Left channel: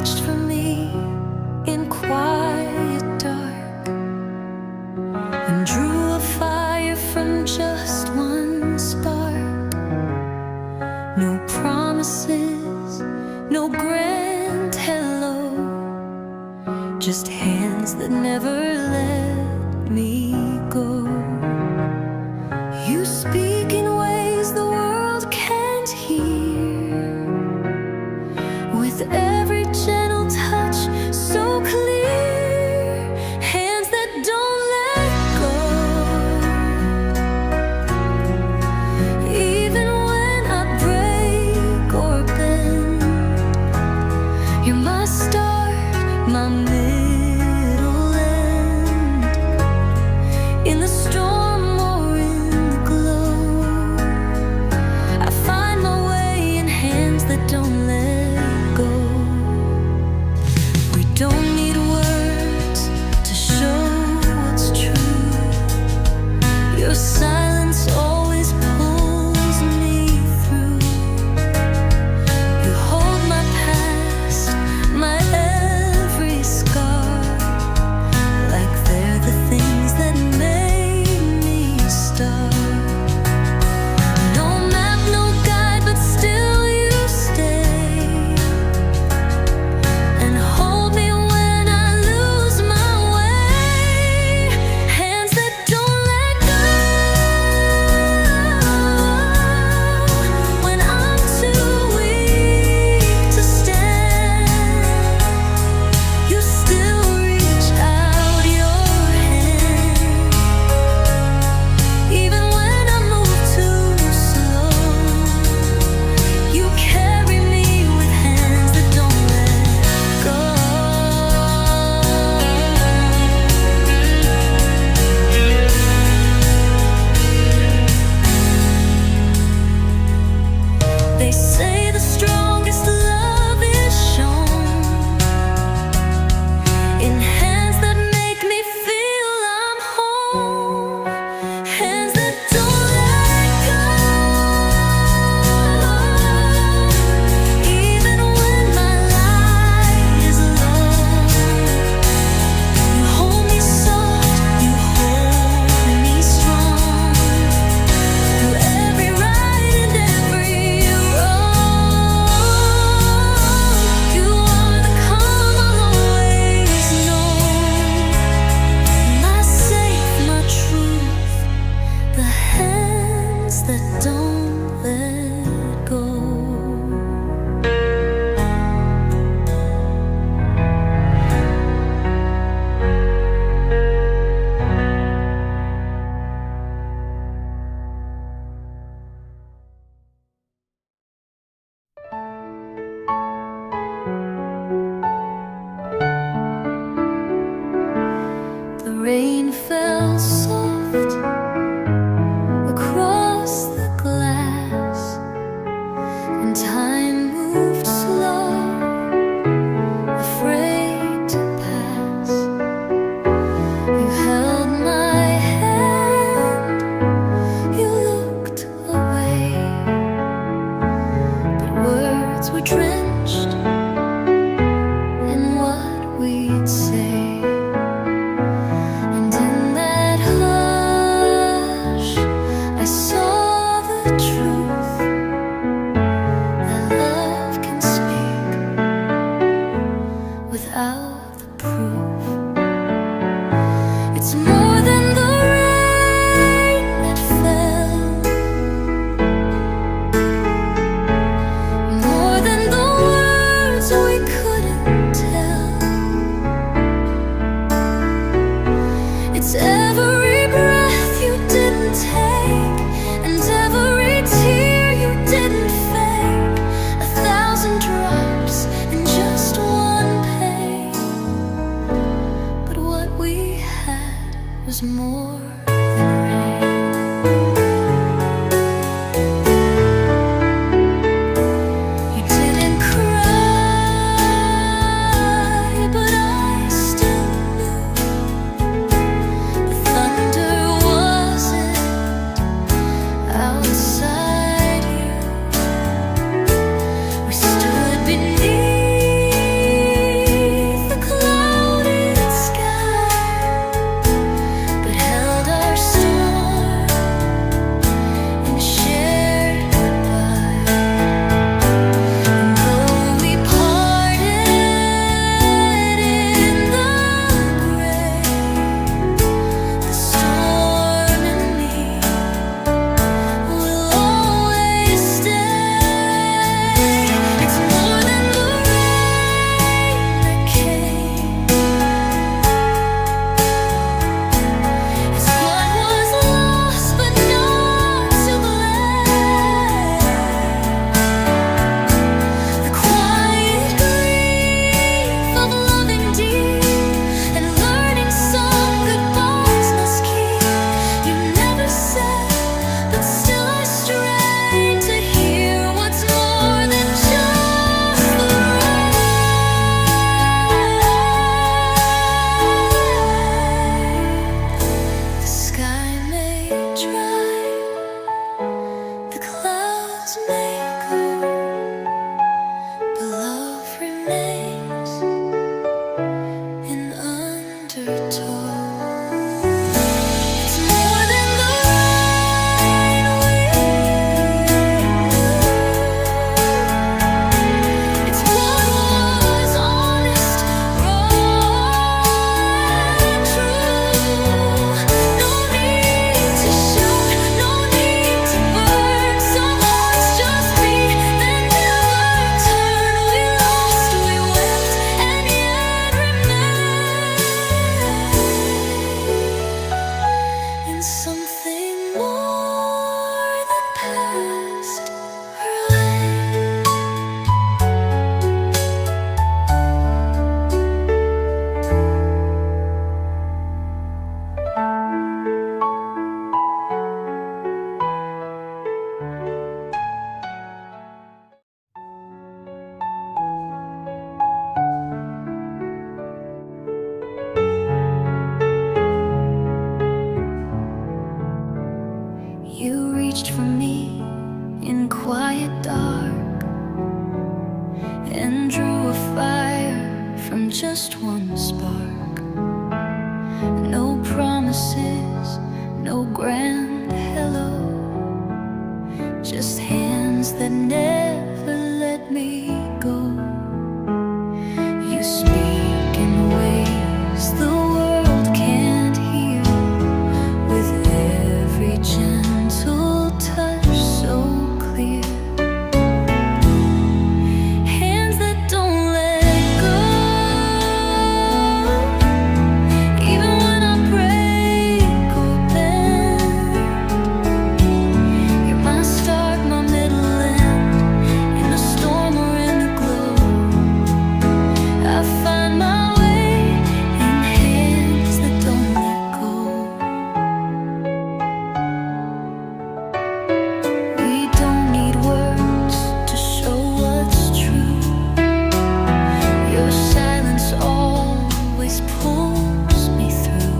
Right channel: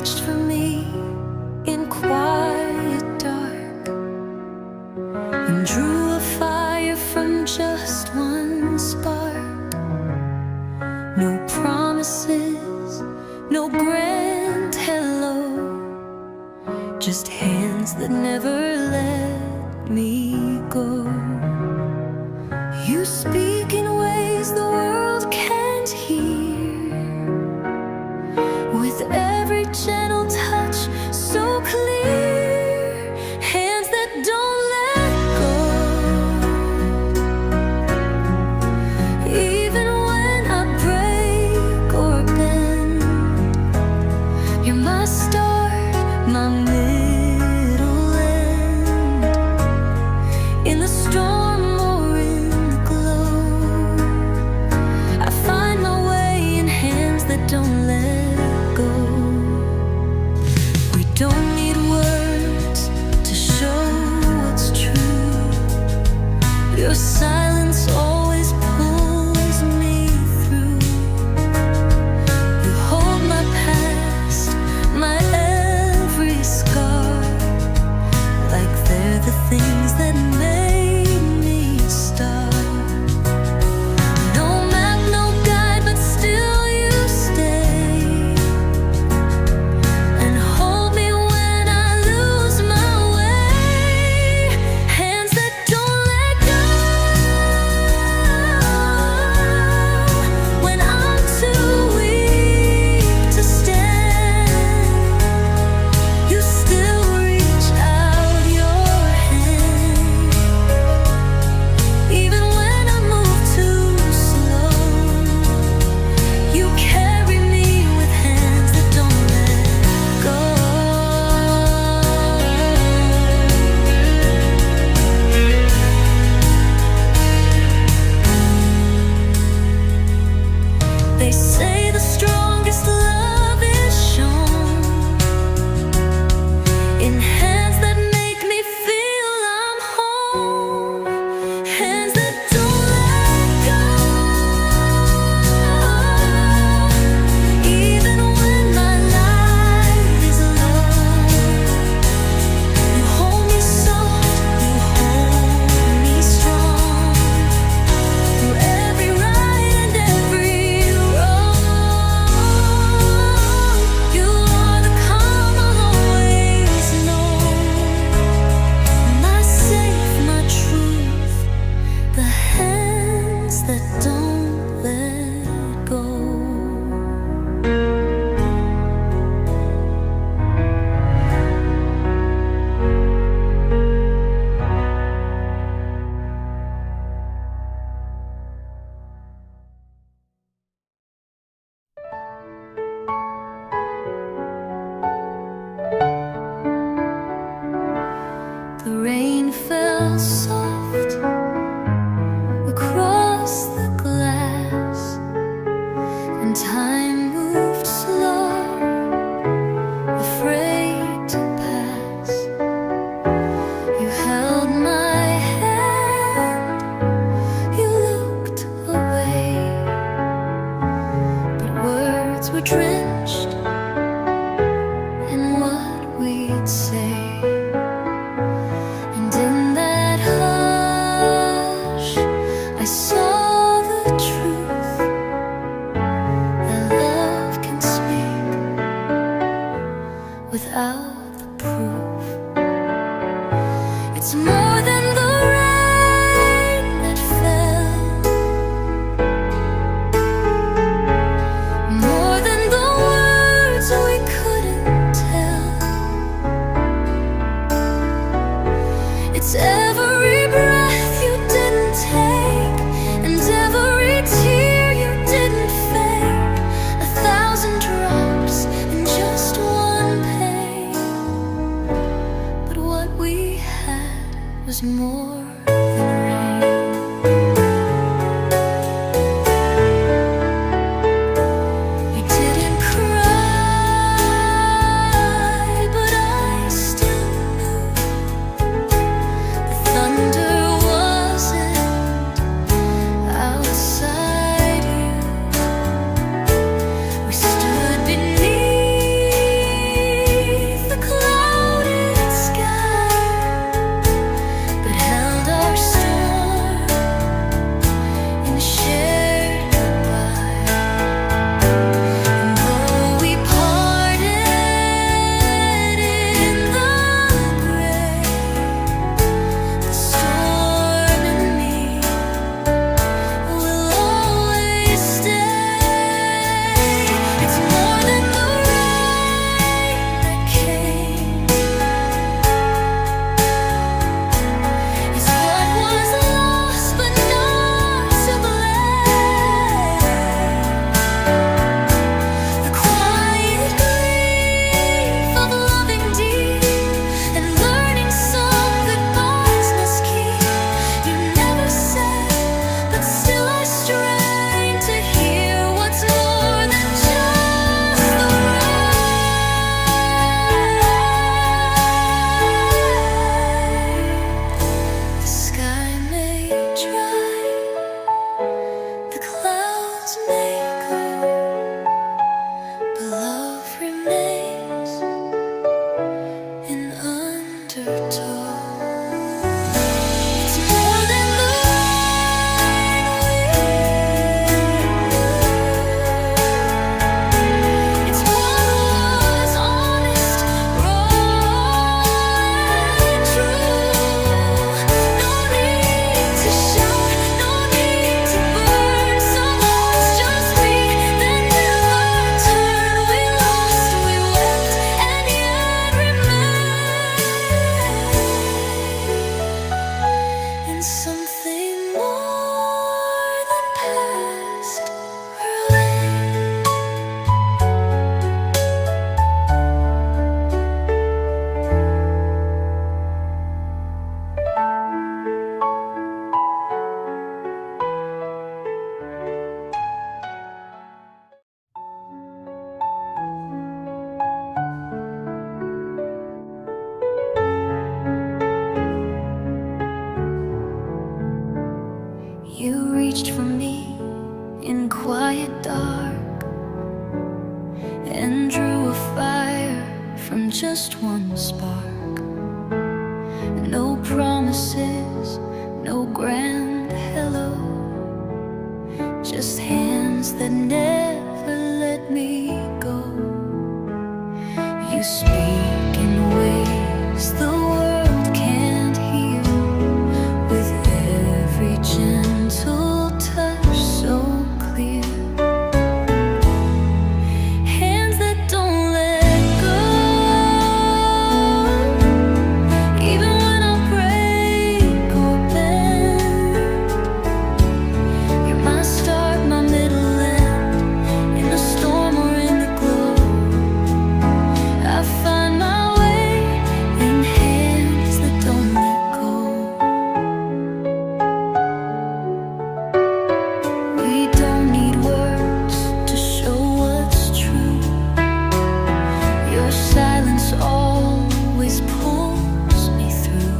reached for me in quiet dark and drew a fire from just one spark. No promises, no grand hello, just hands that never let me go. You speak in ways the world can't hear, with every gentle touch so clear, hands that don't let go. Even when I break or bend, you're my start, my middle end. In the storm or in the glow, I find my way in hands that don't let go. We don't need words to show what's true. Your silence always pulls me through. You hold my past, my every scar, like they're the things that made me start. No map, no guide, but still you stay and hold me when I lose my way. Hands that don't let go when I'm too weak to stand. You still reach out your hand, even when I move too slow. You carry me with hands that don't let go. They say the strongest love is shown in hands that make me feel I'm home. Hands that don't let go, even when my light is low. You hold me soft, you hold me strong, through every right and every wrong. You are the calm I'll always know, my safe, my truth, the hands that don't let go. The rain fell soft across the glass, and time moved slow, afraid to pass. You held my hand, you looked away, but words were drenched in what we'd say. And in that hush, I saw the truth, that love can speak without the proof. It's more than the rain that fell, more than the words we couldn't tell. It's every breath you didn't take, and every tear you didn't fake. 1,000 drops in just one pain, but what we had was more than rain. You didn't cry, but I still knew the thunder wasn't outside you. We stood beneath and something more than passed her way. You reached for me in quiet dark and drew a fire from just one spark. No promises, no grand hello, just hands that never let me go. You speak in ways the world can't hear, with every gentle touch so clear. Hands that don't let go, even when I break or bend. You're my start, my middle end, in the storm or in the glow. I find my way in hands that don't let go. We don't need words to show what's true. Your silence always pulls me through.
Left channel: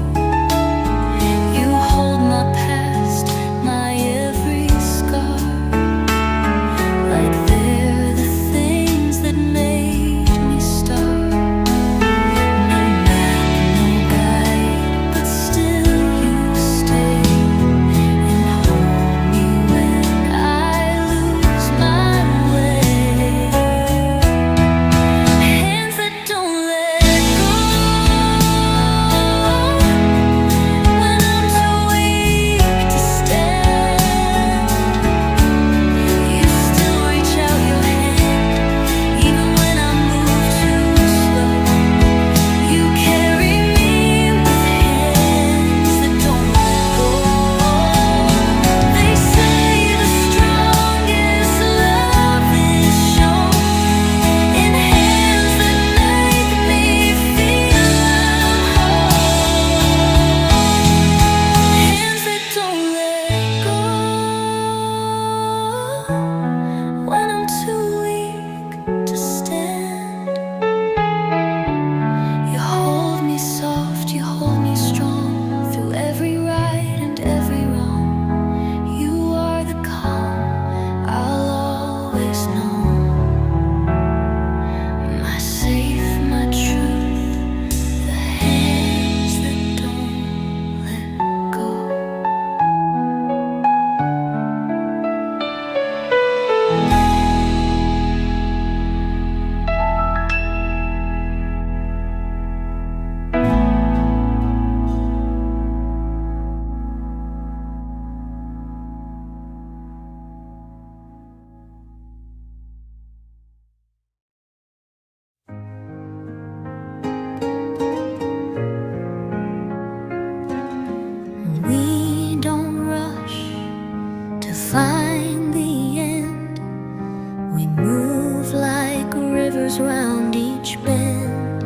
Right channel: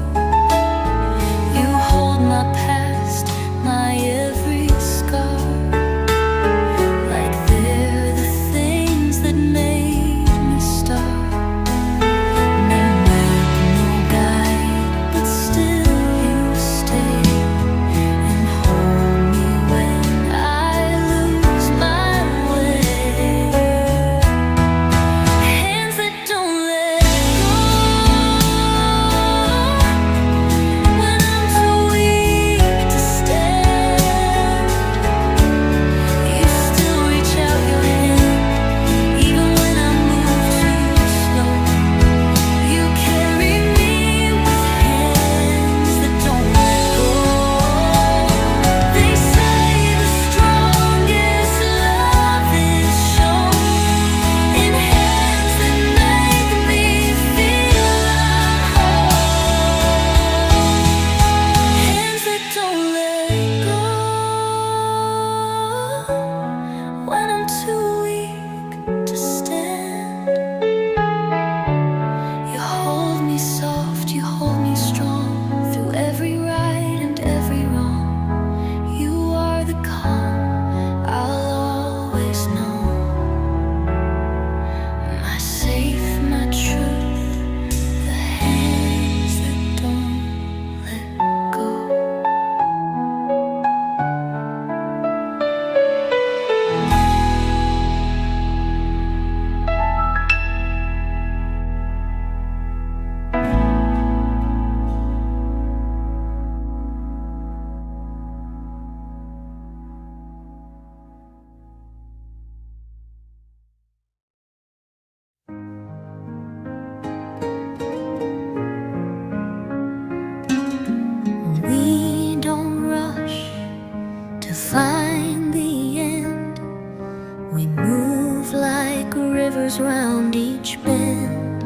You hold my past, my every scar, like they're the things that made me start. No map, no guide, but still you stay and hold me when I lose my way. Hands that don't let go when I'm too weak to stand. You still reach out your hand, even when I move too slow. You carry me with hands that don't let go. They say the strongest love is shown in hands that make me feel I'm whole. Hands that don't let go when I'm too weak to stand. You hold me soft, you hold me strong, through every right and every wrong. You are the calm I'll always know, my safe, my truth, the hands that don't let go. We don't rush to find the end. We move like rivers round each bend.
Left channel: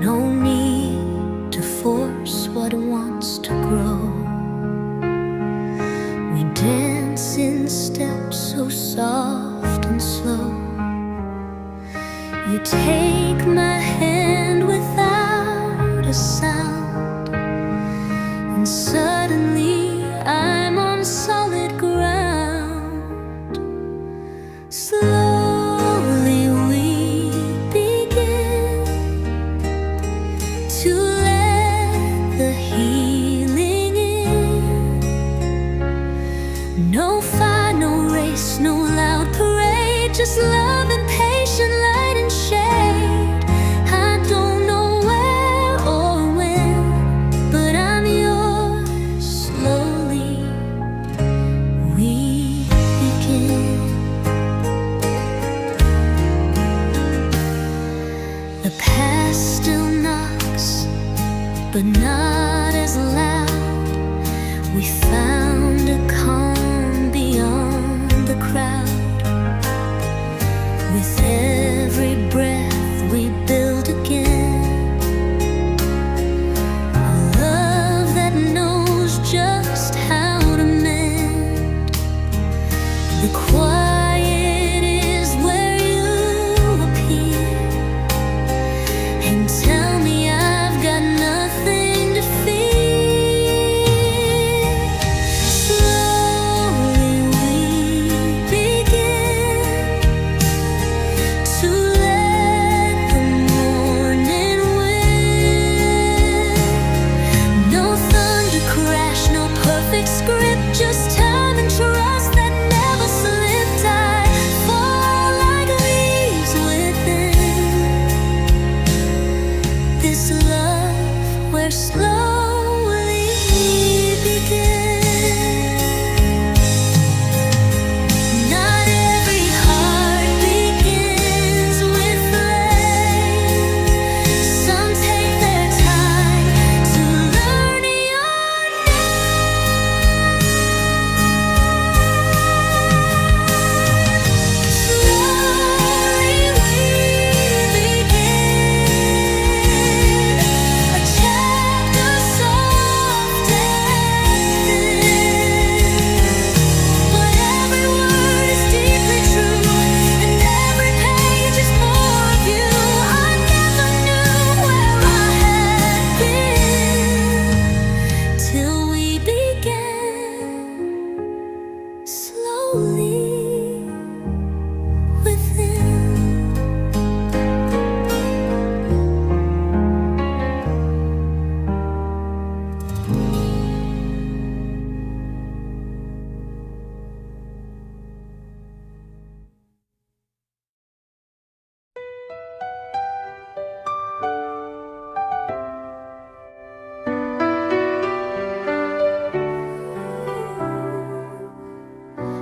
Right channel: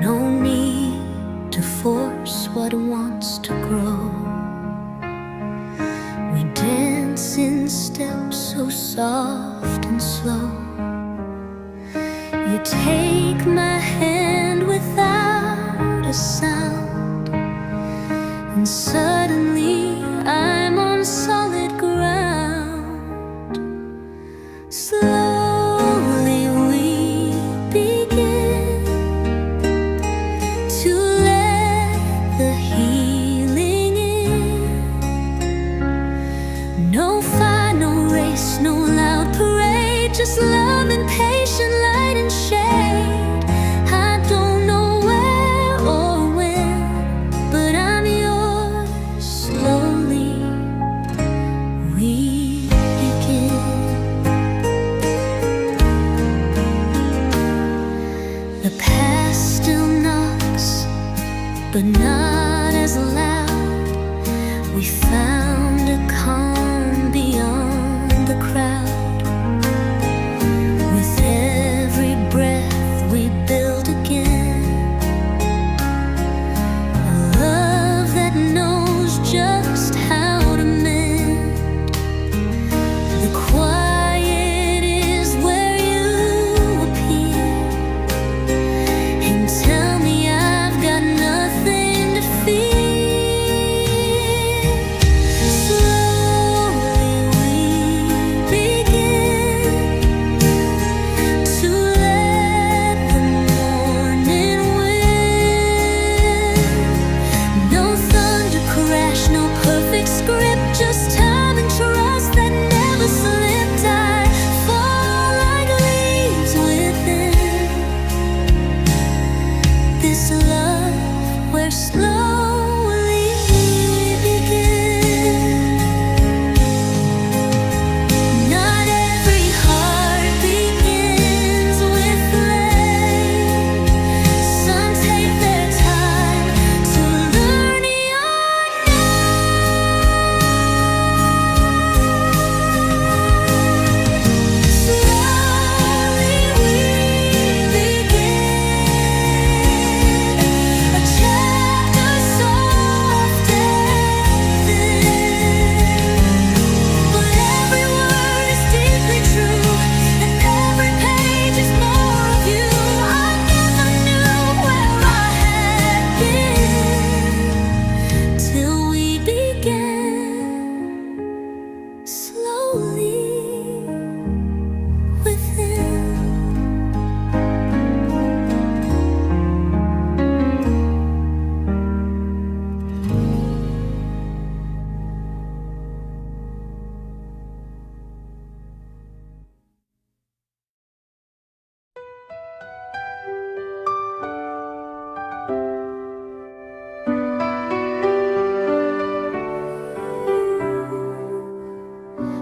No need to force what wants to grow. We dance in steps so soft and slow. You take my hand without a sound, and suddenly I'm on solid ground. Slowly we begin to let the healing in. No fight, no race, no loud parade, just love and patient light and shade. I don't know where or when, but I'm yours. Slowly we begin. The past still knocks, but not as loud. We found a calm beyond the crowd. With every breath we build again a love that knows just how to mend. The quiet is where you appear and tell me I've got nothing to fear. Perfect script, just time and trust that never slipped. I fall like leaves within this love where slowly we begin. Not every heart begins with flame. Some take their time to learn your name. Slowly we begin a chapter soft and thin, but every word is deeply true, and every page is more of you. I never knew where I had been till we began slowly within.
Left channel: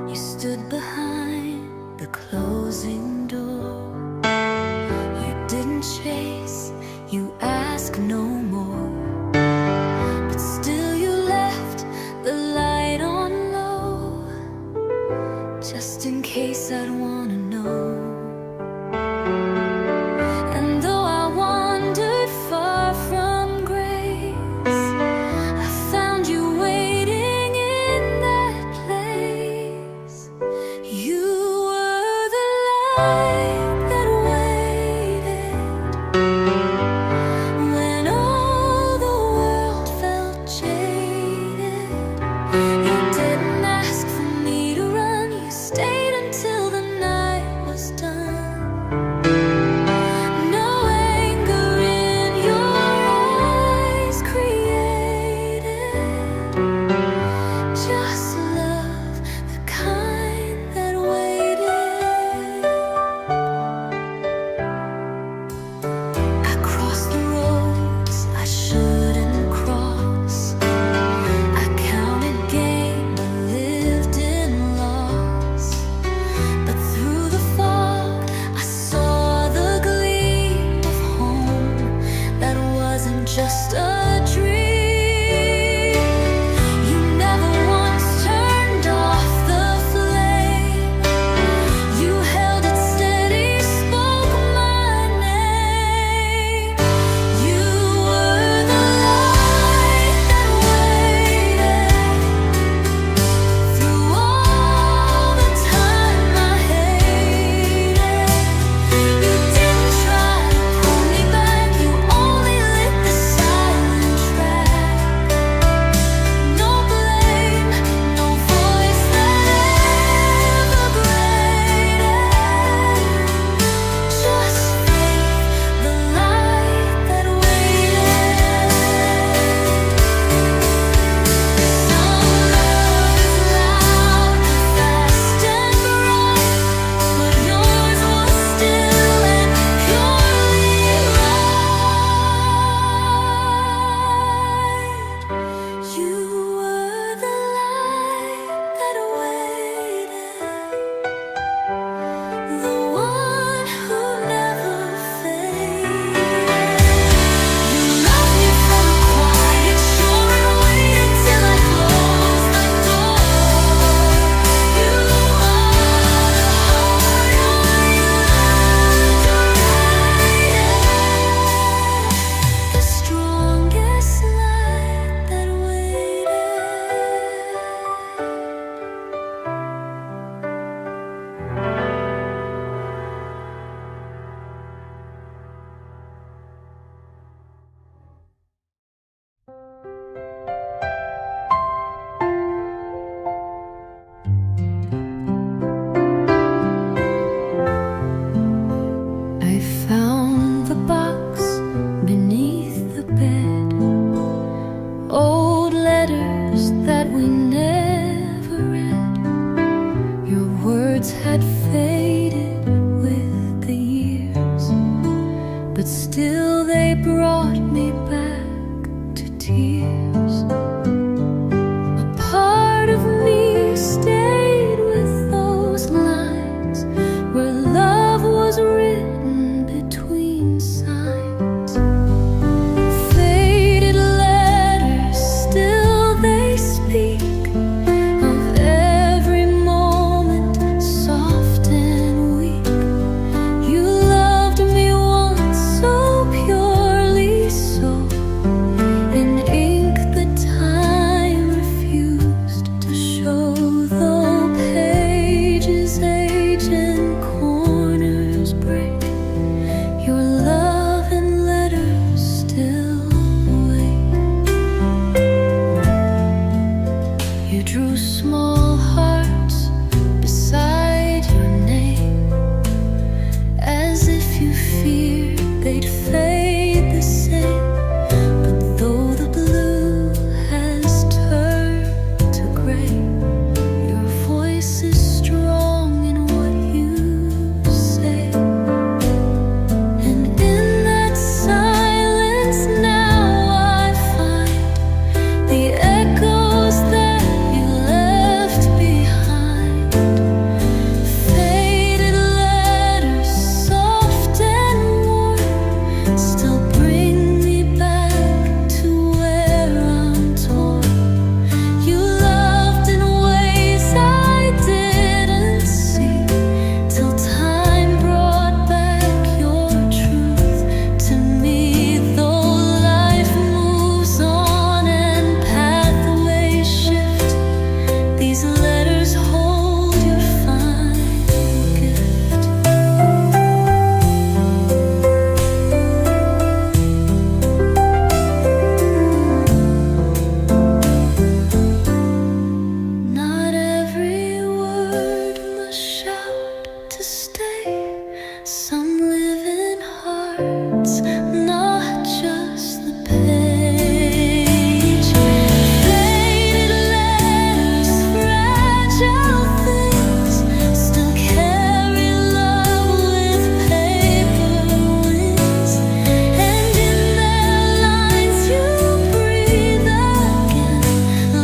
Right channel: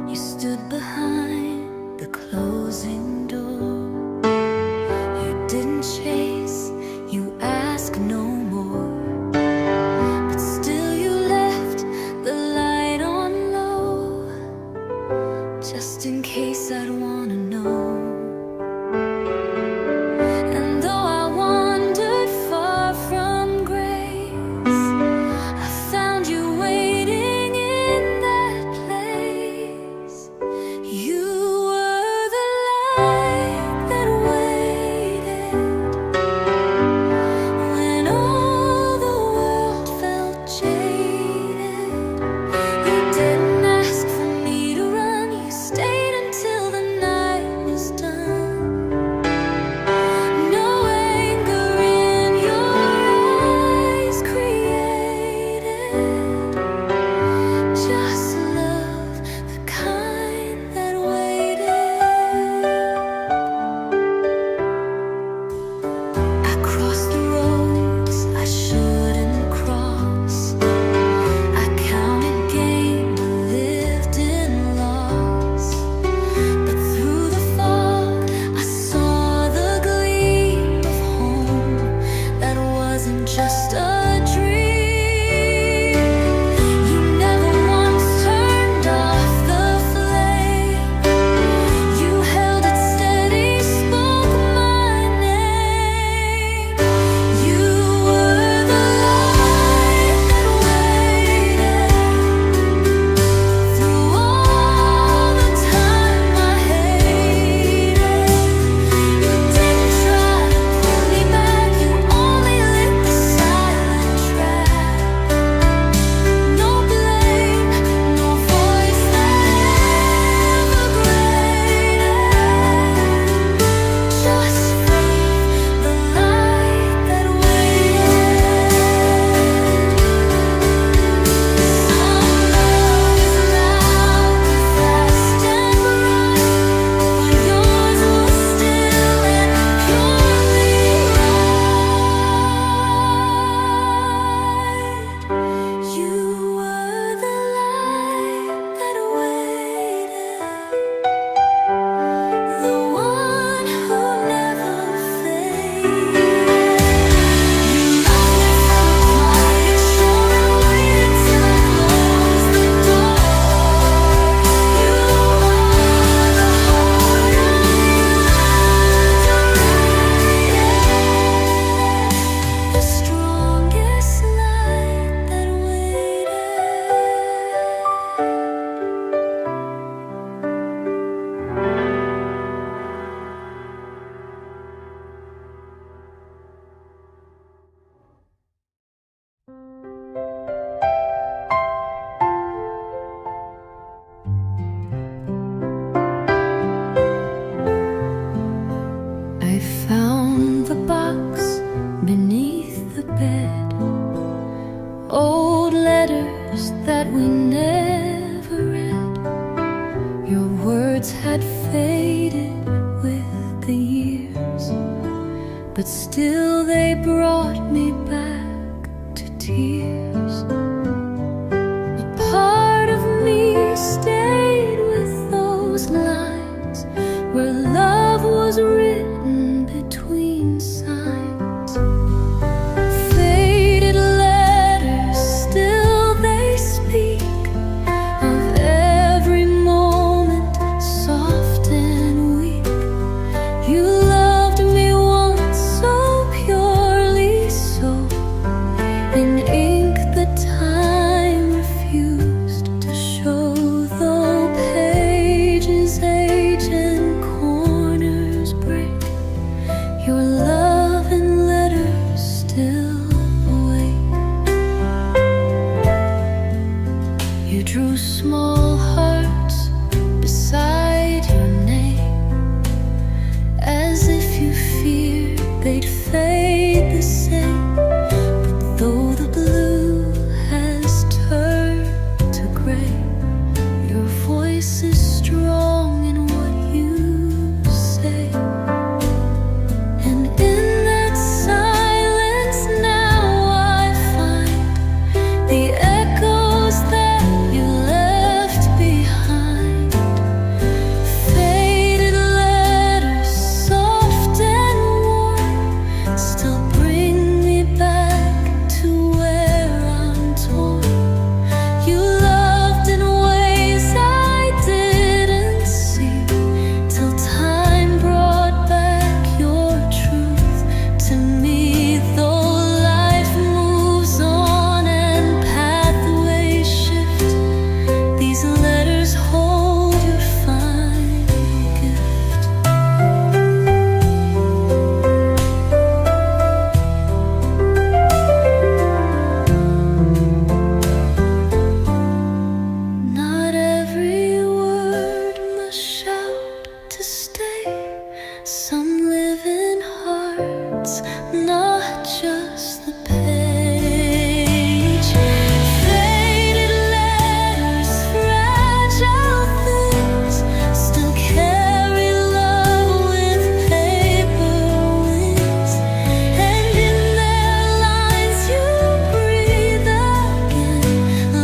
You stood behind the closing door. You didn't chase, you asked no more. But still you left the light on low, just in case I'd wanna know. And though I wandered far from grace, I found you waiting in that place. You were the light that waited when all the world felt jaded. You didn't ask for me to run, you stayed until the night was done. No anger in your eyes created, just love, the kind that waited. I crossed the roads I shouldn't cross. I counted gain but lived in loss. But through the fog I saw the gleam of home that wasn't just a dream. You never once turned off the flame. You held it steady, spoke my name. You were the light that waited through all the time I hated. You didn't try to pull me back, you only lit the silent track. bed. Old letters that we never read. Your words had faded with the years, but still they brought me back to tears. A part of me stayed with those lines where love was written between signs. Faded letters, still they speak of every moment, soft and weak. You loved me once so purely, so in ink that time refused to show. Though pages age and corners break, your love and letters still awake. You drew small hearts beside your name, as if you feared they'd fade the same. But though the blue has turned to gray, your voice is strong in what you say. And in that silence now I find the echoes that you left behind. Faded letters, soft and warm, still bring me back to where I'm torn. You loved in ways I didn't see, till time brought back your truth to me. Though life moves on and pathways shift, these letters hold your final gift. Not every word must shout to stay. Some live in hearts, not just the page. Faded letters, fragile things, still carry love with paper wings. And in their lines you breathe again,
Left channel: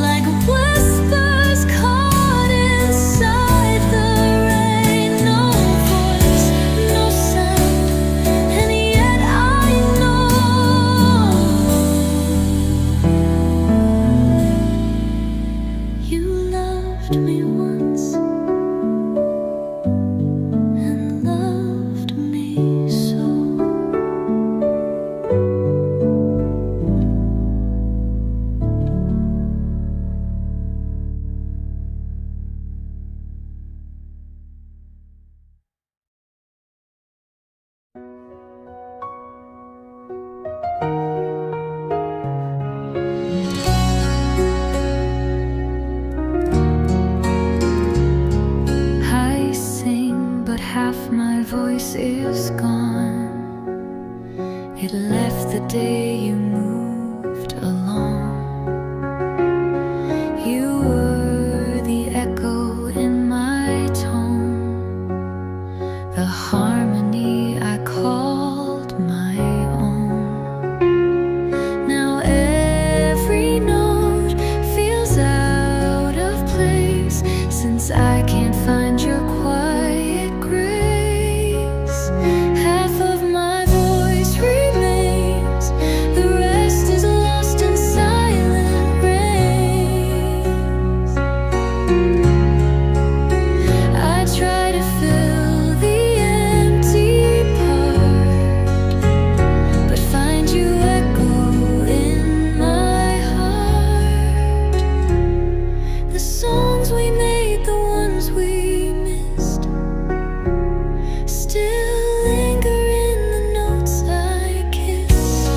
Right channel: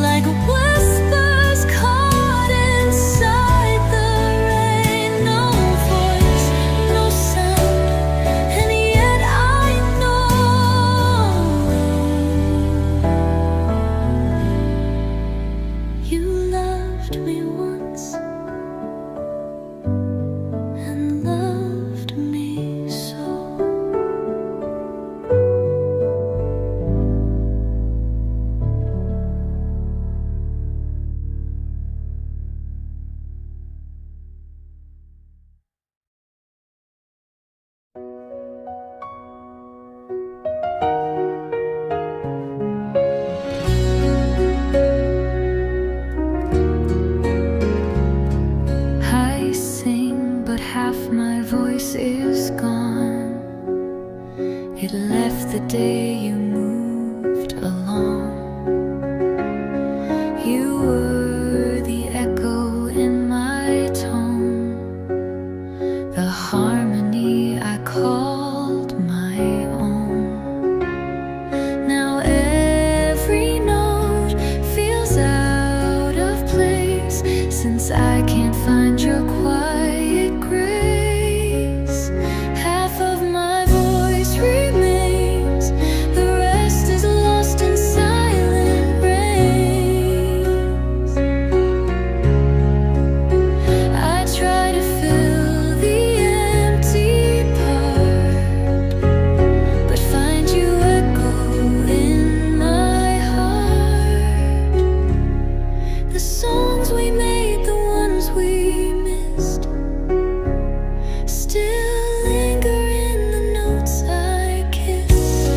like whispers caught inside the rain. No voice, no sound, and yet I know you loved me once and loved me so. I sing, but half my voice is gone. It left the day you moved along. You were the echo in my tone, the harmony I called my own. Now every note feels out of place, since I can't find your quiet grace. Half of my voice remains, the rest is lost in silent rains. I try to fill the empty part, but find you echo in my heart. The songs we made, the ones we missed, still linger in the notes I kissed.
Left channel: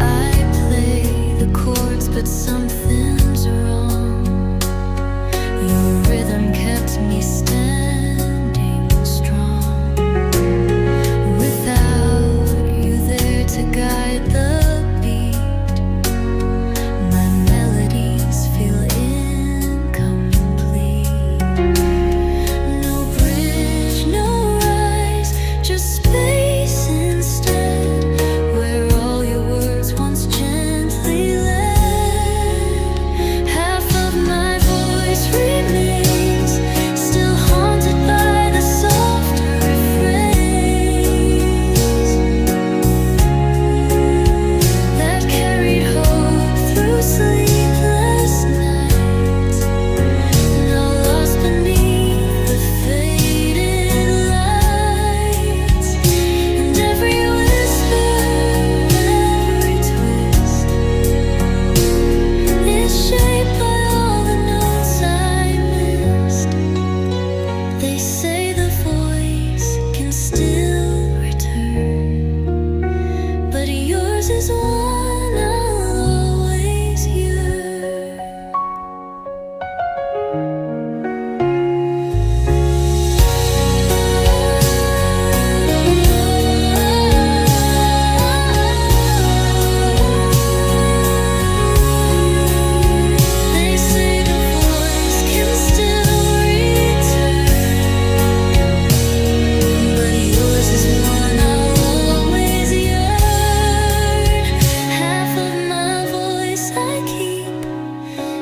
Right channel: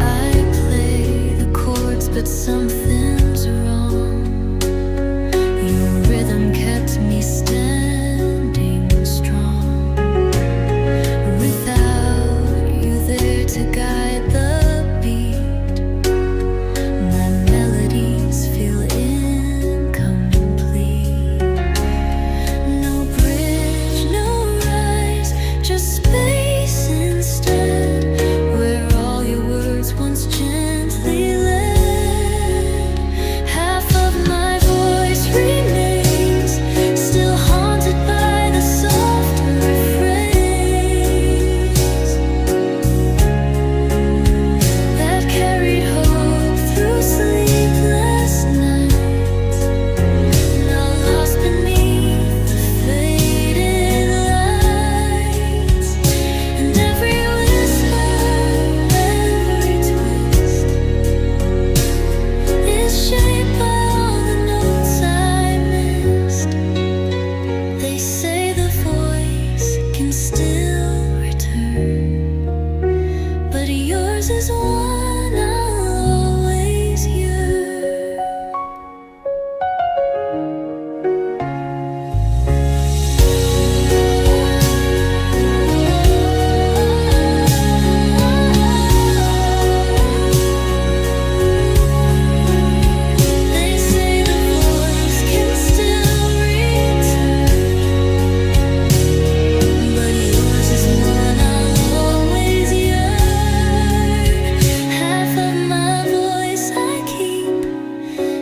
I play the chords, but something's wrong. Your rhythm kept me standing strong. to guide the beat. My melodies feel incomplete. No bridge, no rise, just space instead, where all your words once gently led. Half of my voice remains, still haunted by the softer refrains that carried hope through sleepless nights, now lost beneath the faded lights. And every whisper, every twist is shaped by all the notes I missed. They say the voice can still return, but yours is one I'll always yearn. They say the voice can still return, but yours is one I'll always yearn. Half of my voice I keep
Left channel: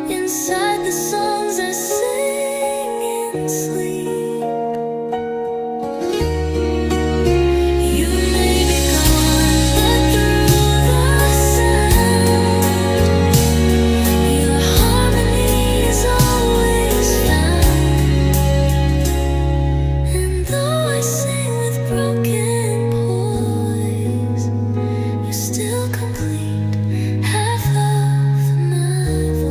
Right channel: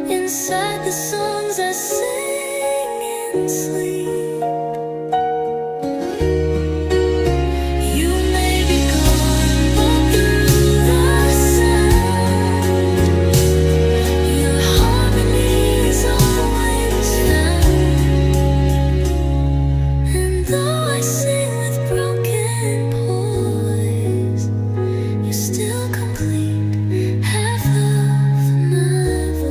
inside the songs I sing in sleep. You may be gone, but through the sound, your harmony is always found. And though I sing with broken poise, you still complete half of my voice.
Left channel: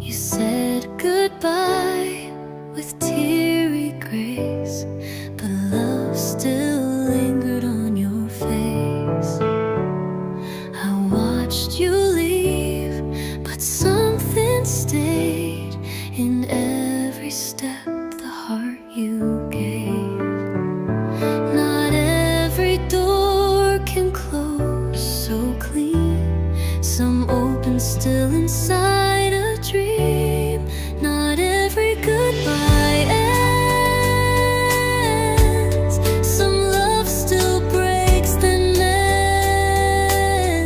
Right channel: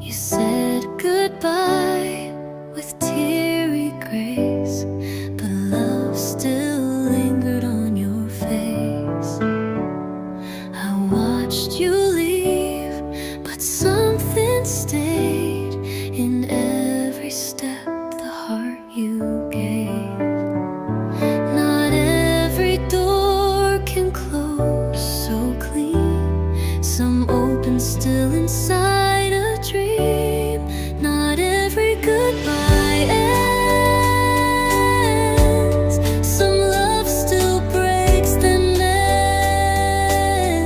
You said goodbye with teary grace, but love still lingered on your face. I watched you leave, but something stayed in every step, the heart you gave. Not every door can close so clean, some open still inside a dream. Not every goodbye ends, some love still breaks then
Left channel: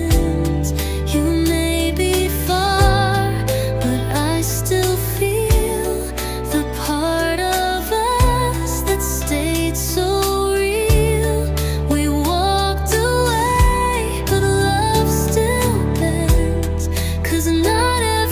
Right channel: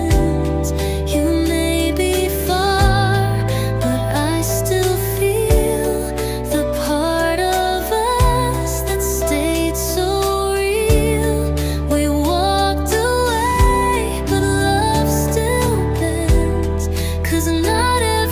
mends. You may be far, but I still feel the part of us that stayed so real. We walked away, but love still bends, 'cause not every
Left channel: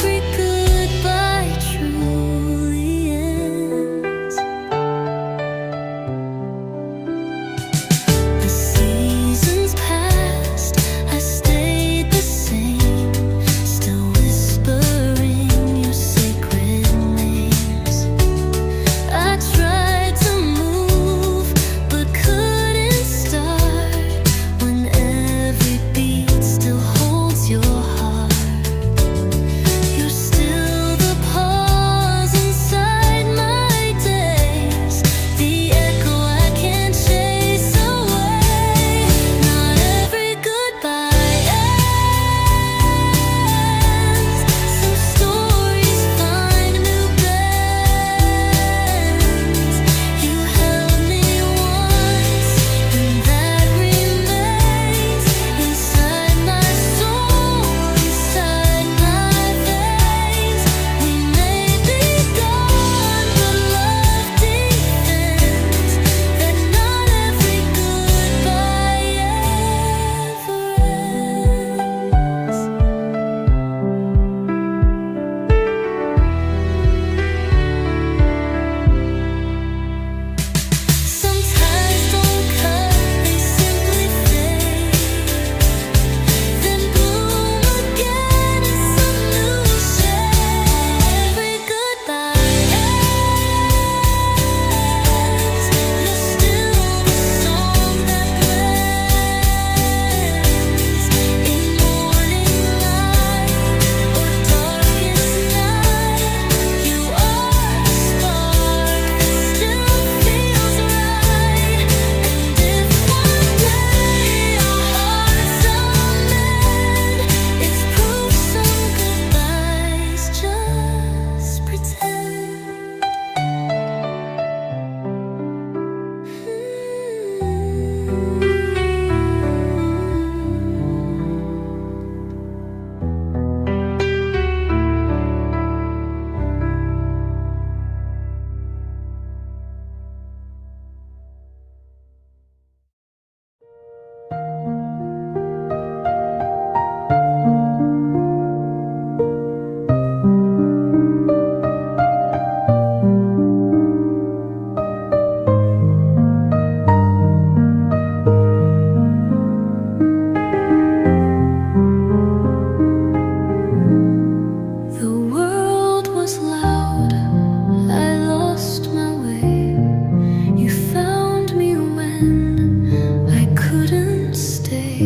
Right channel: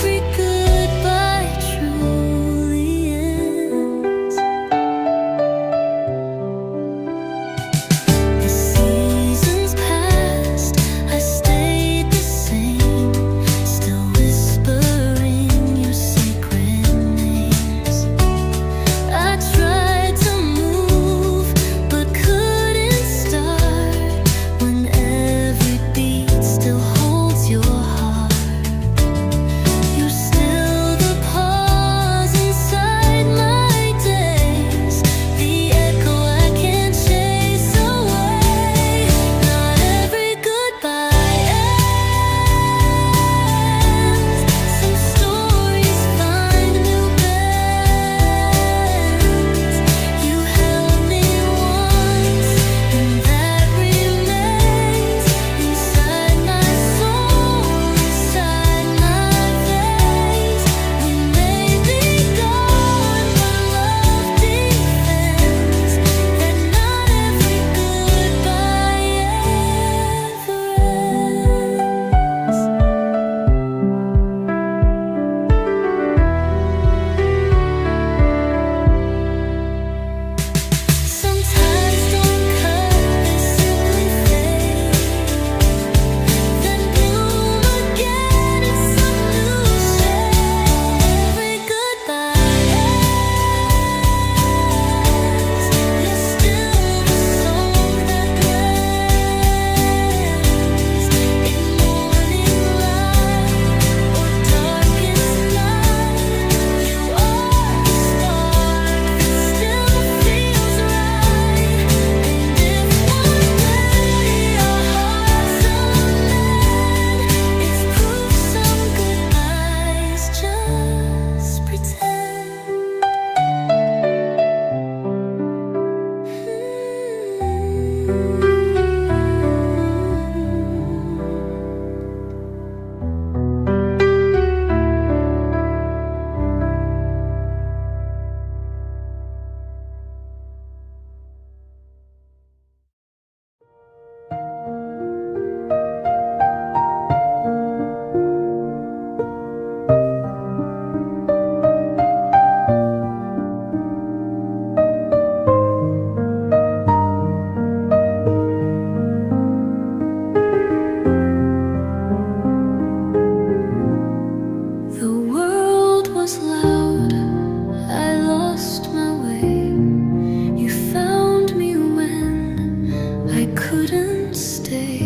couldn't stay.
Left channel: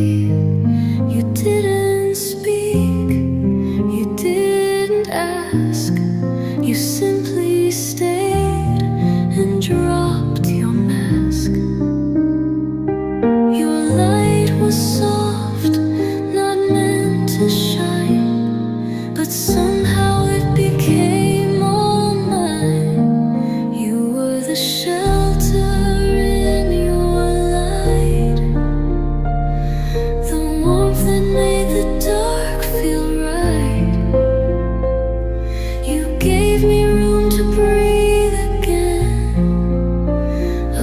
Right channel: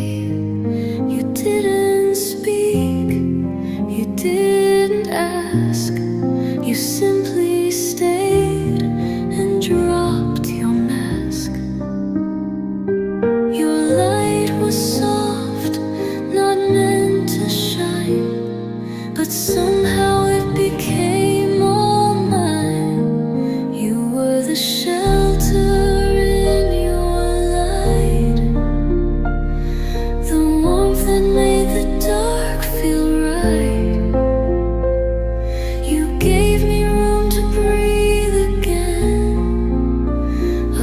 You didn't speak, you didn't ask, you simply stayed and dropped your mask. Your light was soft, not meant to shine, but somehow it became all mine. You were the shelter in your light, the warmth that made the dark feel right. You gave me room to breathe again,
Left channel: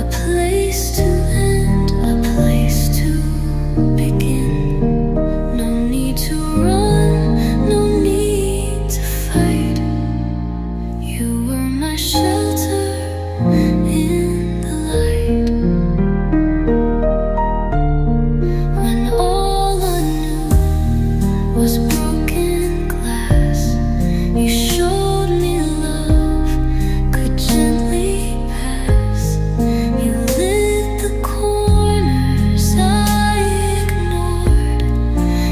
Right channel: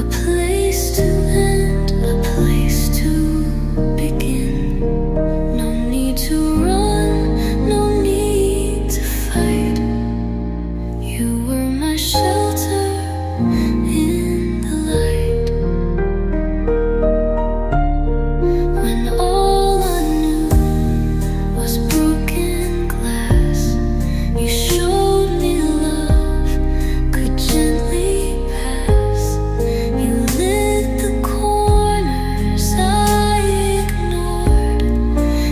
a place to end, a place to begin. No need to run, no need to fight. You were my shelter in the light. When all I knew was broken glass, you showed me love could gently pass. You lit the corners I ignored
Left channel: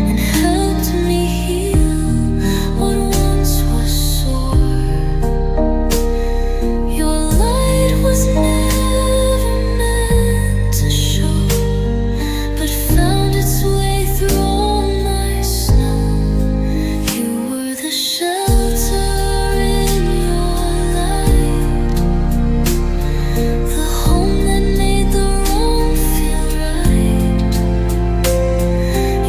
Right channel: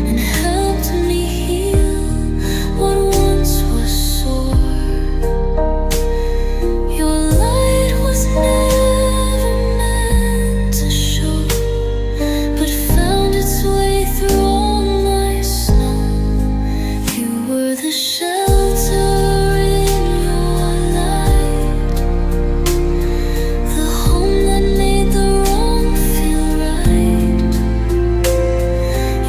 and helped me heal what once was sore. Your light was never meant to show, but found its way through all my snow. You were the shelter in your light, the home that made the wrong feel right.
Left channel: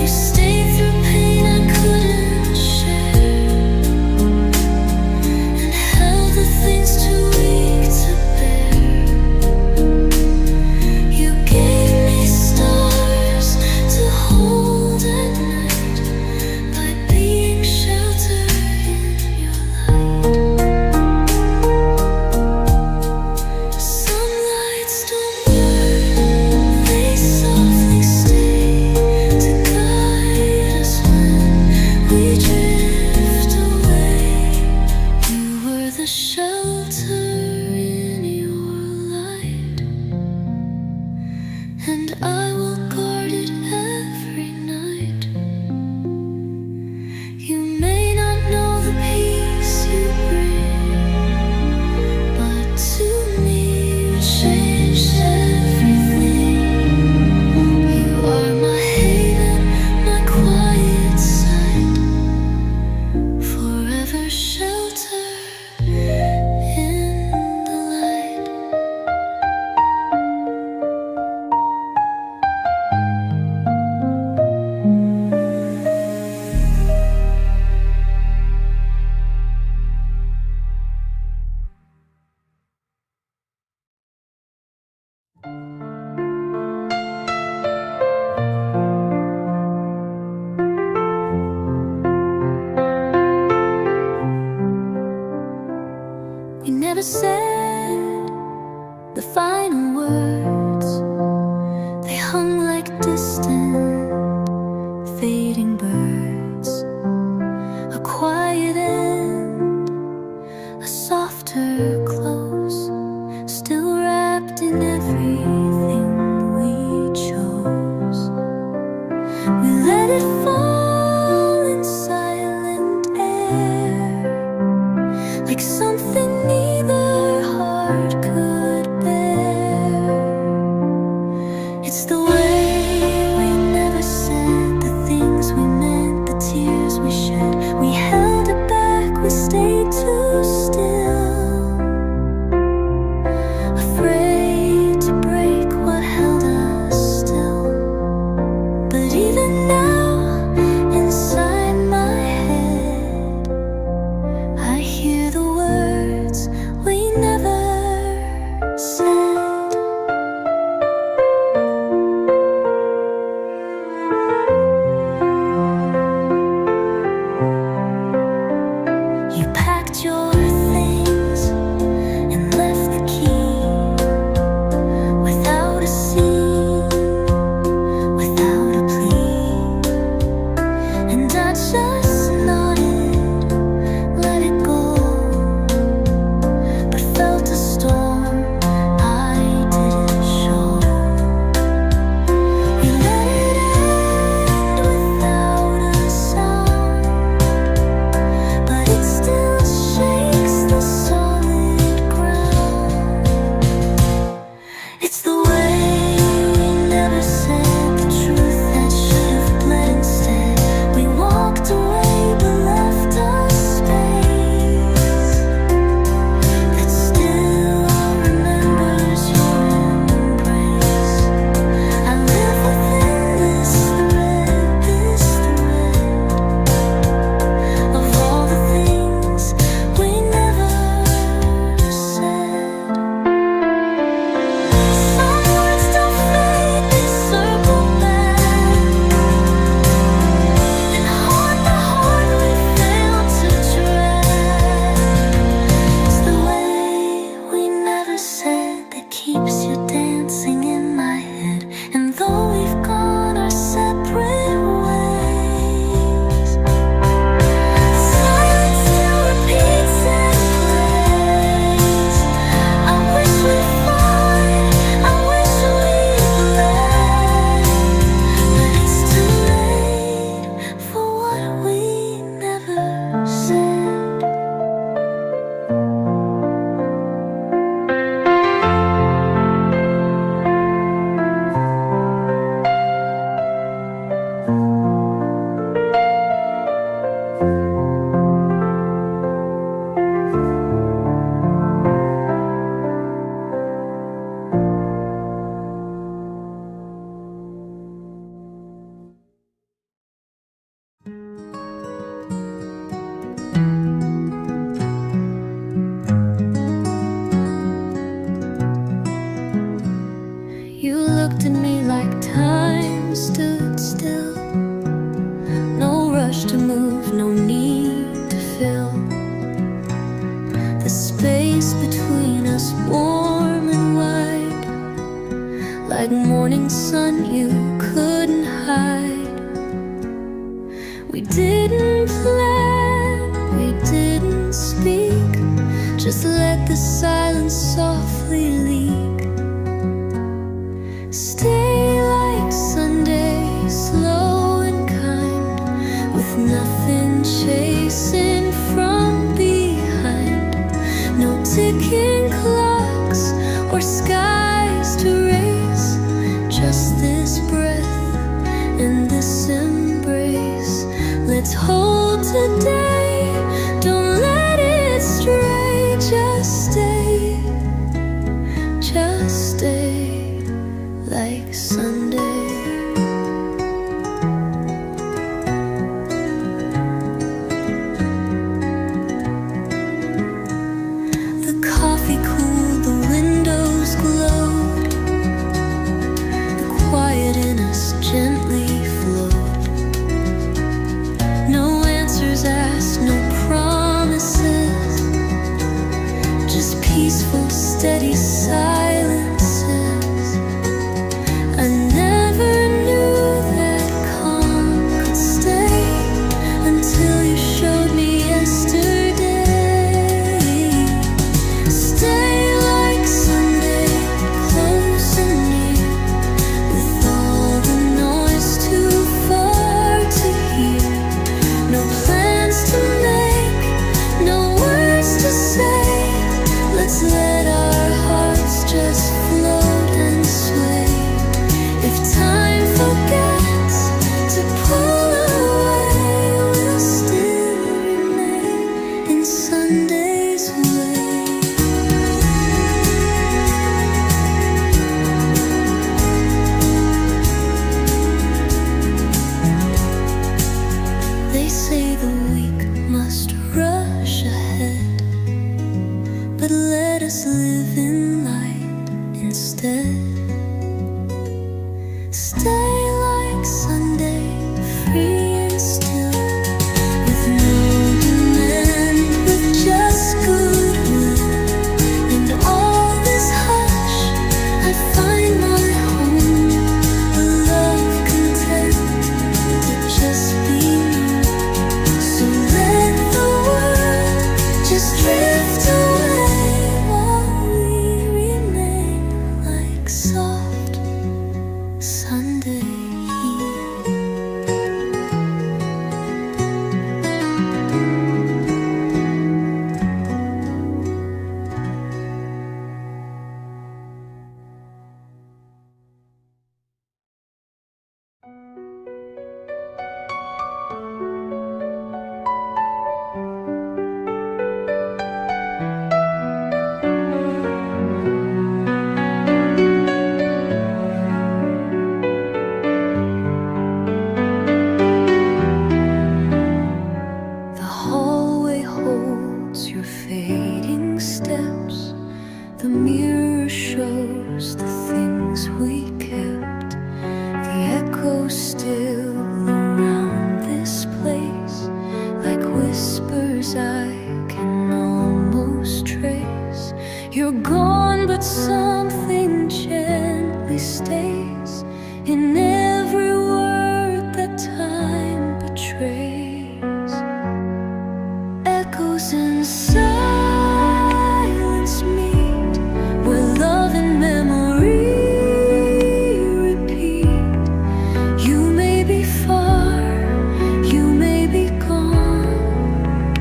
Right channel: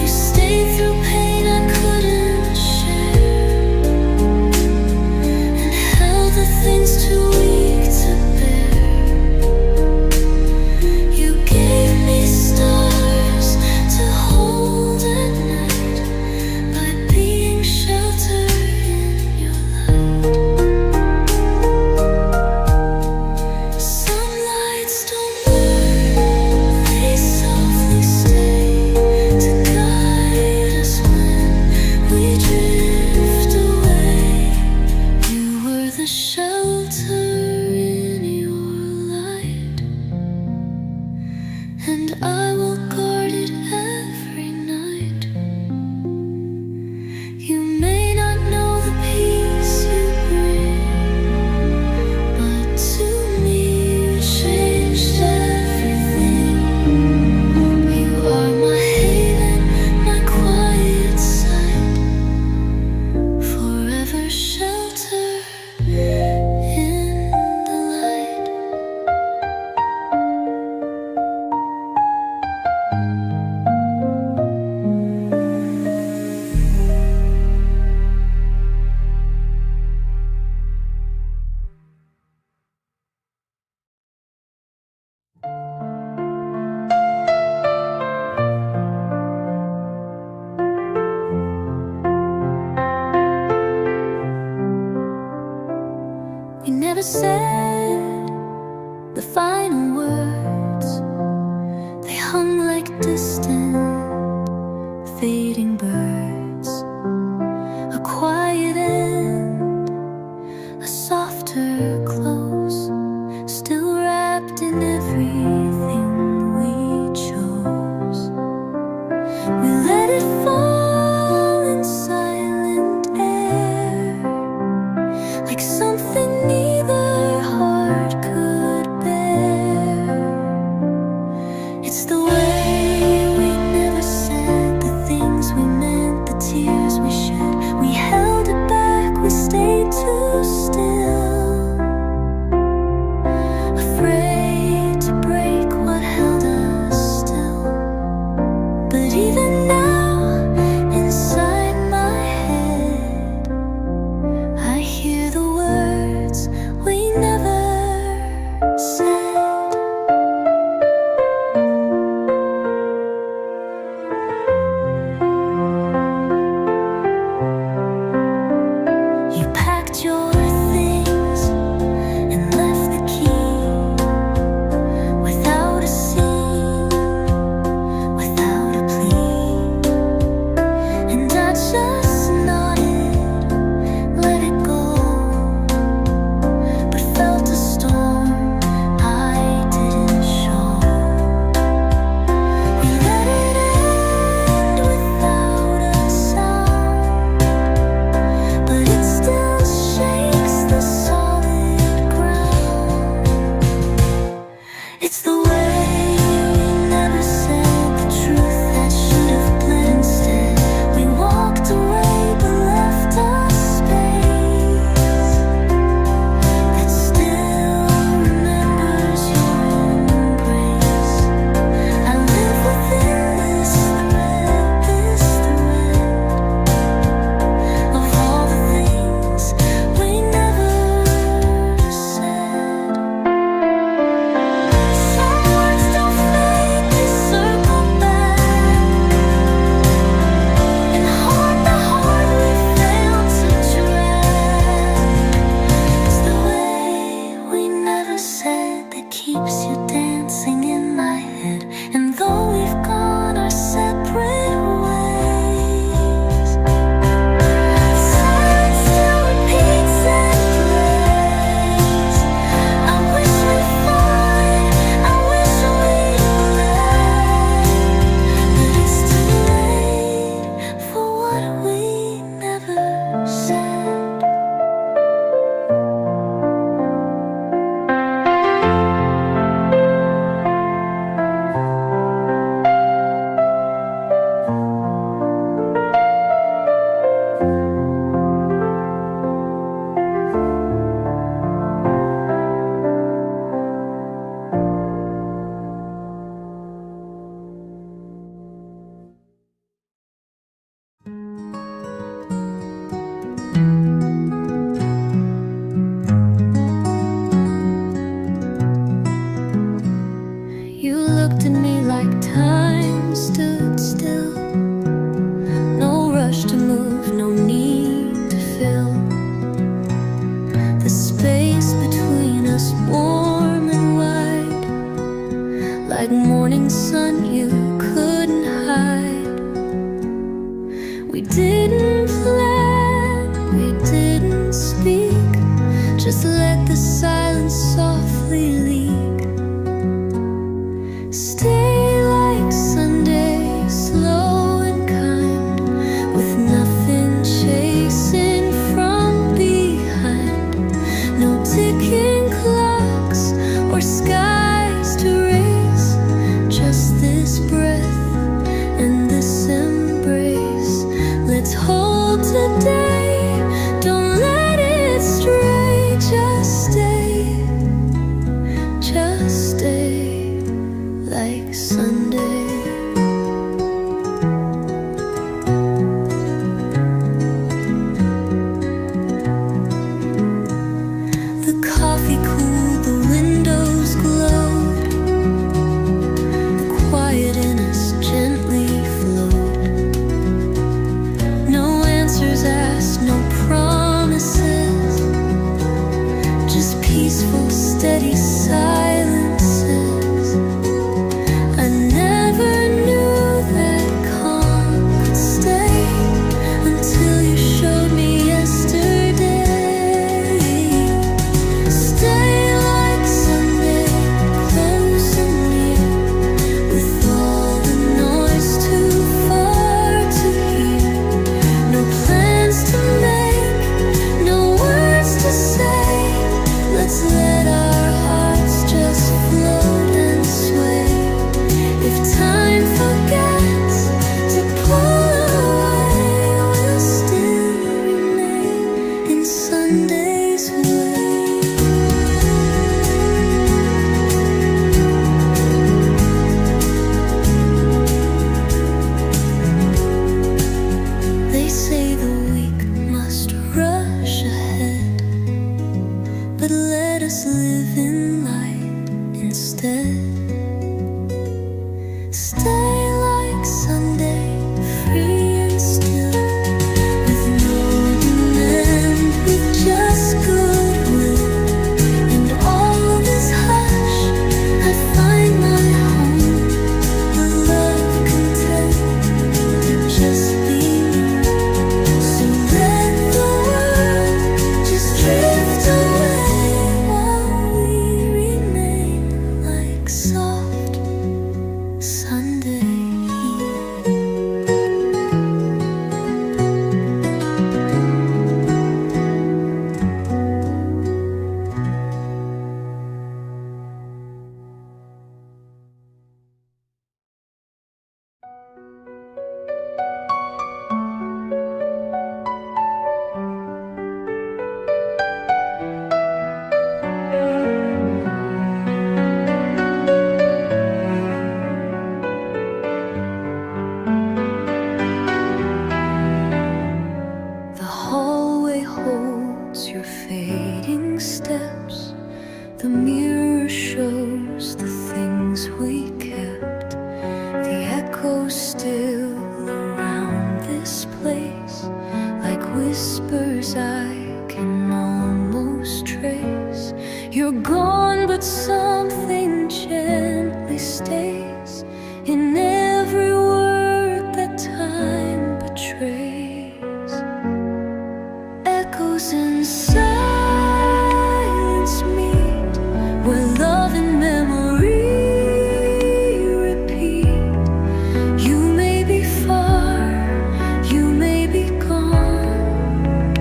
You stayed through pain I couldn't share, and held the things too weak to bear. You gave me stars to hold at night by being shelter in your light. Sunlights don't burn, they softly stay to guide us when we drift away. You were the shelter in your light, and I will guard it every night. You may not know the peace you bring, but to me you changed everything. You are my haven, my quiet side, forever shelter in the light. We never said the final words, they hung like distant, fading birds. A quiet end, a softer close, still wrapped in everything we chose. We let it fall in silent air, like something neither heart could bear. It's the way we never said the things we meant, the tears we shed. We held it back, we stayed too still, afraid to break what held us still. But even now, inside my head, I hear the words we never said. You packed your things and left the key without a scene, without a plea. And I just nodded, let it go, but felt a storm I didn't show. We like morning sun you couldn't hide. We didn't plan, we didn't speak, just let the silence softly leak. Stay like Sunday, slow and kind, with nothing chasing from behind. No ticking clocks or skies to race, just this breath and this embrace. Let's hold today, don't let it stray. Just stay like Sunday. The coffee cooled, the windows glowed, the quiet in us gently flowed. No answers asked, no promises, just peaceful, steady silences. I never knew that calm could stay until you showed me yesterday. Stay like Sunday, close and near, with all the noise too far to hear. No plans to make, no words to say. Let's let our hearts just float and sway. If time forgets to pull away, we'll still remain in Sunday's way. They say the weak must rush ahead, but let us live in light instead. Stay like Sunday, free and still, with no demand, with just goodwill. And all this hush, I find my home, a love content to just be known. So let the world just drift away while we remain like soft Sunday heat. The hallway holds your fading steps. The mirror shows the things we kept. The echoes still around this place, like whispers I can almost trace. You're gone, but something gently stays in every word that time betrays. Echoes and silence meet, where love and memory repeat. You may be far, you may be gone,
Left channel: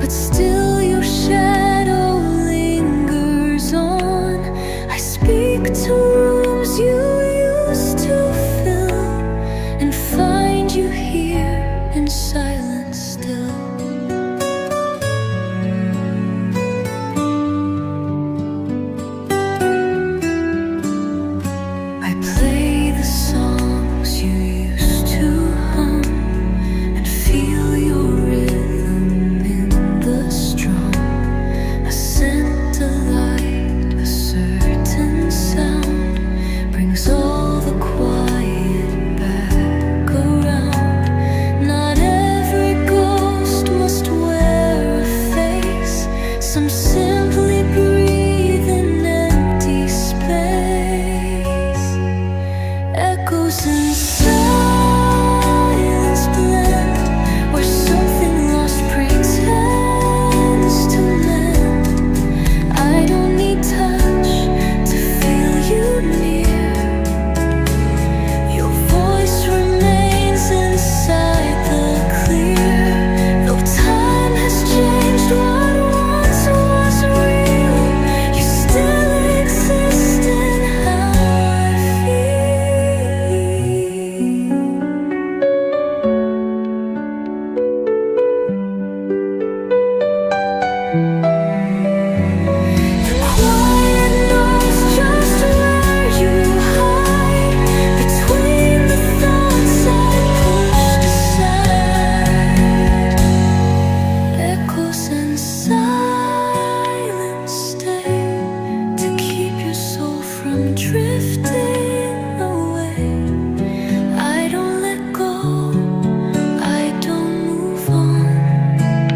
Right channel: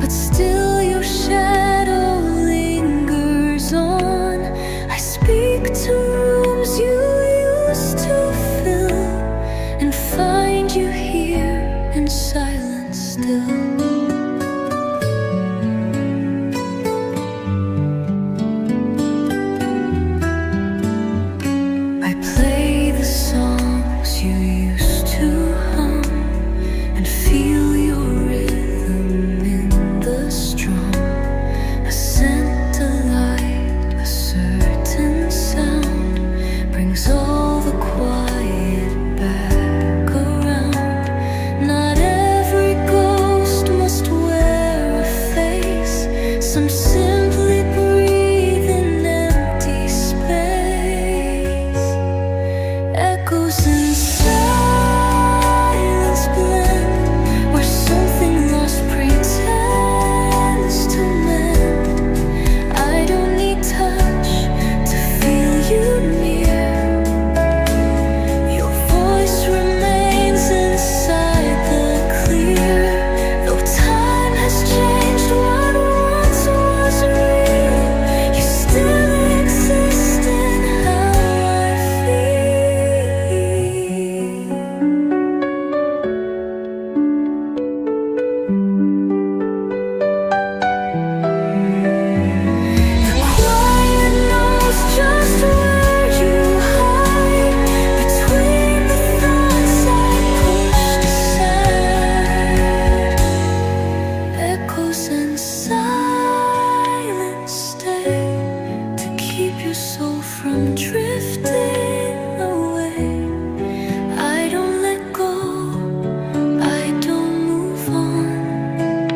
but still your shadow lingers on. I speak to rooms you used to fill, and find you here in silence still. I play the songs you used to hum, and feel your rhythm in the strum. A scent, a light, a certain sound brings all the quiet back around. Not every silence blend, where something lost pretends to mend. I don't need touch to feel you near. Your voice remains inside the clear. Though time has changed what once was real, you still exist in how I feel. The quiet knows just where you hide between the thoughts I pushed aside. Echoes and silence stay to keep your soul from drifting away. I don't let go, I don't move on.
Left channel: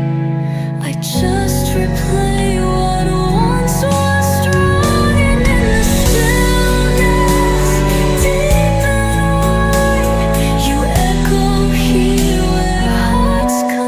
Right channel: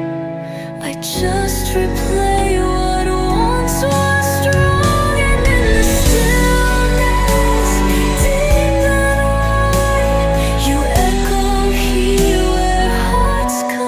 I just replay what once was strong, and in the stillness, deep and wide, you echo here where hearts confide.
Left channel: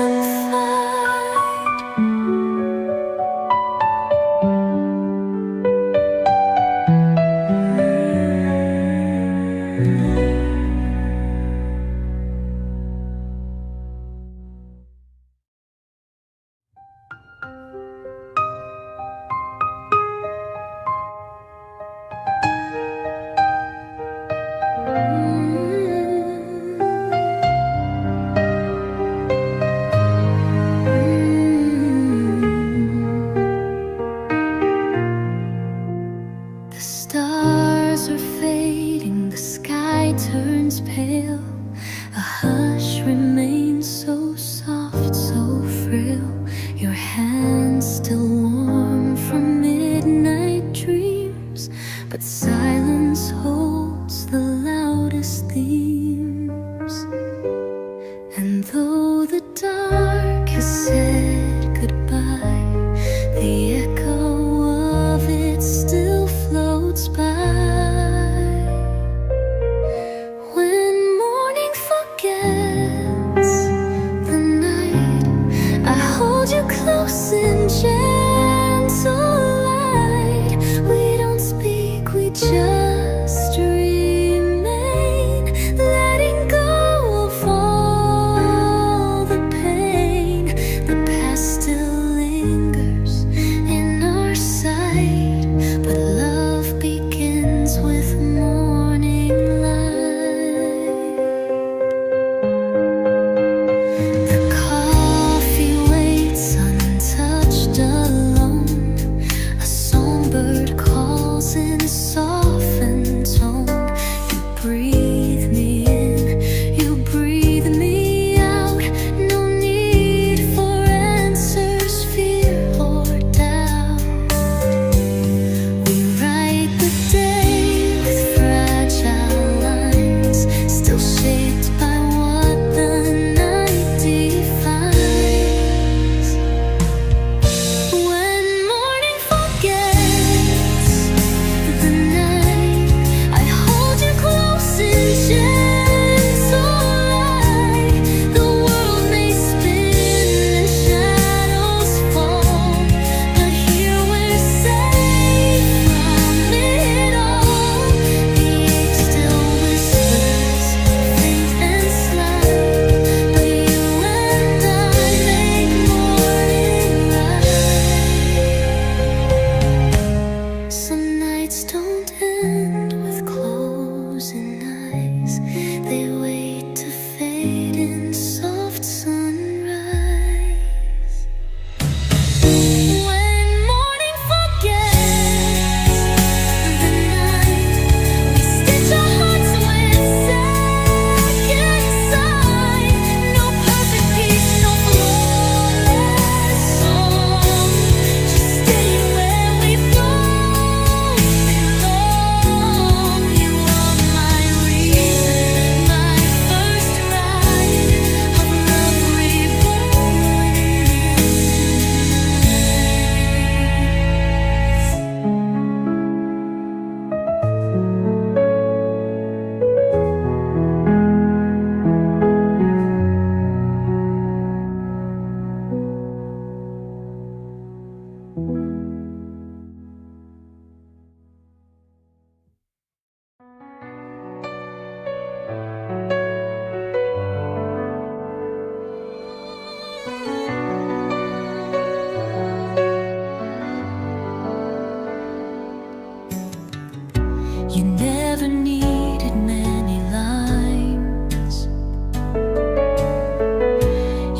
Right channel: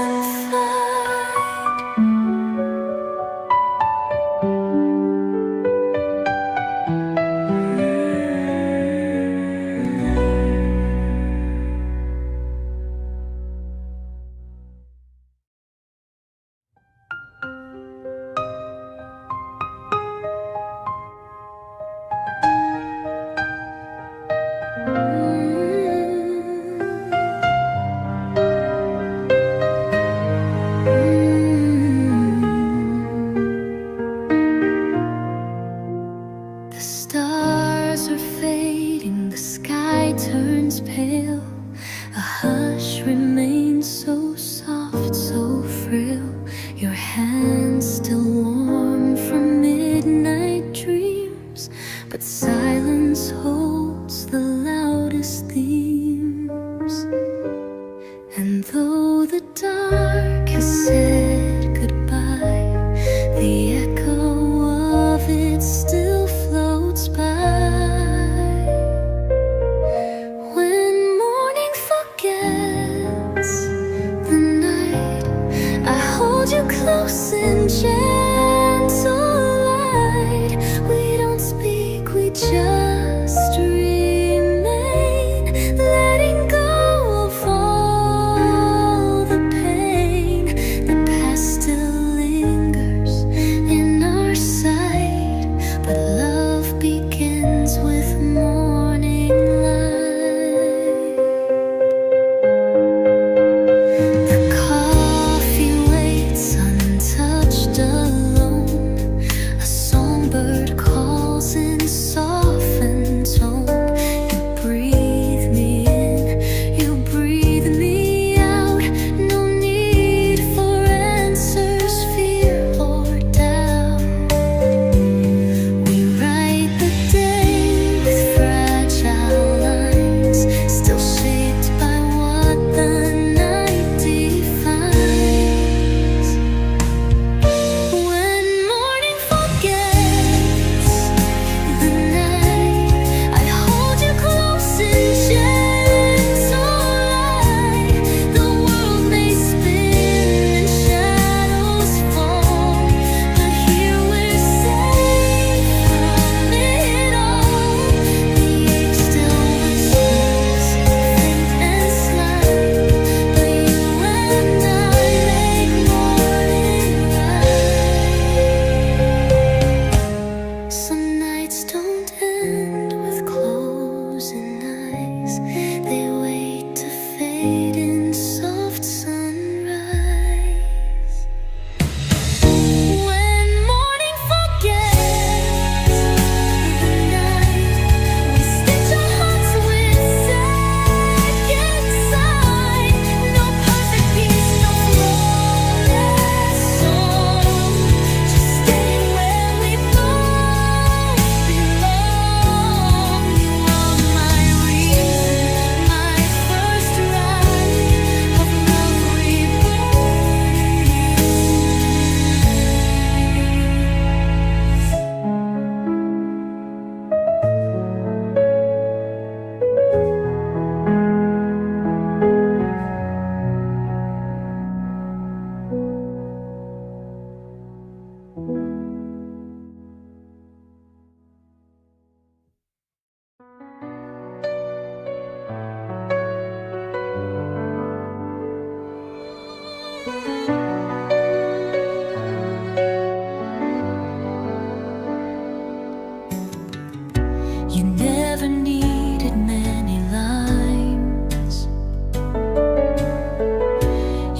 The stars are fading, the sky turns pale. A hush remains so soft, so frail. Your hands still warm from midnight dreams, but silence holds the loudest themes. And though the dark has said goodbye, the echo of it still floats by. When morning forgets the night, I hold you close in gentle light. We don't speak, we just remain, letting go of all the pain.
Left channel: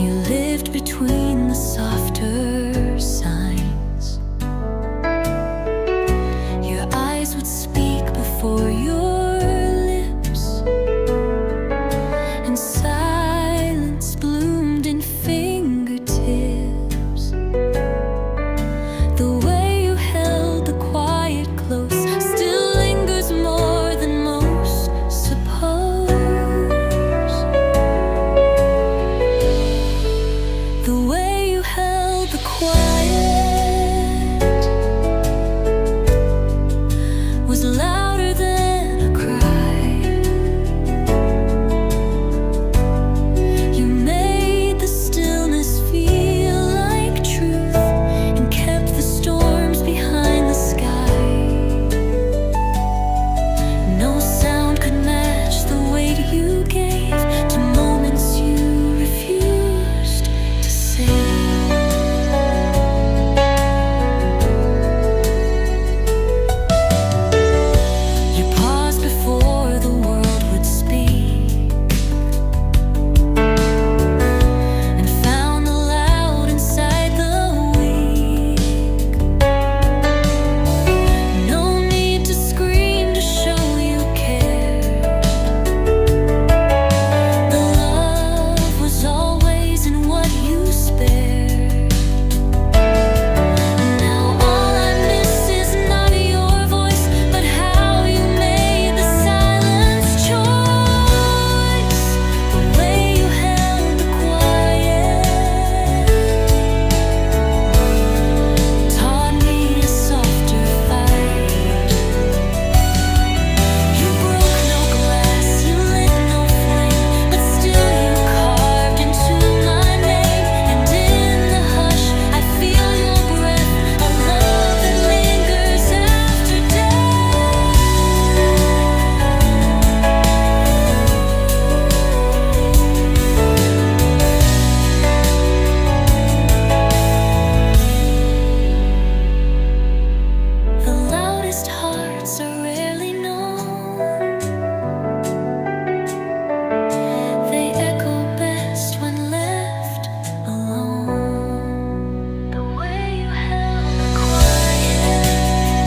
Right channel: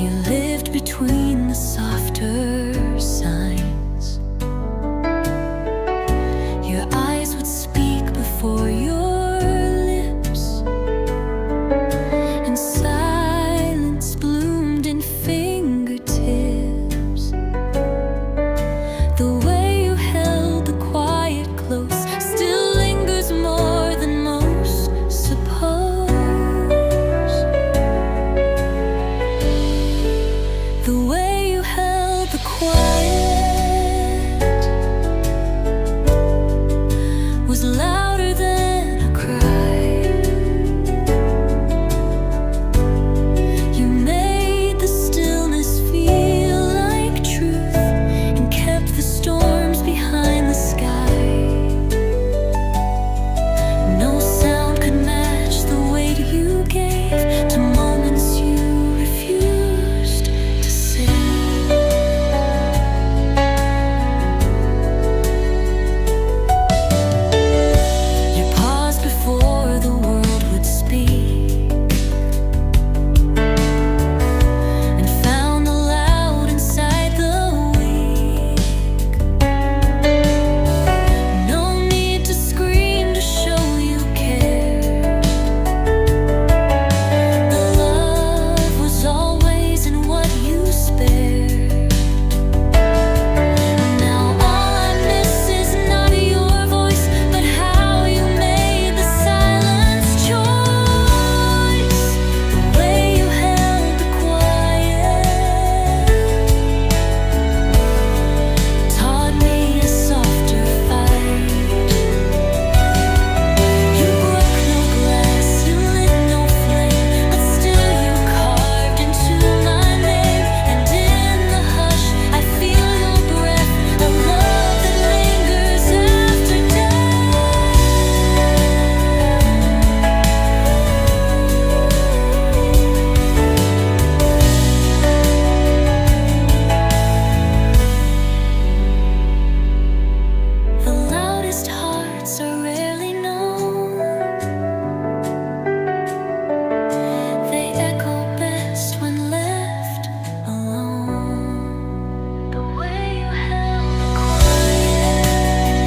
You lived between the softer signs. Your eyes would speak before your lips, and silence bloomed in fingertips. The way you held the quiet close still lingers more than most suppose. The way you held the quiet was louder than a cry. You made the stillness feel like truth and kept the storms behind the sky. No sound could match the weight you gave to moments you refused to say. You paused before the world would speak, and found the loud inside the weak. No need to scream to show you cared. The love was always in what you spared. Now all I miss is not your voice, but how you made the silence choice. The way you held the quiet taught me a softer fight. You broke no glass, you lit no flame, but still you carved into my name. And in the hush, I feel your breath, a love that lingers after death. The loudest hearts are rarely known. They echo best when left alone. The way you held the quiet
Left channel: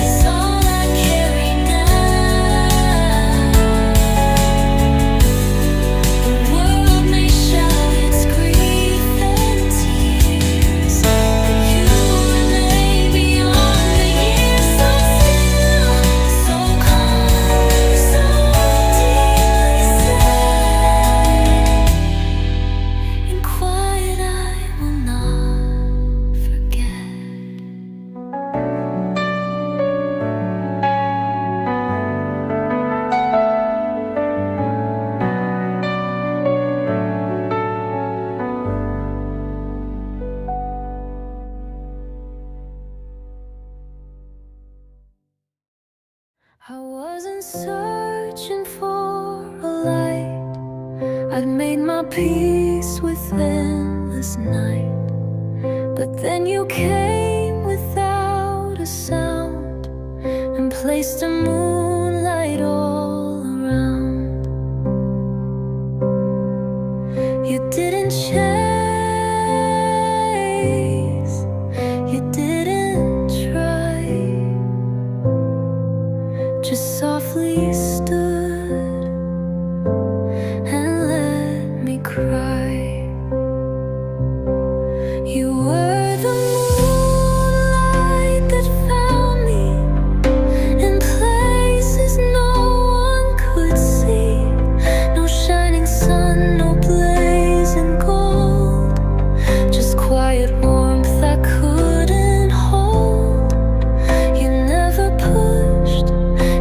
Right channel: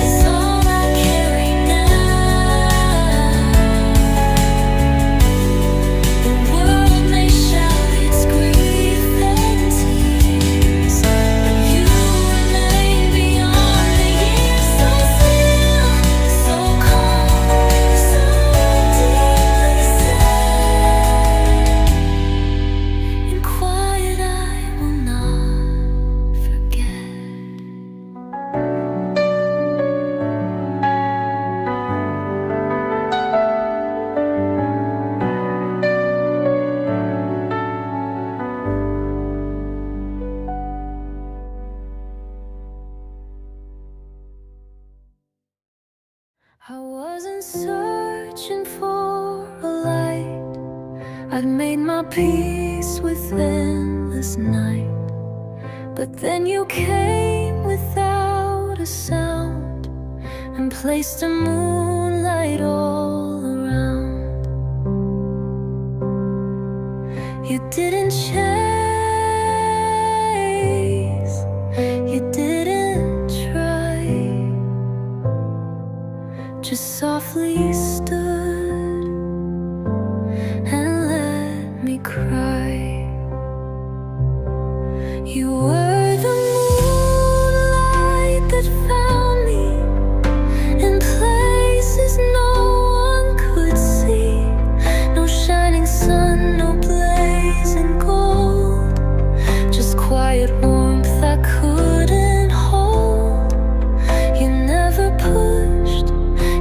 is all I carry now. The world may shout its grief and tears, but you remain beyond the years. So still, so calm, so deeply sad. In quiet I will not forget. I wasn't searching for a light. I'd made my peace with endless night. But then you came without a sound and placed a moonlight all around. You didn't chase, you didn't try, just softly stood and let me cry. You were the moonlight that found me in places no one could see. No shining sun, no blazing gold, just quiet warmth I couldn't hold. You never pushed,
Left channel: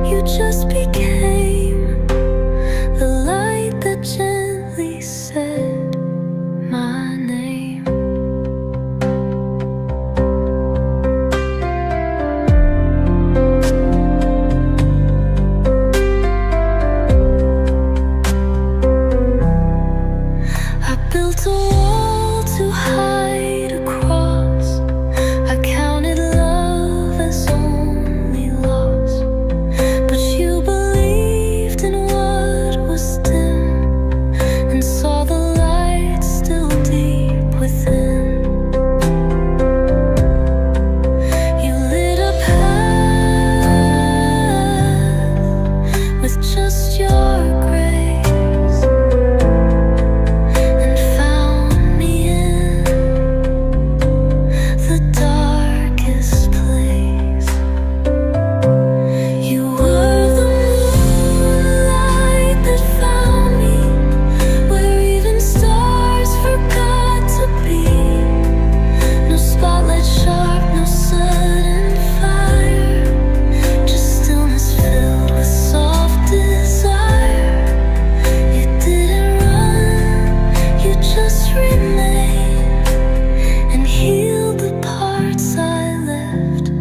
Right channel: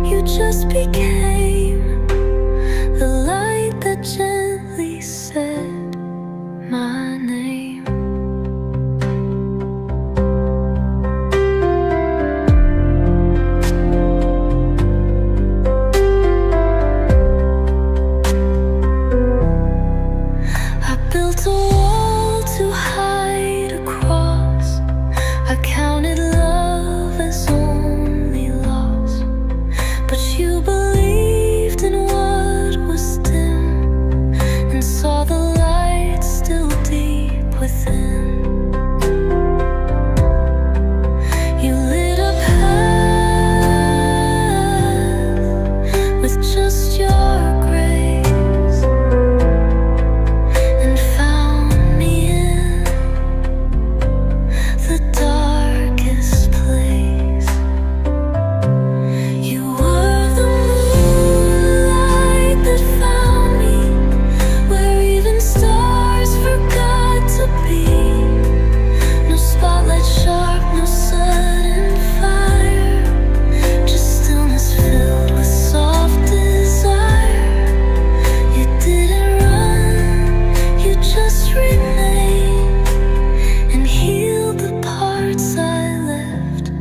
you just became the light that gently said my name. I built a wall to hide across. I counted love as only loss, but you believed in what was dim and saw the light still deep within. You lit a path with just your grace and found me in the darkest place. You were the moonlight that found me where even stars forgot to be. No spotlight sharp, no sudden fire, just stillness filled with soft desire. You didn't run, you just remained and healed the parts I left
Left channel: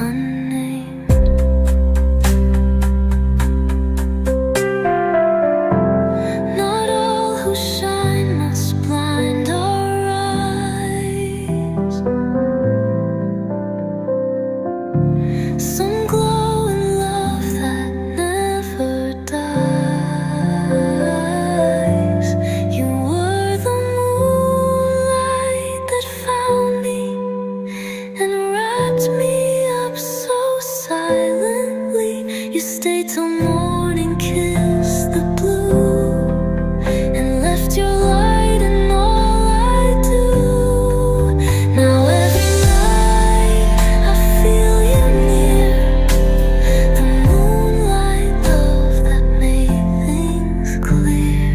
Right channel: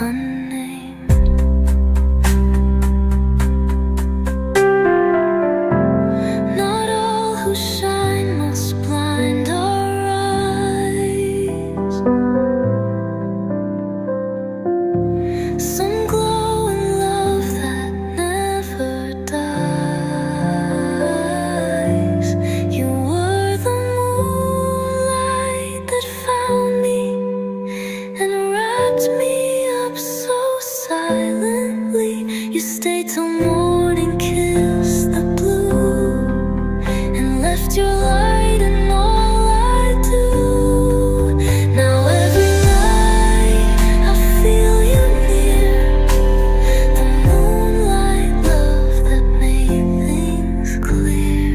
unnamed. Not all who shine must blind our eyes. Some glow in love that never dies. You were the moonlight that found me and wrapped me up so silently. You stayed till morning kissed the blue and left your light in all I do. Now every night I feel you near, the moonlight love that made things clear.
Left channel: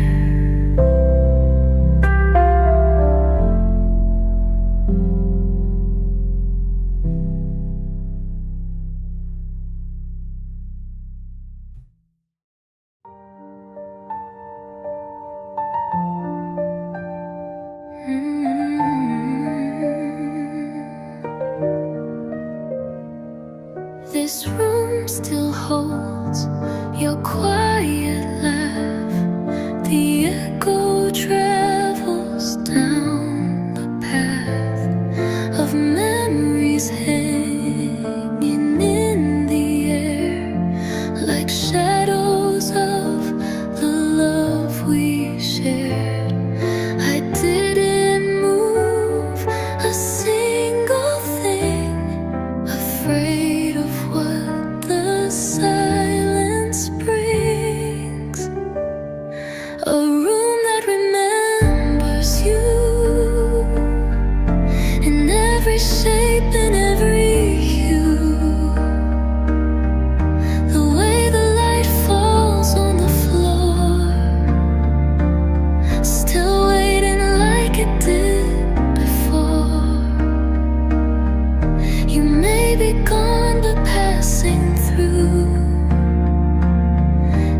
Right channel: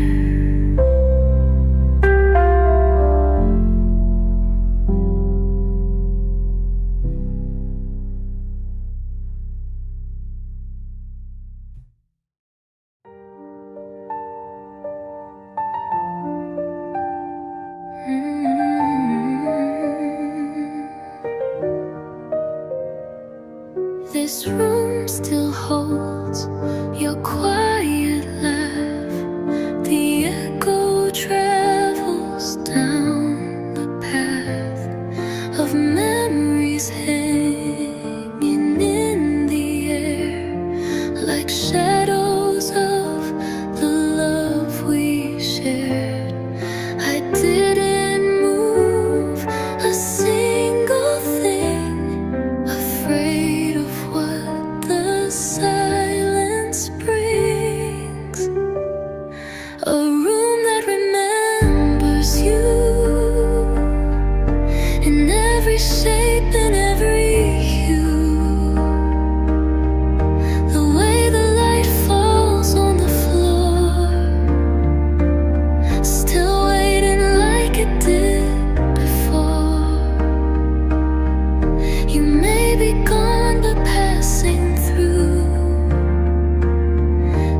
This room still holds your quiet laugh. The echo travels down the path of memories hanging in the air, like shadows of the love we shared. I didn't move a single thing, afraid of what the silence brings. A room that remembers you in every shape and every hue. The way the light falls on the floor, still waiting like it did before. You may be gone, but passing through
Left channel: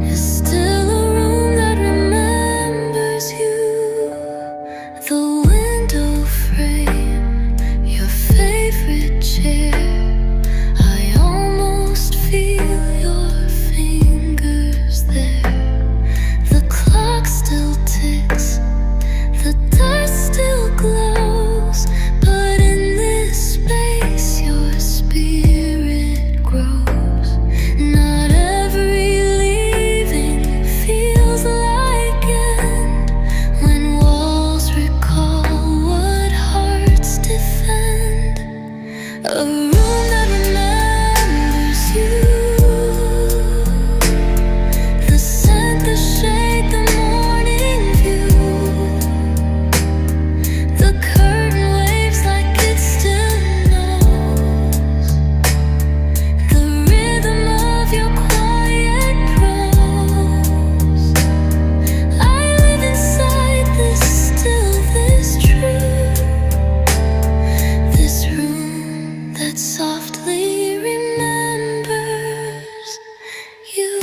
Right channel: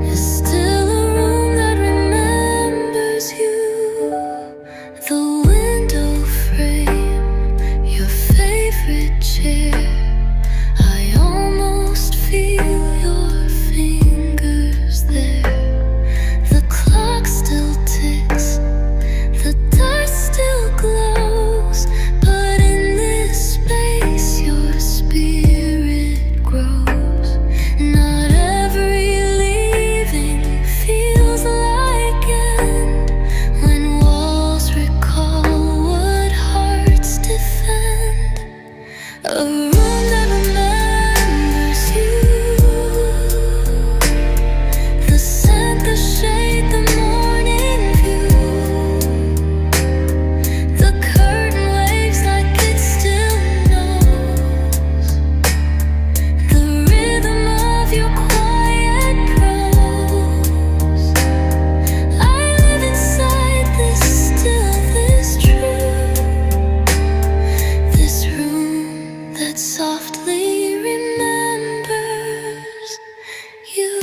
is still a room that remembers you. The window frame, your favorite chair, I almost feel your fingers there. The clock still ticks, the dust still glows, but in this space your spirit grows. Not every leaving feels like end, when walls recall what hearts defend. A room that remembers you, the scent, the shade, the morning view. The curtain waves like it still knows the rhythm of your quiet prose. I live inside this still, this true, this room that softly remembers you.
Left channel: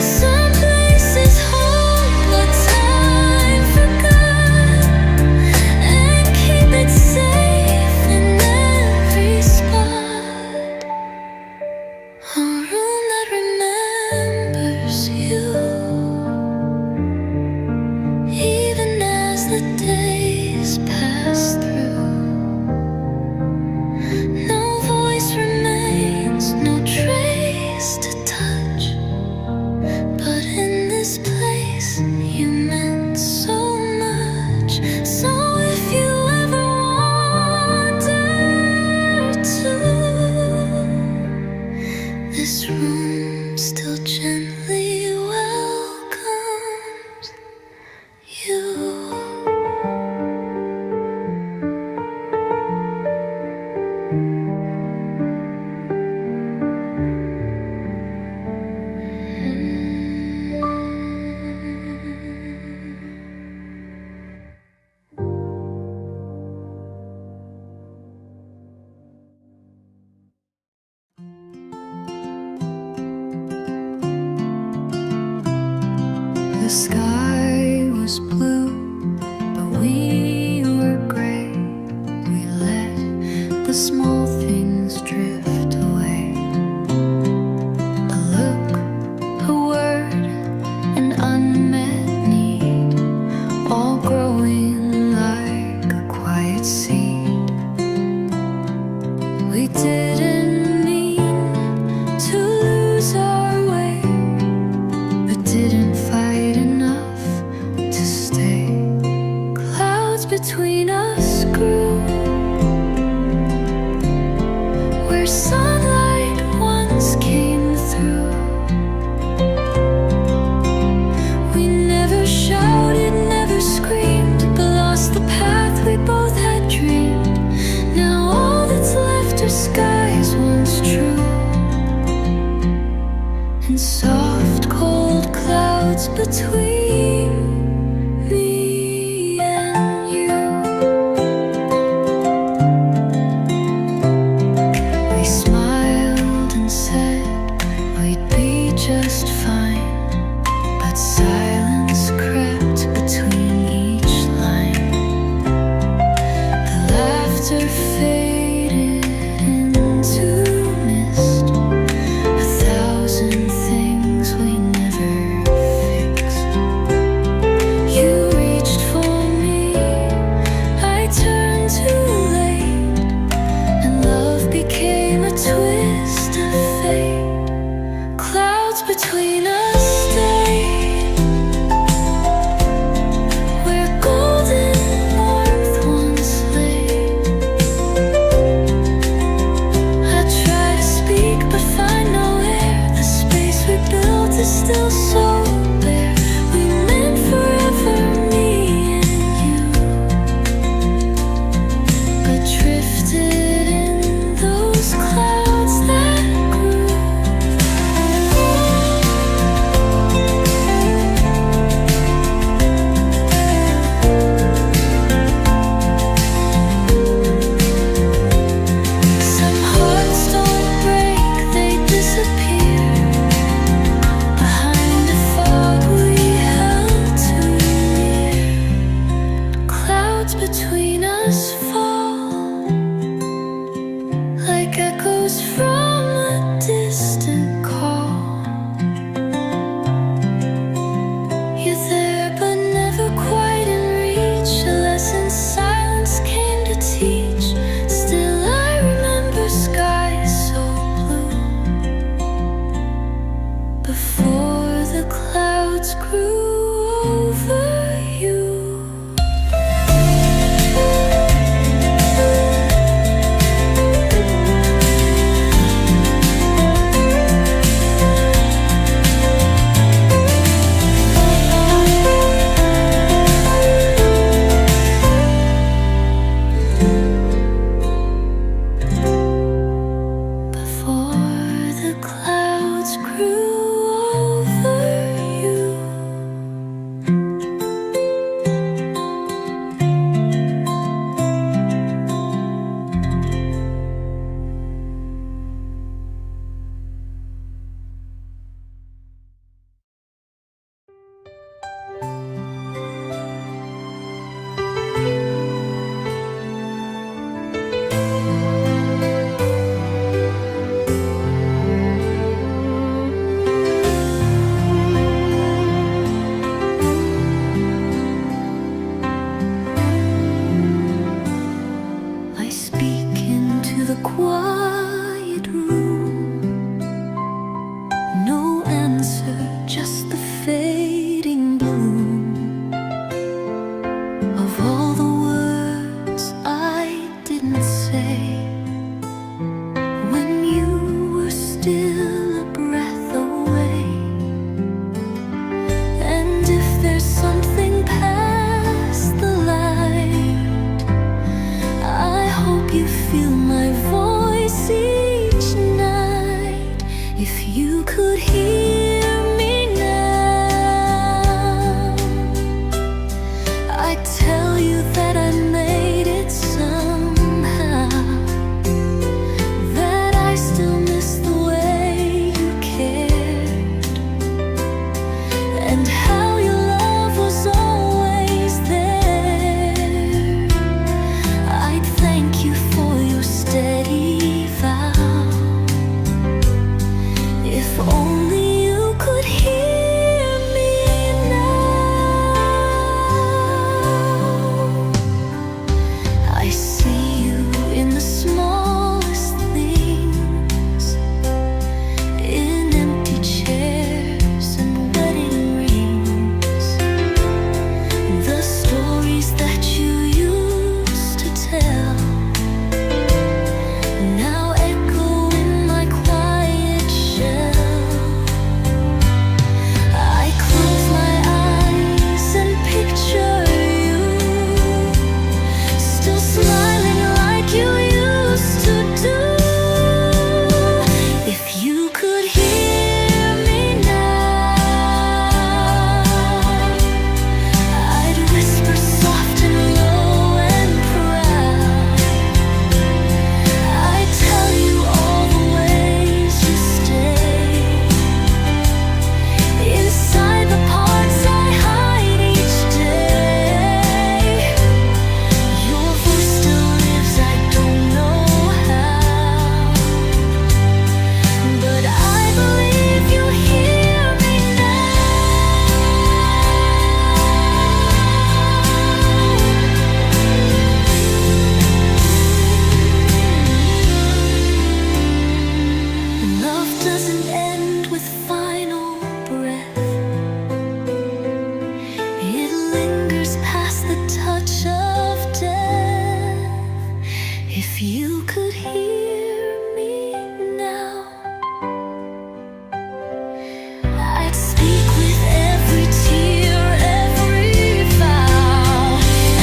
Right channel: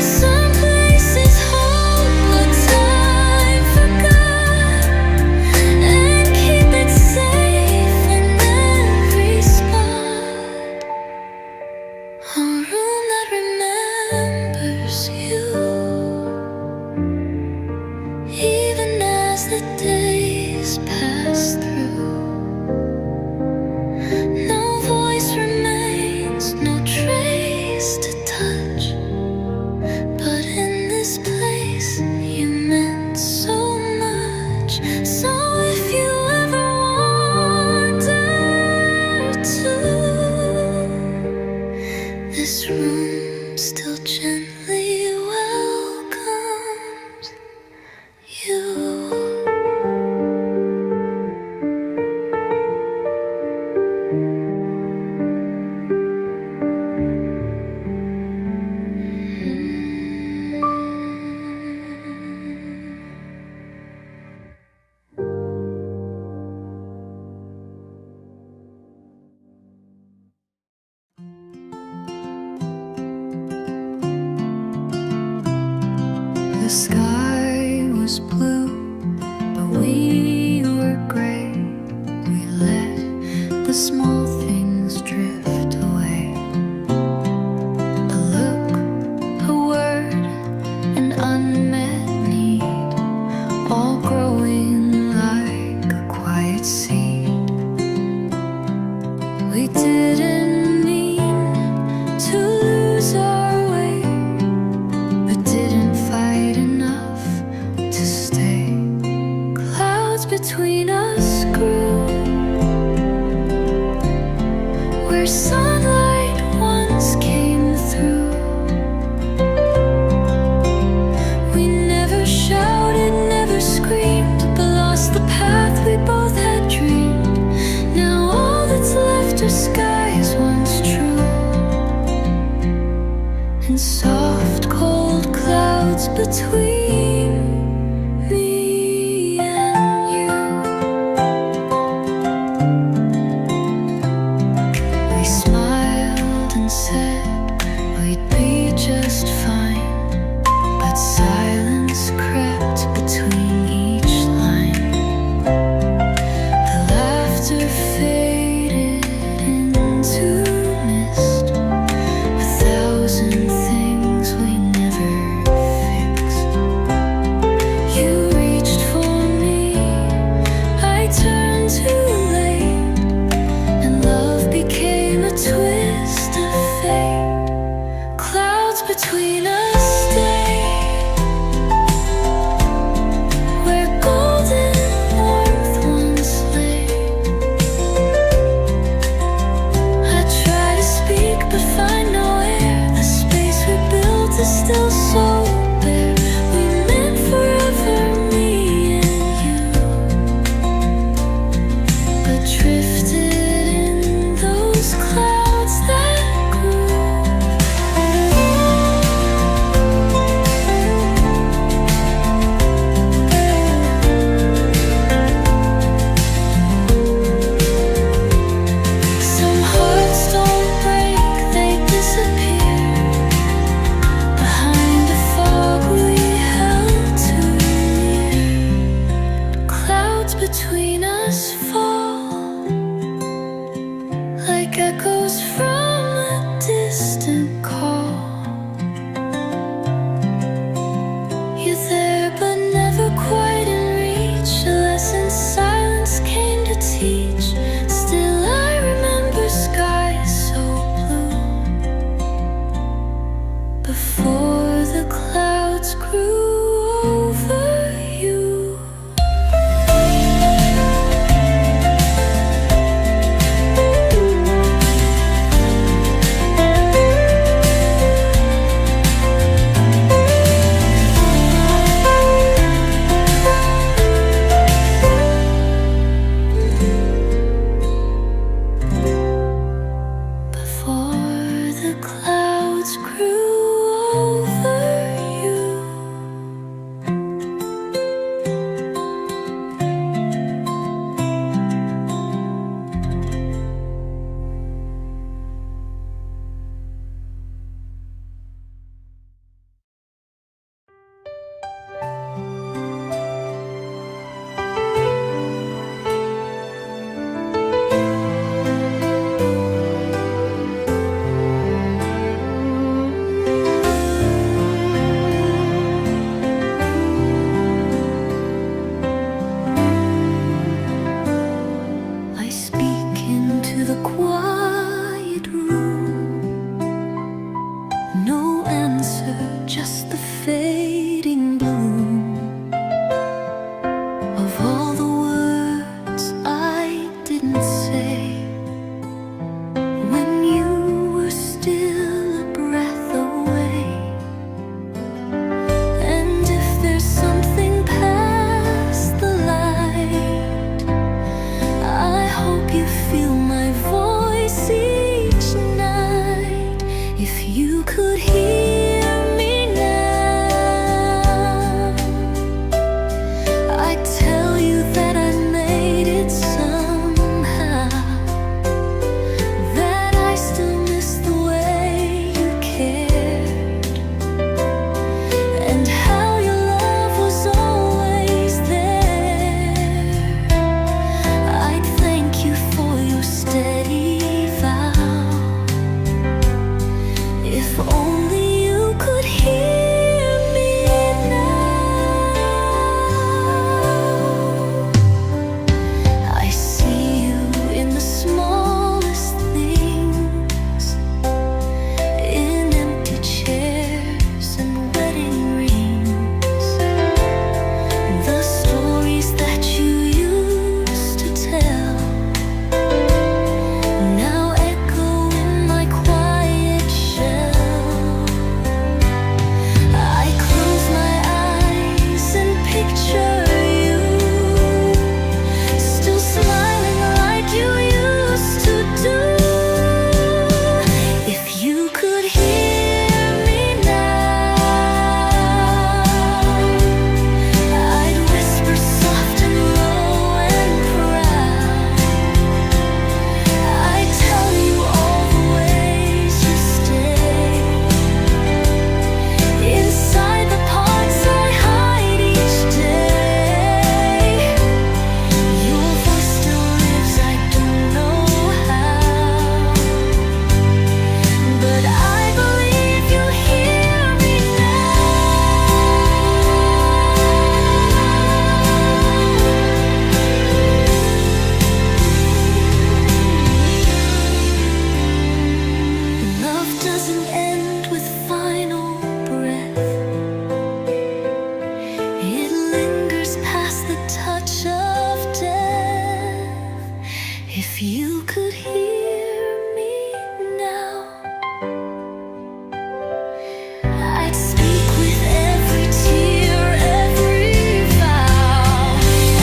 Some places hold what time forgot and keep it safe in every spot. A room that remembers you, even as the days pass through. No voice remains, no sky was blue, but we were gray. We let the small things drift away. A look, a word, an unmet need, all growing like a quiet seed. We didn't mean to lose our way, but didn't fight enough to stay. Clouds between us grew, where sunlight once came through. We never shouted, never screamed, but lost the path we both had dreamed. Now all that's left are skies once true, and soft cold clouds between me and you. We smiled and said we'd be just fine, but silence crept between each line. The laughter faded into mist, a thousand things we never fixed. You reached for me, I turned too late, and love became a twist of fate. Clouds between us stayed, where golden warmth once lay. I try to speak but find no air. The space we built is still so bare. We meant forever, me and you, but drifted in those clouds that grew. Some hearts don't break, they disappear behind a fog we held too near. Clouds between us fall like echoes from a distant call. You're there but never quite in reach, a lesson silence came to teach. Still I remember skies so blue, before the clouds grew over you. Before the clouds grew over you. I speak into the quiet room. No answer, just the fading bloom of all the words I didn't say when you were still a breath away. And if there's something past the light, I hope you feel my voice each night. If you could hear me now, I'd tell you that I made it somehow, that I still miss the way you cared, and how you now echo in my quiet shell. I close my eyes and picture you, still smiling like you used to do. If you could hear me now, I'd whisper soft and low and proud. I'd tell you all the ways you stay inside the parts I hide each day. Your voice still lives, I don't know how, but I believe you hear me now. Love doesn't end with final breath. It lingers past the touch of death. If you could hear me now, I'd speak with every tear, every vow,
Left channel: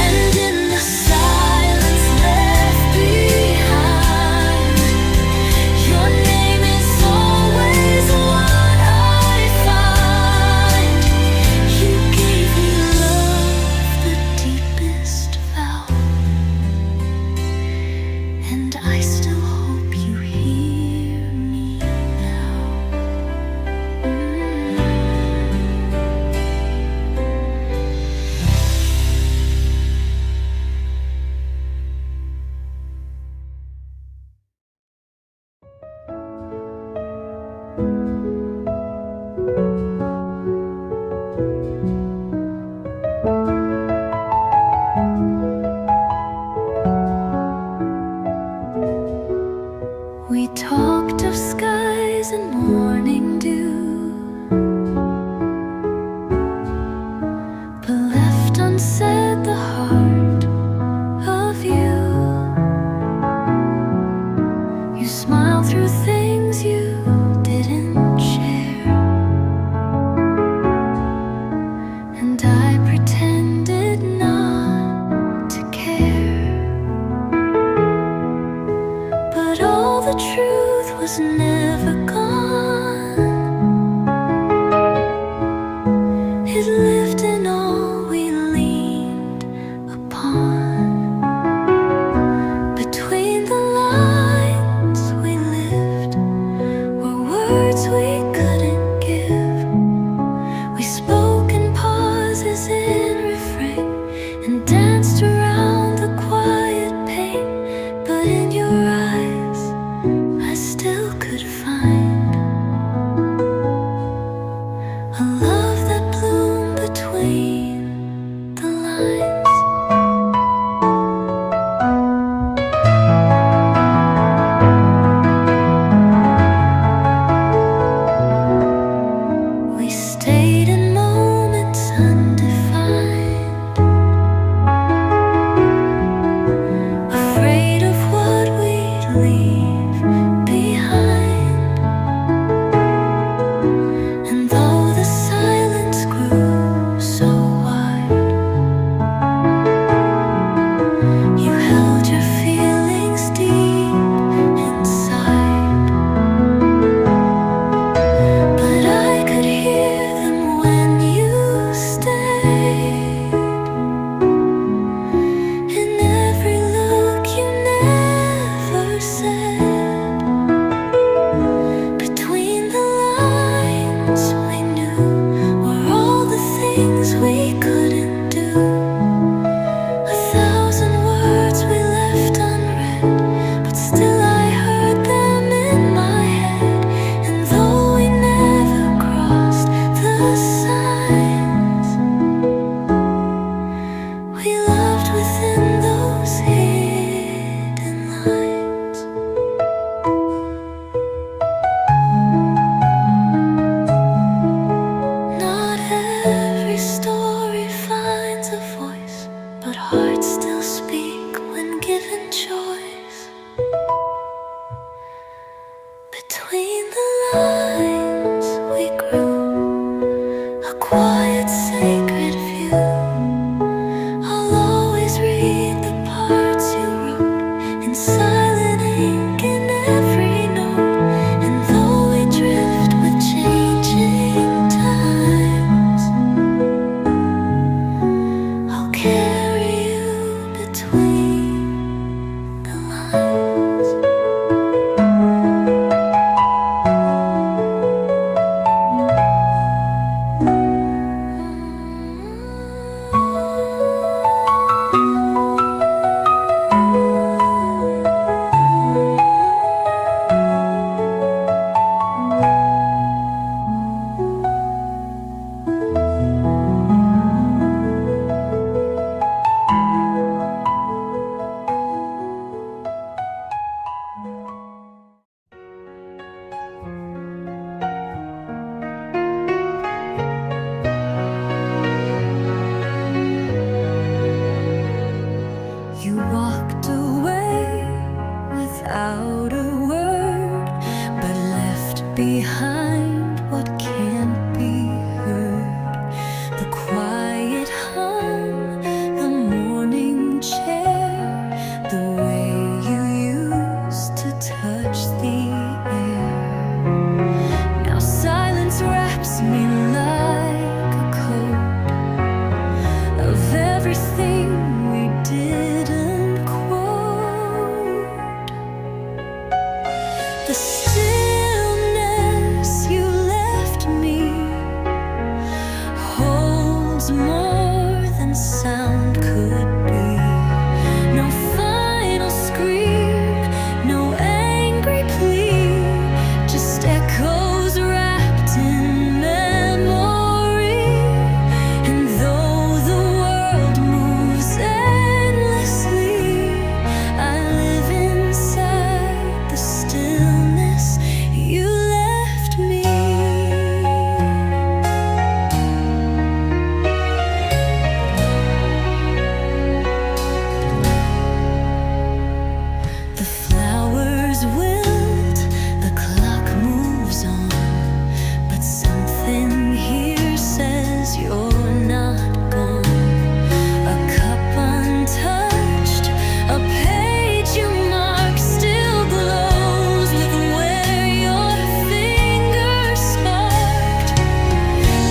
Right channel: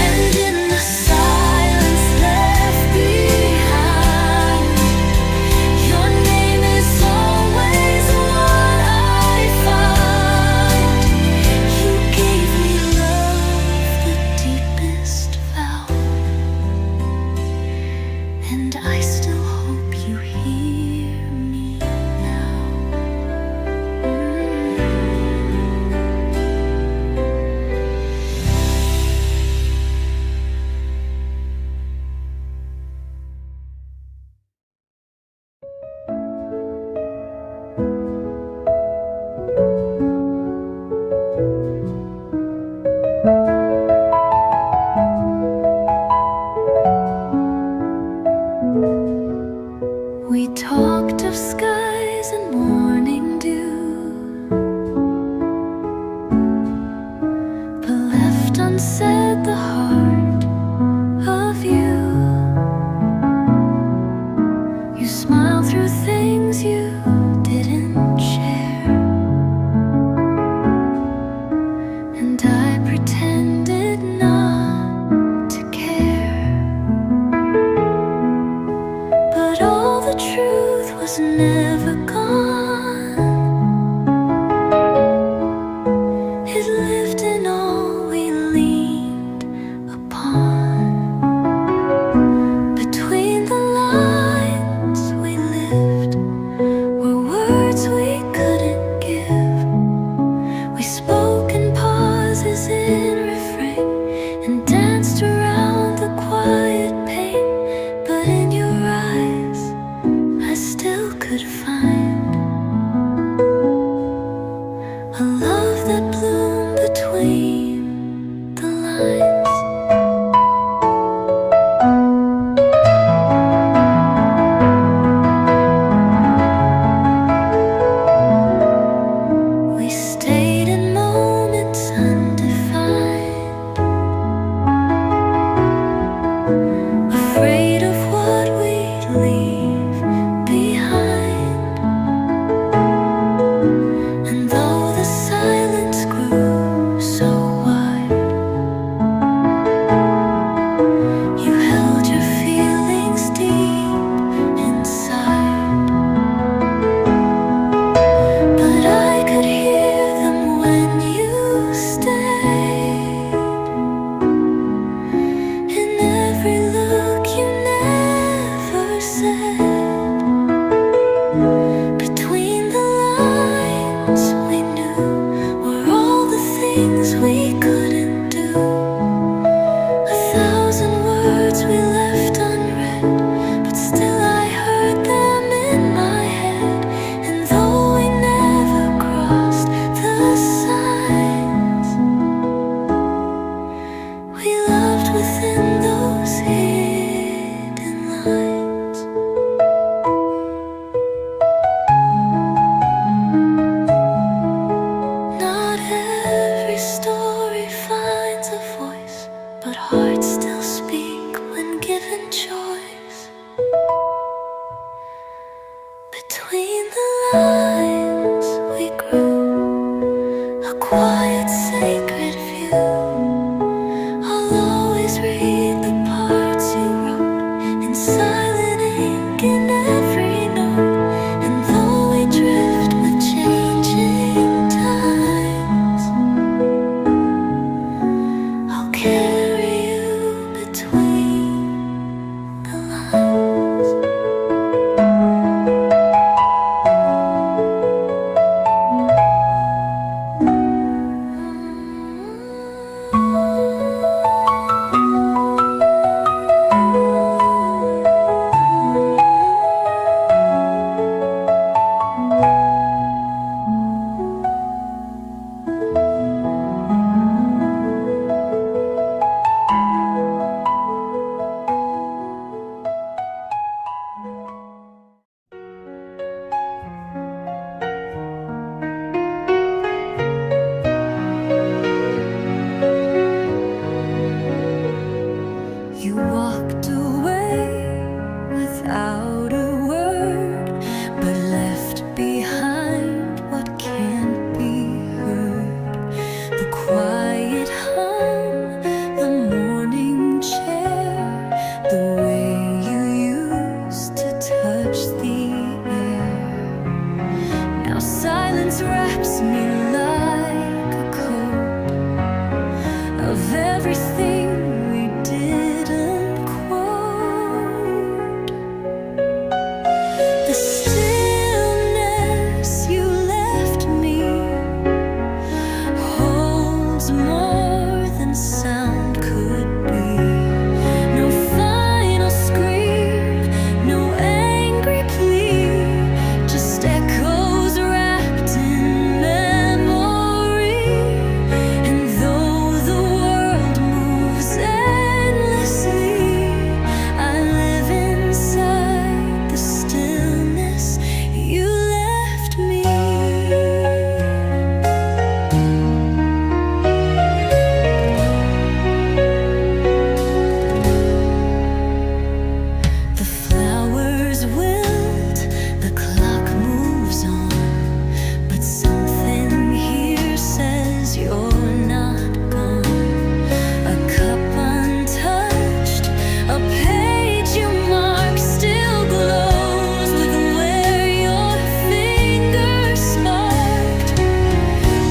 and in the silence left behind, your name is always what I find. You gave me love, the deepest vow, and I still hope you hear me now. We talked of skies and morning dew, but left unsaid the heart of you. You smiled through things you didn't share, and I pretended not to care. But all the truth was never gone. It lived in all we leaned upon. Between the lines we lived were words we couldn't give. We spoke in pauses in refrain and danced around the quiet pain. But in your eyes I still could find a love that bloomed between the lines. We stayed in moments undefined, afraid of what we'd leave behind. And though the silence grew so wide, you held your feelings deep inside. But I could hear them when you stayed, in every look you never said. Between the lines we knew were all the things we couldn't do. 1,000 words we left unread, but still I heard them in my head. And though we never crossed the signs, we loved within those hidden lines. Not every story finds a voice, but hearts still speak when given choice. without a word, but left behind what can't be heard. The quiet hum, the morning chair, the way you used to touch the air. Now silence wraps me like a coat of everything we didn't quote. The stillness you left me holds more than sound could be. No final scream, no angry plea, just echoes wrapped in memory. And though the world moves endlessly, I live inside the stillness you left me. The flowers wilt, the clock moves on, but something here says you're not gone. A cup untouched, a page you mark still glows with where your fingers sparked.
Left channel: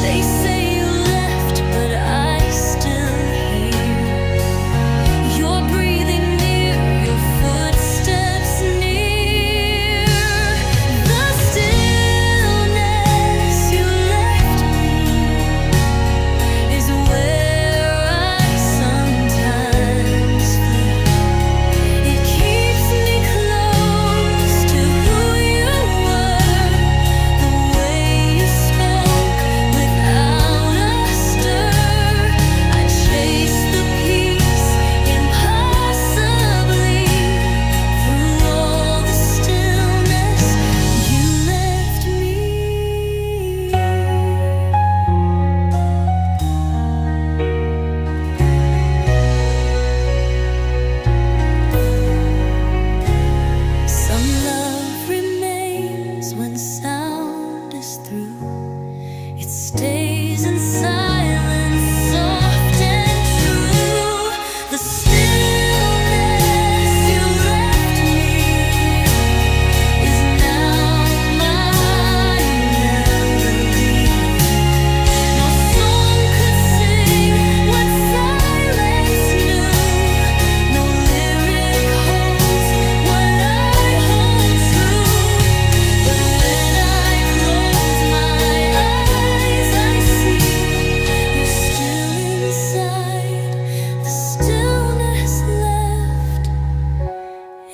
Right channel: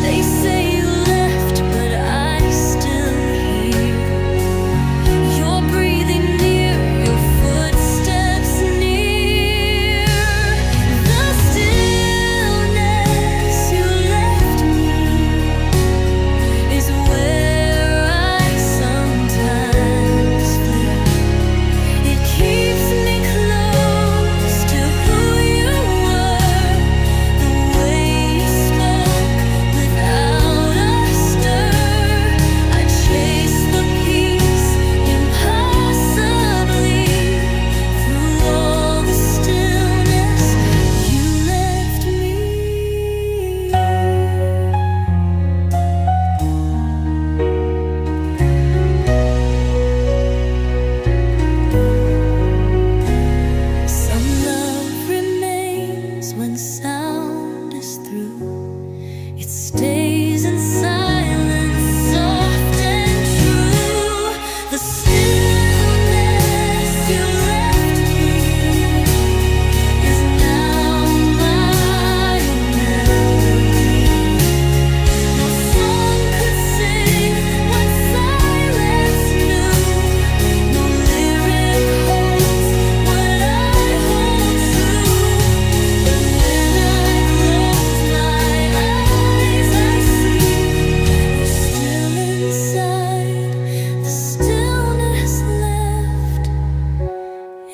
They say you left, but I still hear your breathing near, your footsteps near. The stillness you left me is where I sometimes flee. It keeps me close to who you were, the way you spoke without a stir. I chase the peace impossibly through all the stillness you left me. Some love remains when sound is through. It stays in silence, soft and true. The stillness you left me is now my melody. No song could sing what silence knew. No lyric holds what I hold true. But when I close my eyes, I see you're still inside the stillness left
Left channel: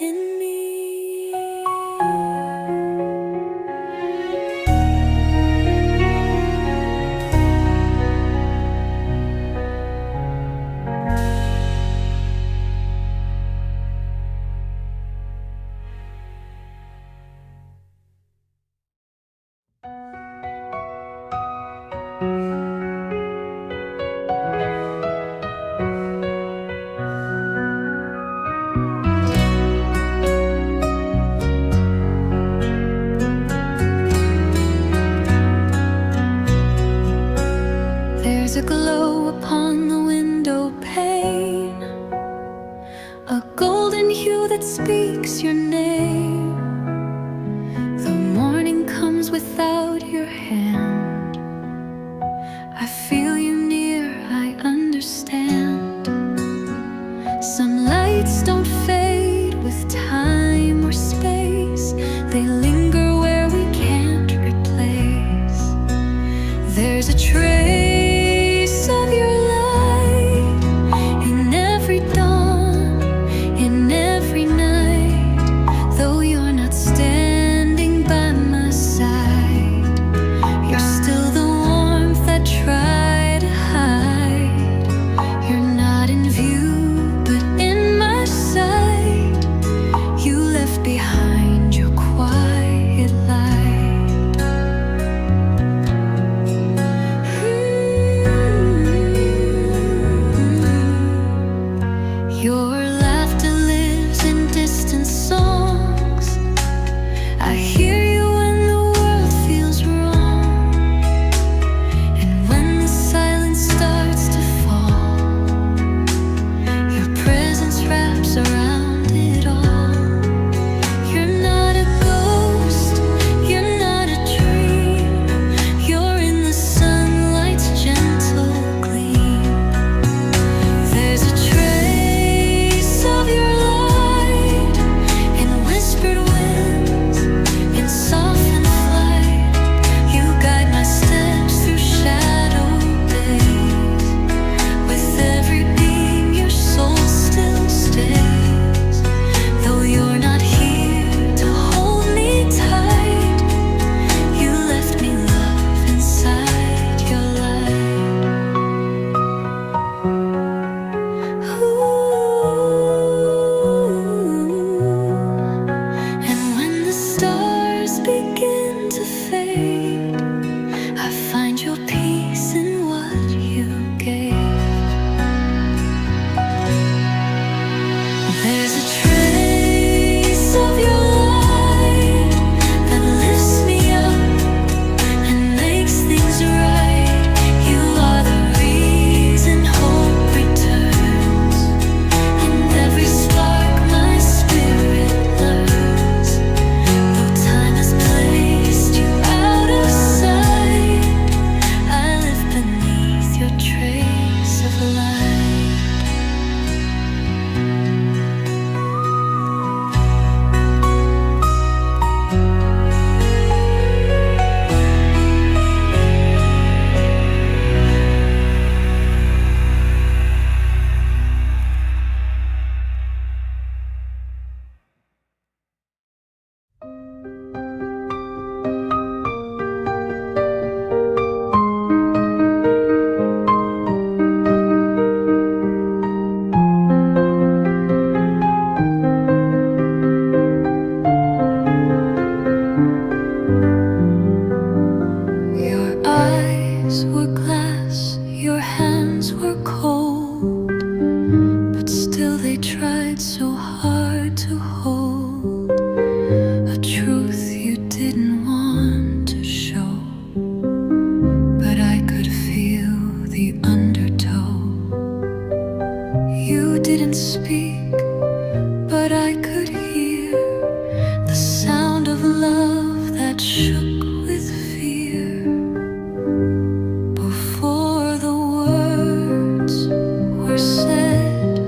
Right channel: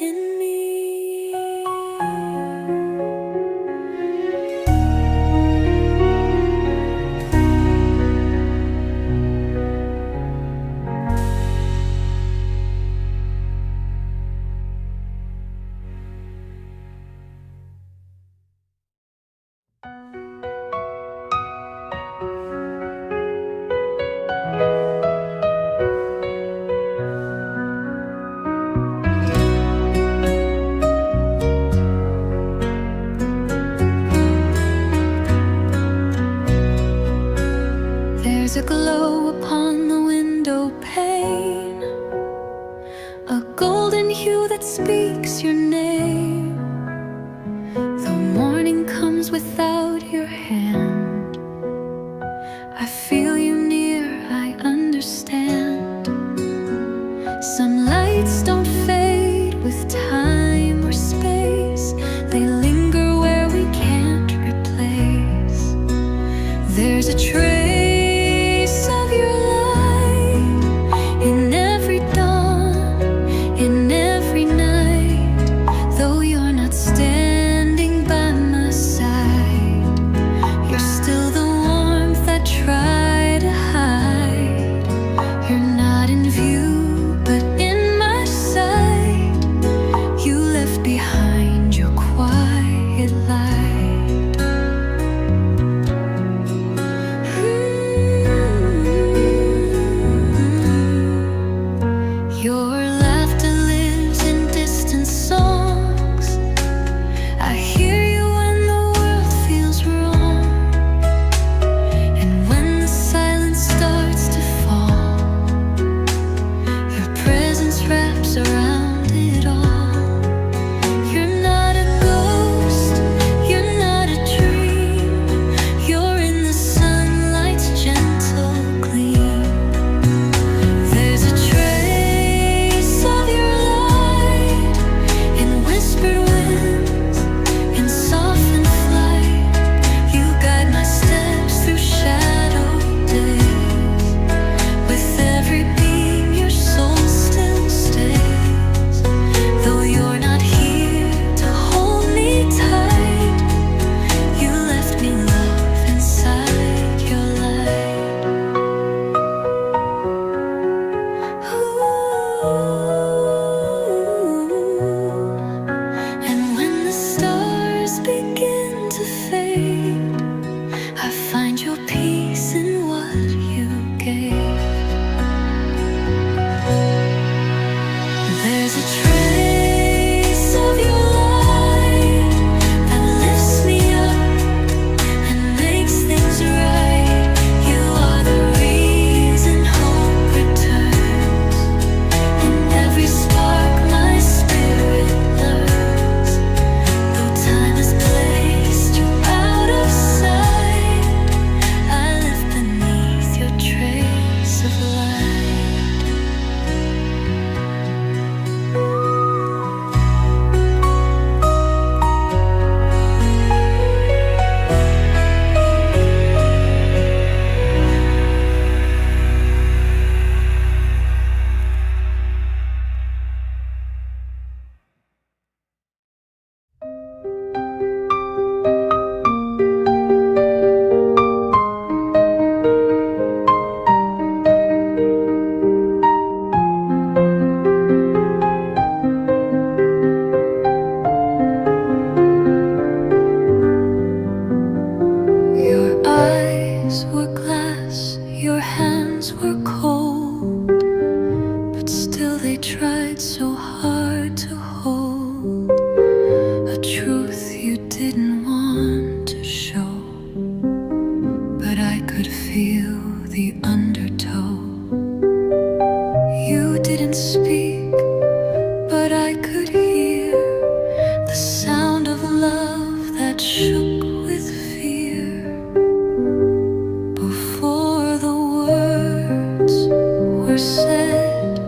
in me. There's a glow upon the window pane, a golden hue that speaks your name. The morning comes without your hand. I feel you near, I understand. Some lights don't fade with time or space, they linger where we can't replace. There's a trace of your begin to fade, I find your peace in what you gave. There's a trace of your light that lifts me up and makes things right. You are the reason hope returns. In every spark my spirit learns. Though time has placed you out of sight, I live beneath your trace of light. Were glass, your hands were cold, but still they tried so hard to hold a truth you didn't want to show. But I could feel the undertow. You didn't speak, but I could hear the sound of love that shook with fear. Before the words were said,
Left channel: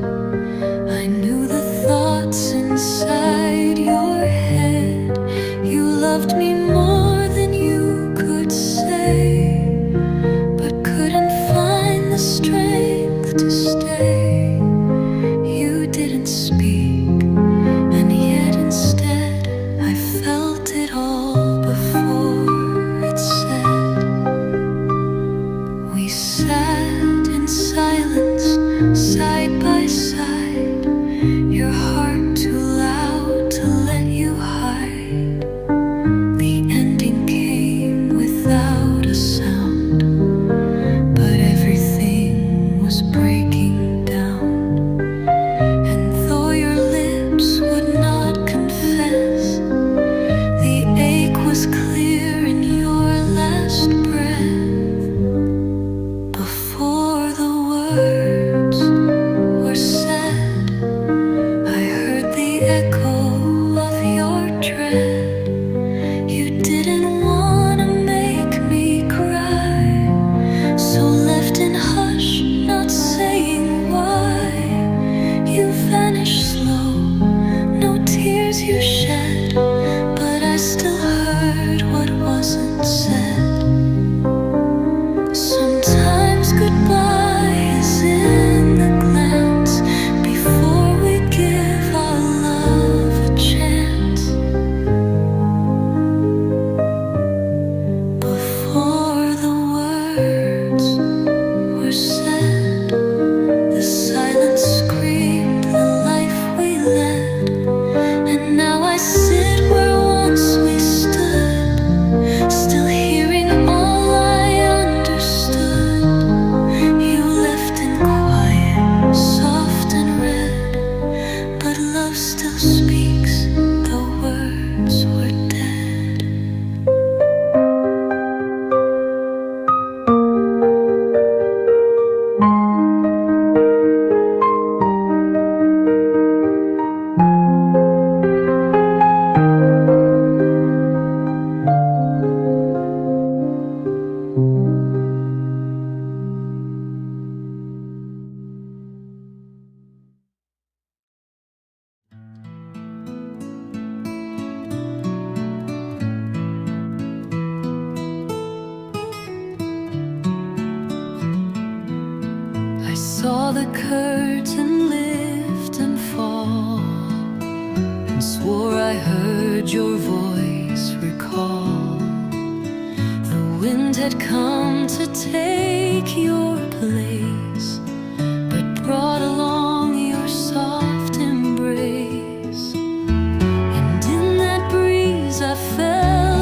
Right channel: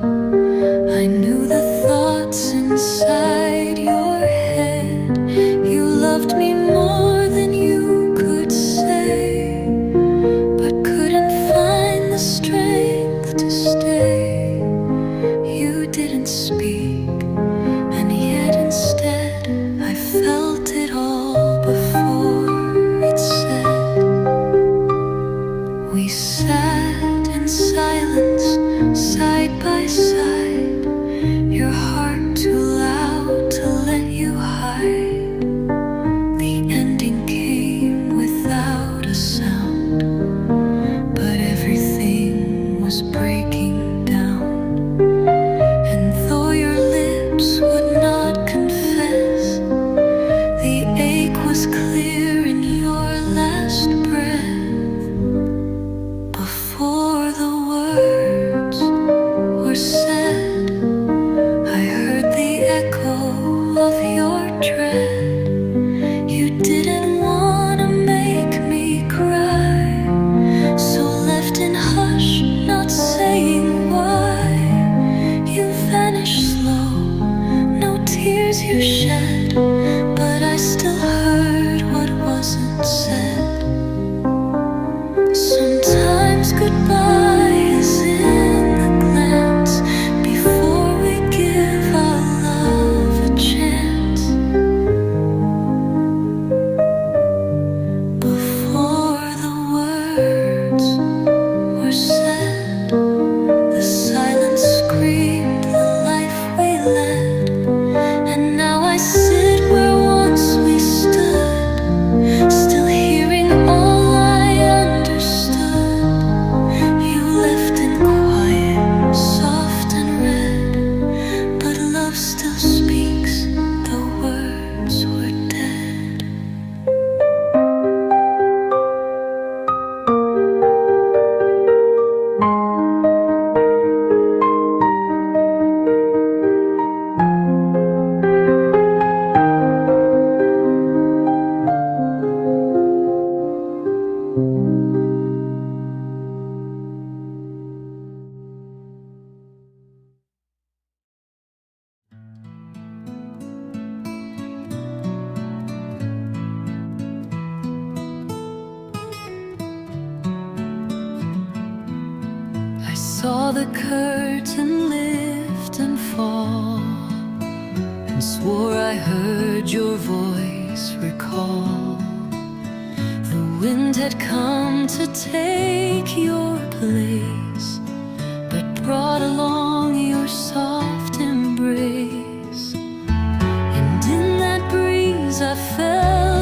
I knew the thoughts inside your head. You loved me more than you could say, but couldn't find the strength to stay. You didn't speak, and yet instead I felt it all before it said. We sat in silence, side by side, your heart too loud to let you hide. The ending came without a sound, but everything was breaking down. And though your lips would not confess, the ache was clear in your last breath. Before the words were said, I heard the echo of your dread. You didn't want to make me cry, so left in hush, not saying why. You vanished slow, no tears you shed, but I still heard what wasn't said. Sometimes goodbye is in the glance before we give our love a chance. Before the words were said, the silence screamed the life we led. And now I sit where once we stood, still hearing all I understood. You left in quiet, soft and red, but love still speaks, the words were dead. I saw the curtain lift and fall, and swore I heard your voice recall. The wind had come to take your place, but brought along your soft embrace. And in that breeze I felt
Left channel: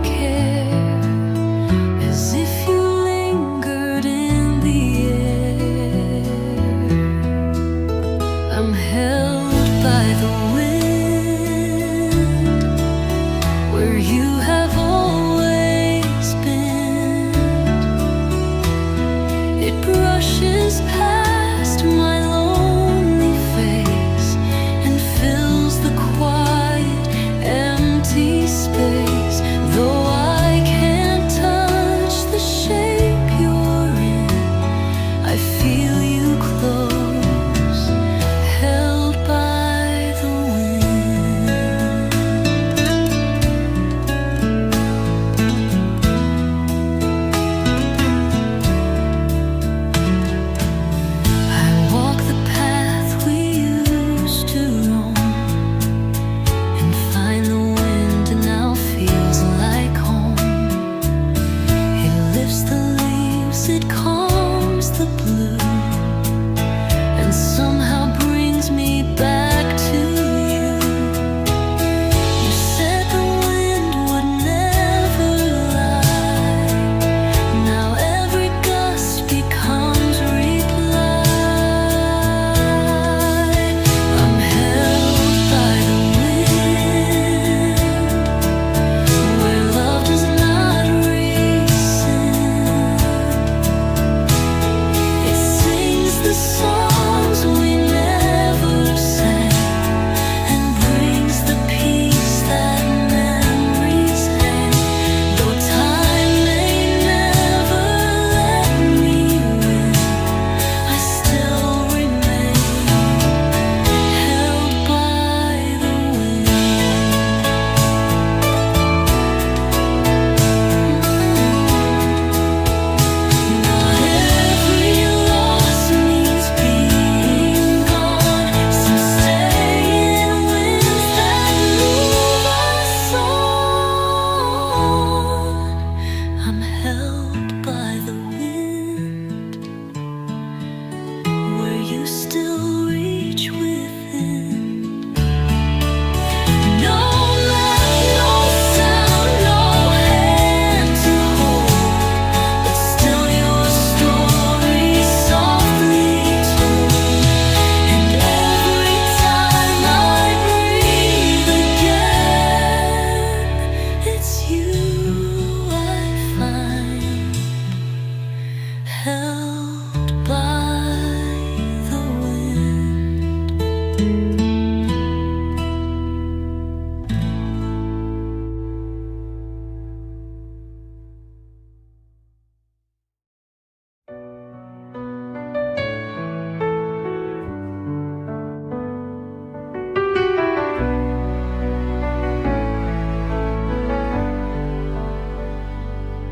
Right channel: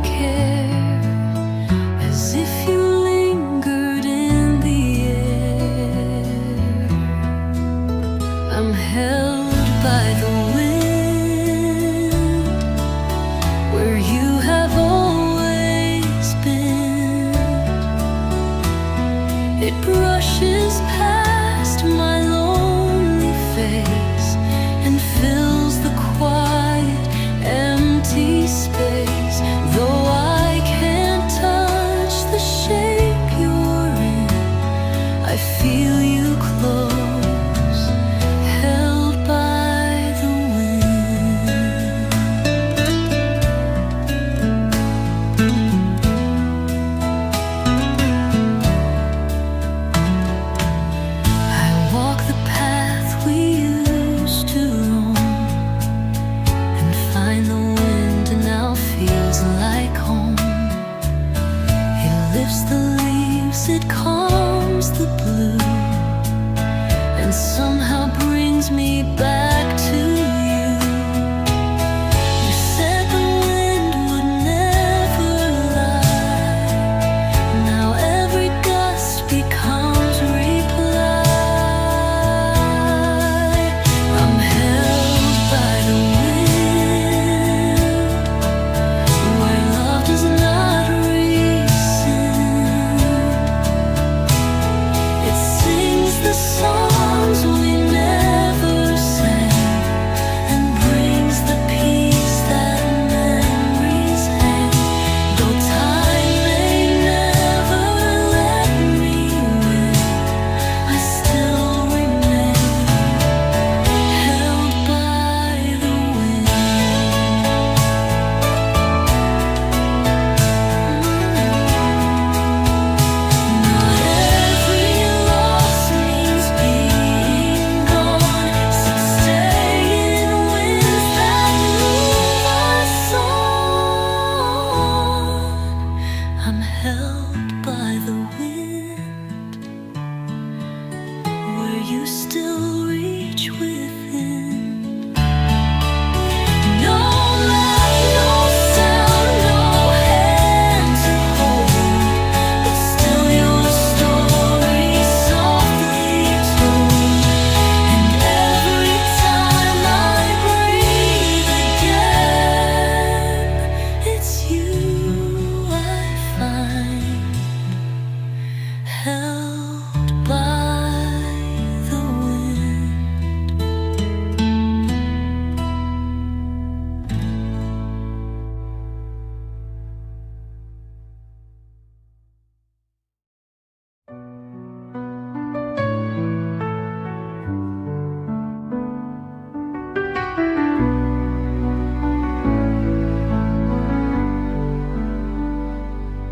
never care, as if you lingered in the air. I'm held by the wind, where you have always been. It brushes past my lonely face and fills the quiet, empty space. Though I can't touch the shape you're in, I feel you close, held by the wind. I walk the path we used to roam, and find the wind now feels like home. It lifts the leaves, it calms the blue, and somehow brings me back to you. You said the wind would never lie. Now every gust becomes reply. I'm held by the wind, where love does not rescind. It sings the songs we never sang, and brings the peace that memories hang. Though time may never let me win, I still remain held by the wind. Not every loss means being gone. Some stay in winds that move us on. I'm held by the wind, where you still reach within. No laugh, no sound, no hand to hold, but still your story softly told. And every time I breathe again, it's you I find, held by the wind.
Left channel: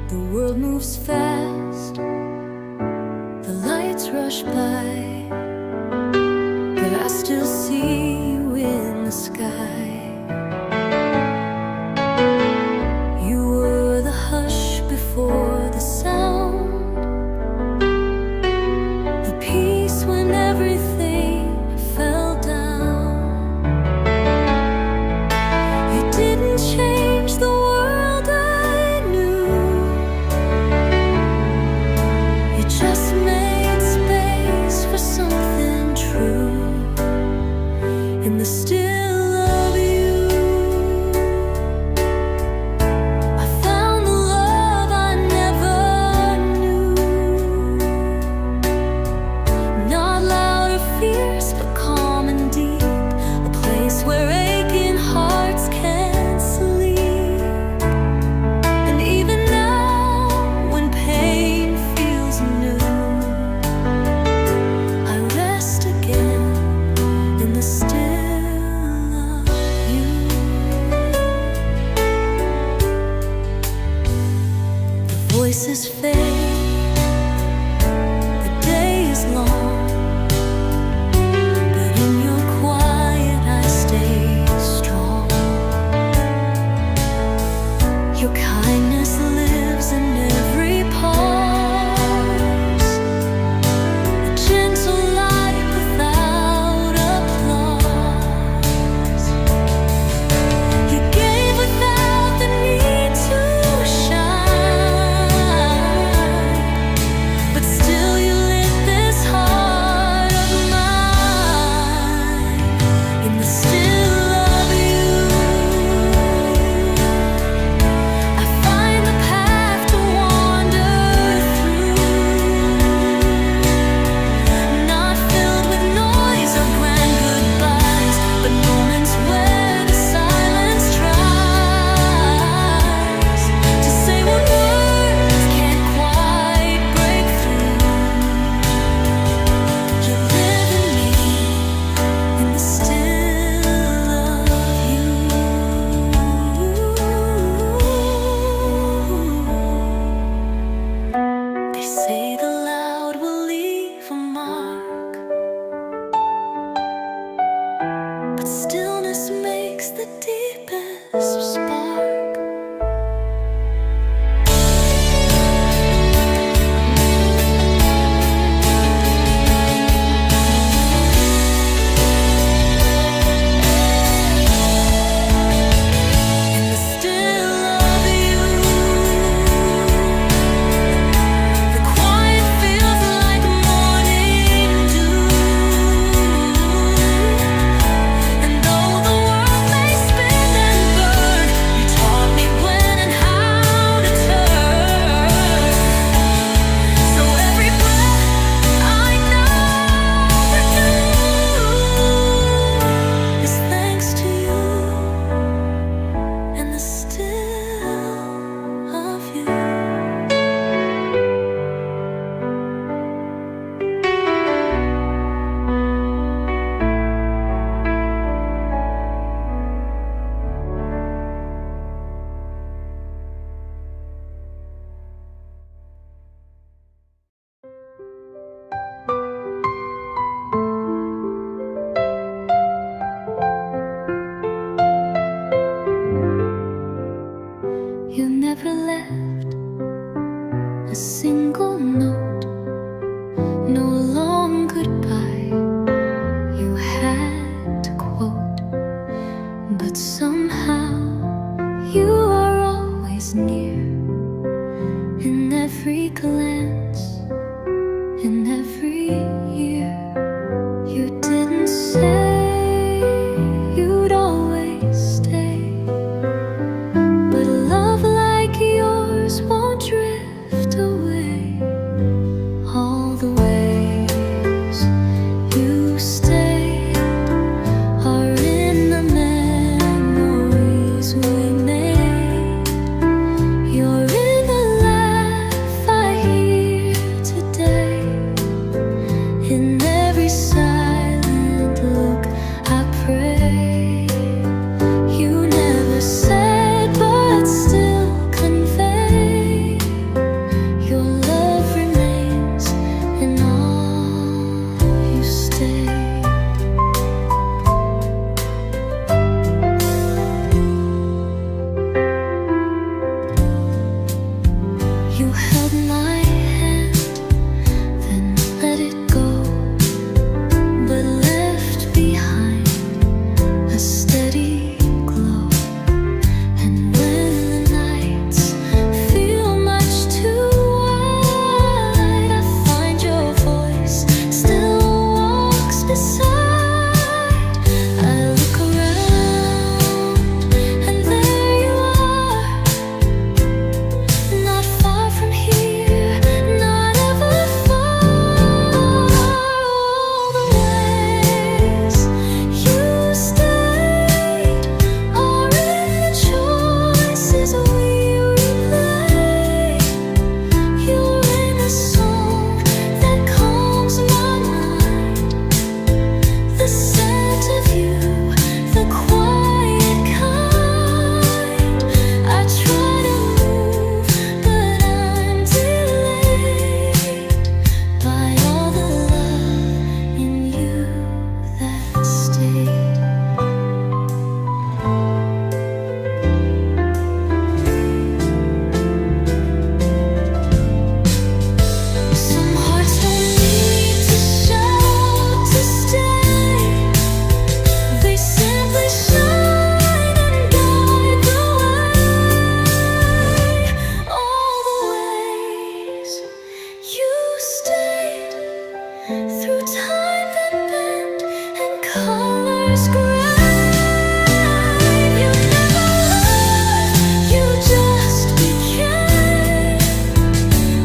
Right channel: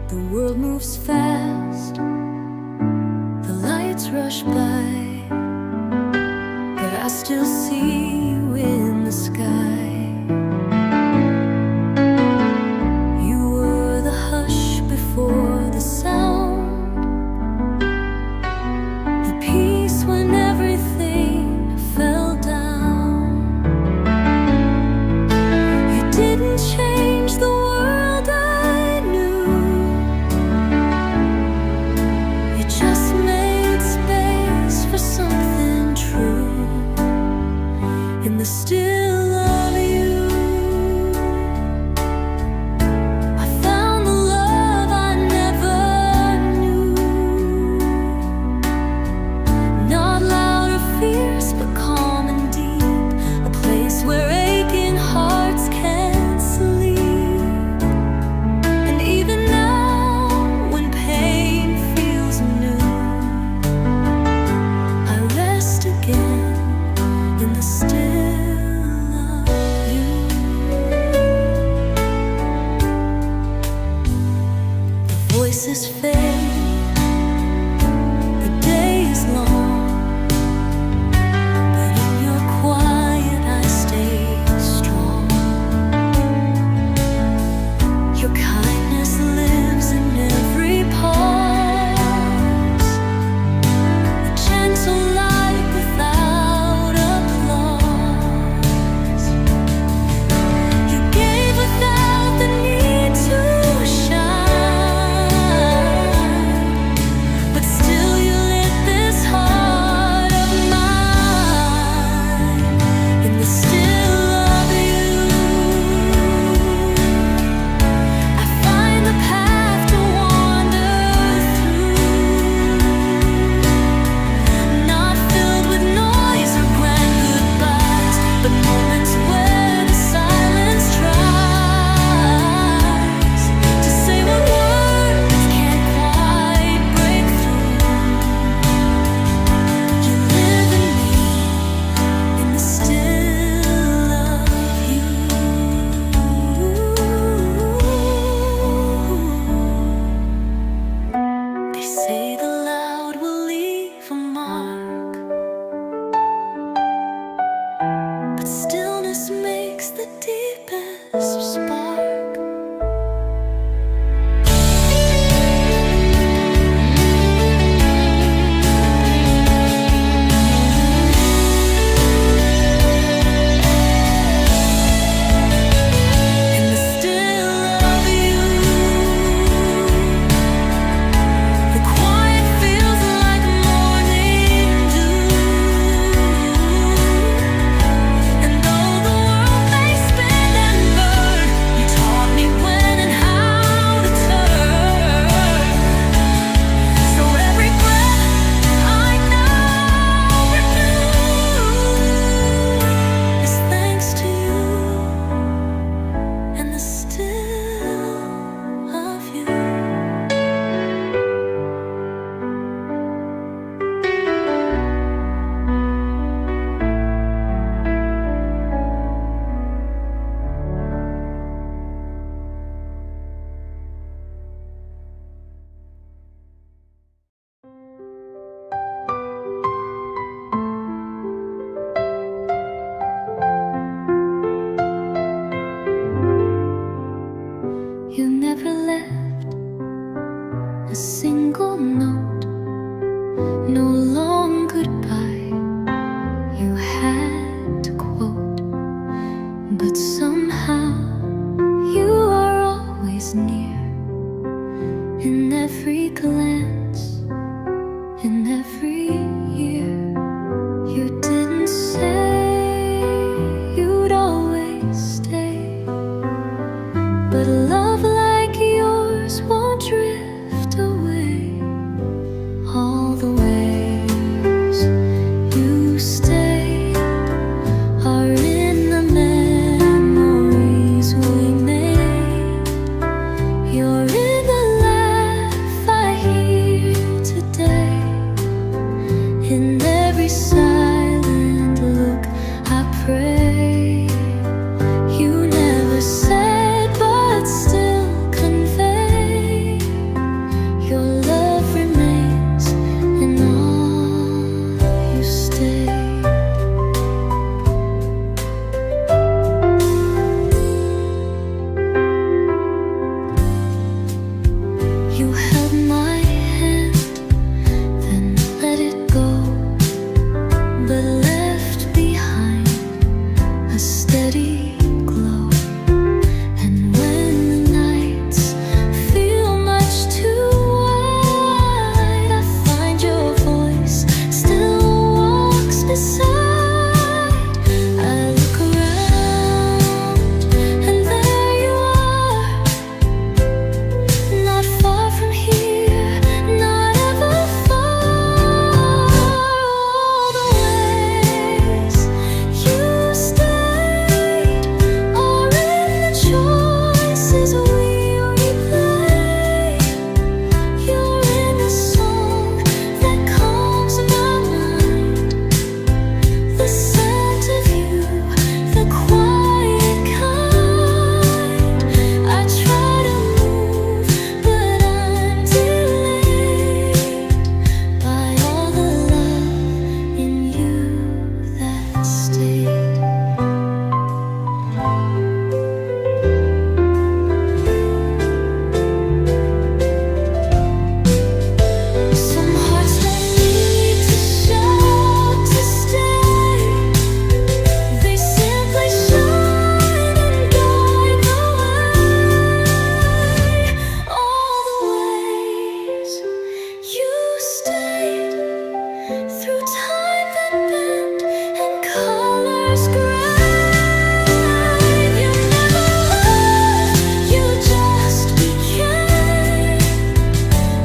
The world moves fast, the lights rush by, but I still see you in the sky. You were the hush before the sound, the peace when everything fell down. You didn't change the world I knew, you just made space for something true. In the still of you, I found the love I never knew. Not loud or fierce, but calm and deep, a place where aching hearts can sleep. And even now, when pain feels new, I rest again in the still of you. The voices fade, the day is long, but in your quiet I stay strong. Your kindness lives in every pause, a gentle light without applause. You gave without the need to the still of you. You never left a single note, no long goodbye you had to quote, but somehow you are always near, in every glance, in every year. You didn't say you'd always stay, but love like yours won't drift away. All the ways you stayed are in the memories we made. You're in the laugh I hear today, in every silent look I pray. You never said, but still convey, your love remains in all you stay. You held my hand, then let it go, but left behind a steady glow. And when the nights feel much too wide, I find your voice still walks beside. I look around, and there you are, not far from here, not ever far. All the ways you stayed are in the choices we replay. You're in the song that calms my mind, the scent of you, the quiet kind. I try to move, but I'm delayed by all the love in you that stayed. Some hearts don't need to shout to stay, they simply shine and guide the way. All the ways you stayed, through time that bent and colors grave. You never left, you just became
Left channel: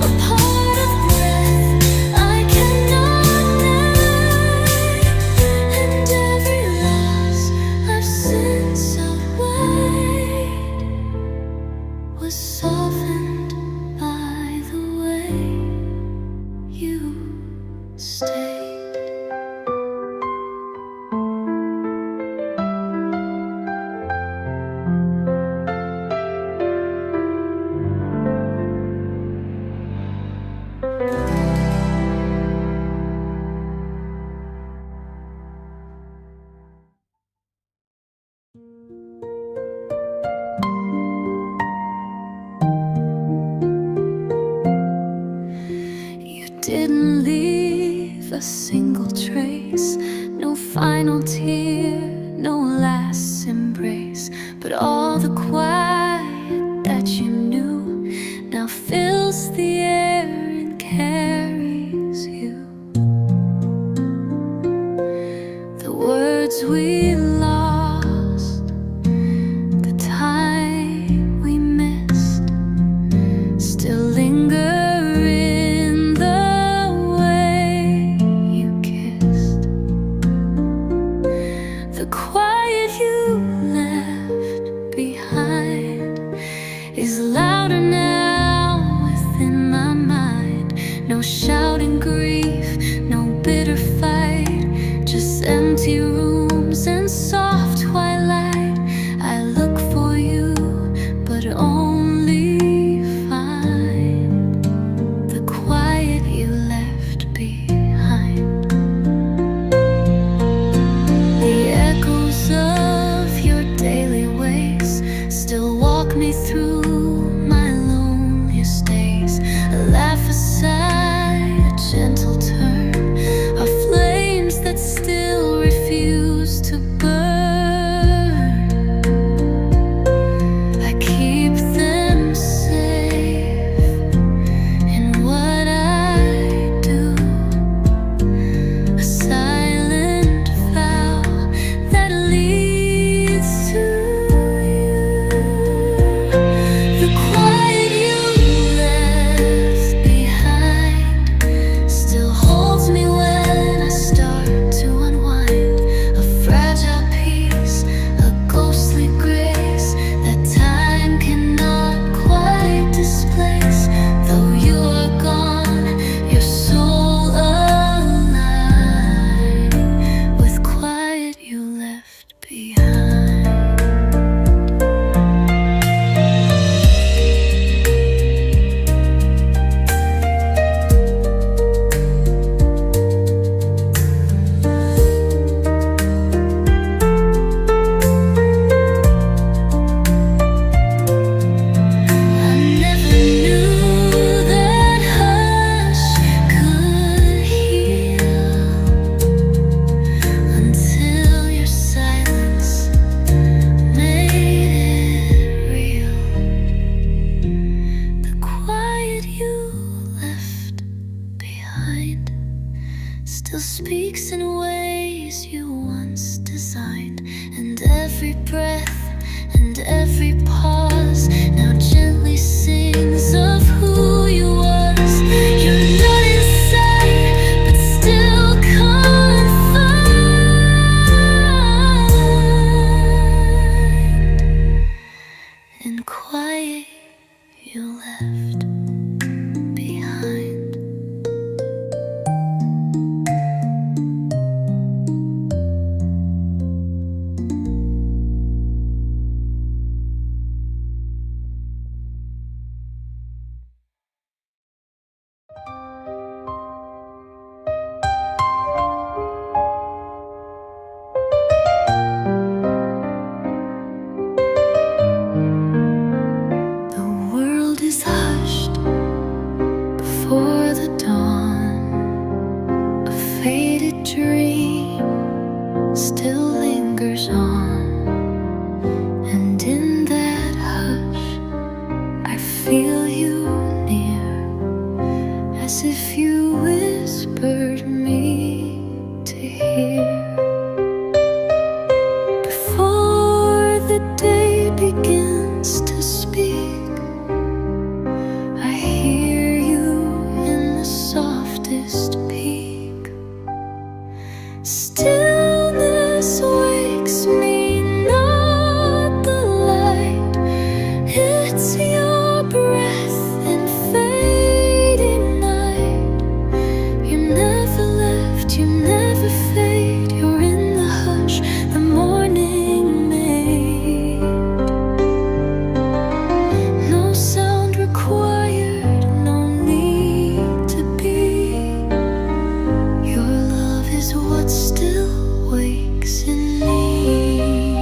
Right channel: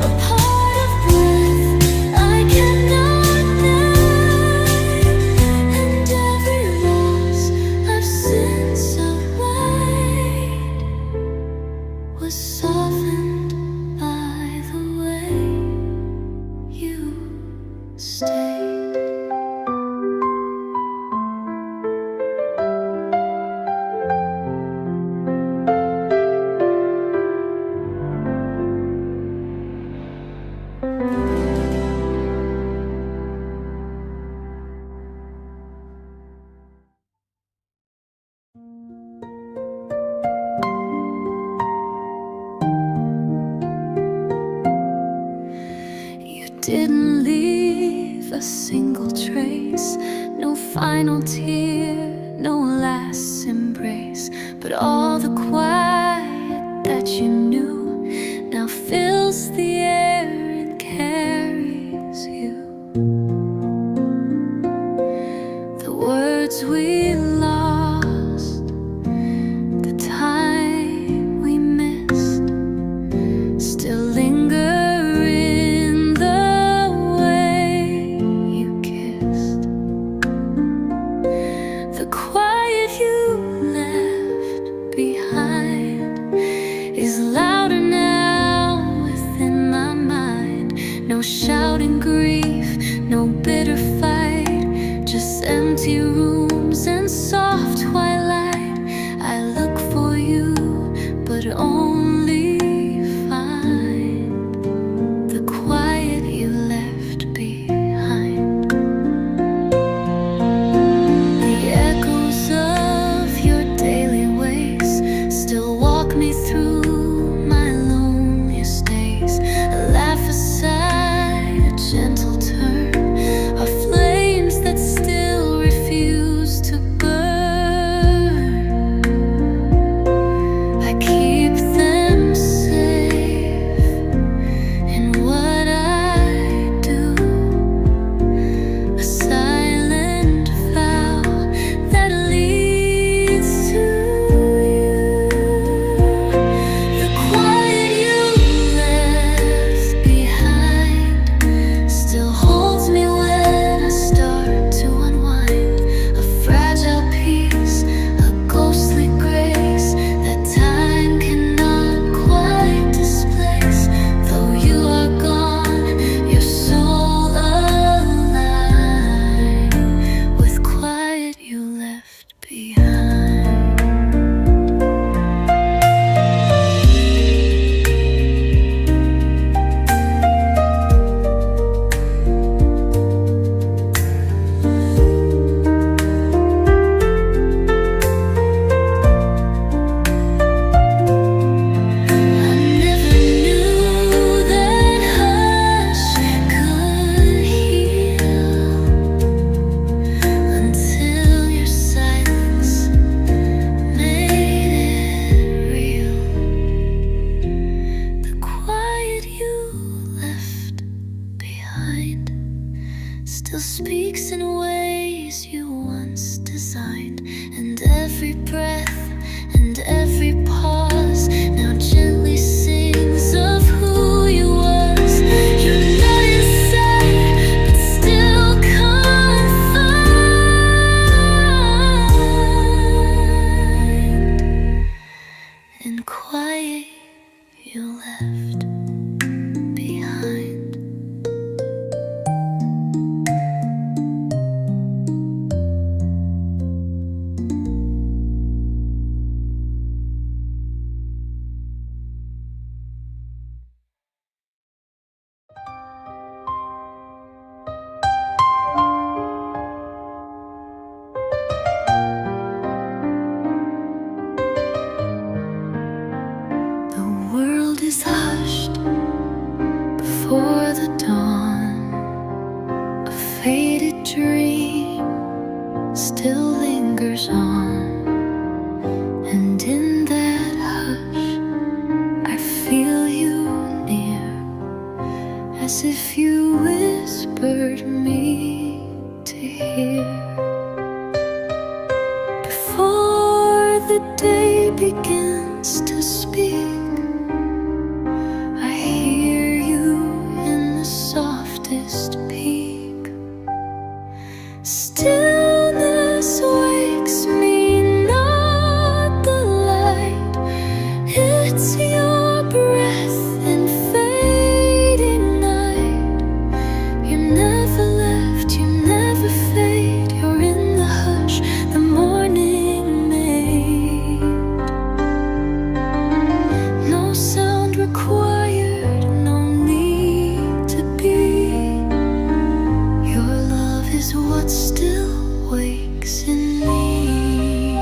a part of breath I cannot name, and every loss I've since outweighed was softened by the way you stayed. You didn't leave a single trace, no final tear, no last embrace, but all the quiet that you knew now fills the air and carries you. The words we lost, the time we missed, still linger in the way you kissed. The quiet you left behind behind is louder now within my mind. No shouting grief, no bitter fight, just empty rooms and soft twilight. I look for you, but only find the quiet you left behind. The echoes of your daily ways still walk me through my loneliest days. A laugh aside, a gentle turn, are flames that still refuse to burn. I keep them safe in what I do, a silent vow that leads to you. The quiet you left behind still holds me when I start to unwind. A fragile peace, a ghostly grace that time cannot quite displace. Though you are gone, your soul alive with quiet you left behind. I never knew that hush could heal until your silence made it real. The quiet you left behind still speaks in ways you once designed, and every breath and every pause now gently sings of who you was. You're not inside, but still confined in quiet you left behind. The world is hushed before the dawn. A faded dream still lingers on, and in that hush I feel you near, as if you whispered me to hear. Before the day begins to speak, I hear you in the softest peak. Stillness wakes me, not the light. It's your breath in fading night. You never left, you never fade. You're in the hush the morning made. No sound required, no need to be. Your love is what still wakes in me.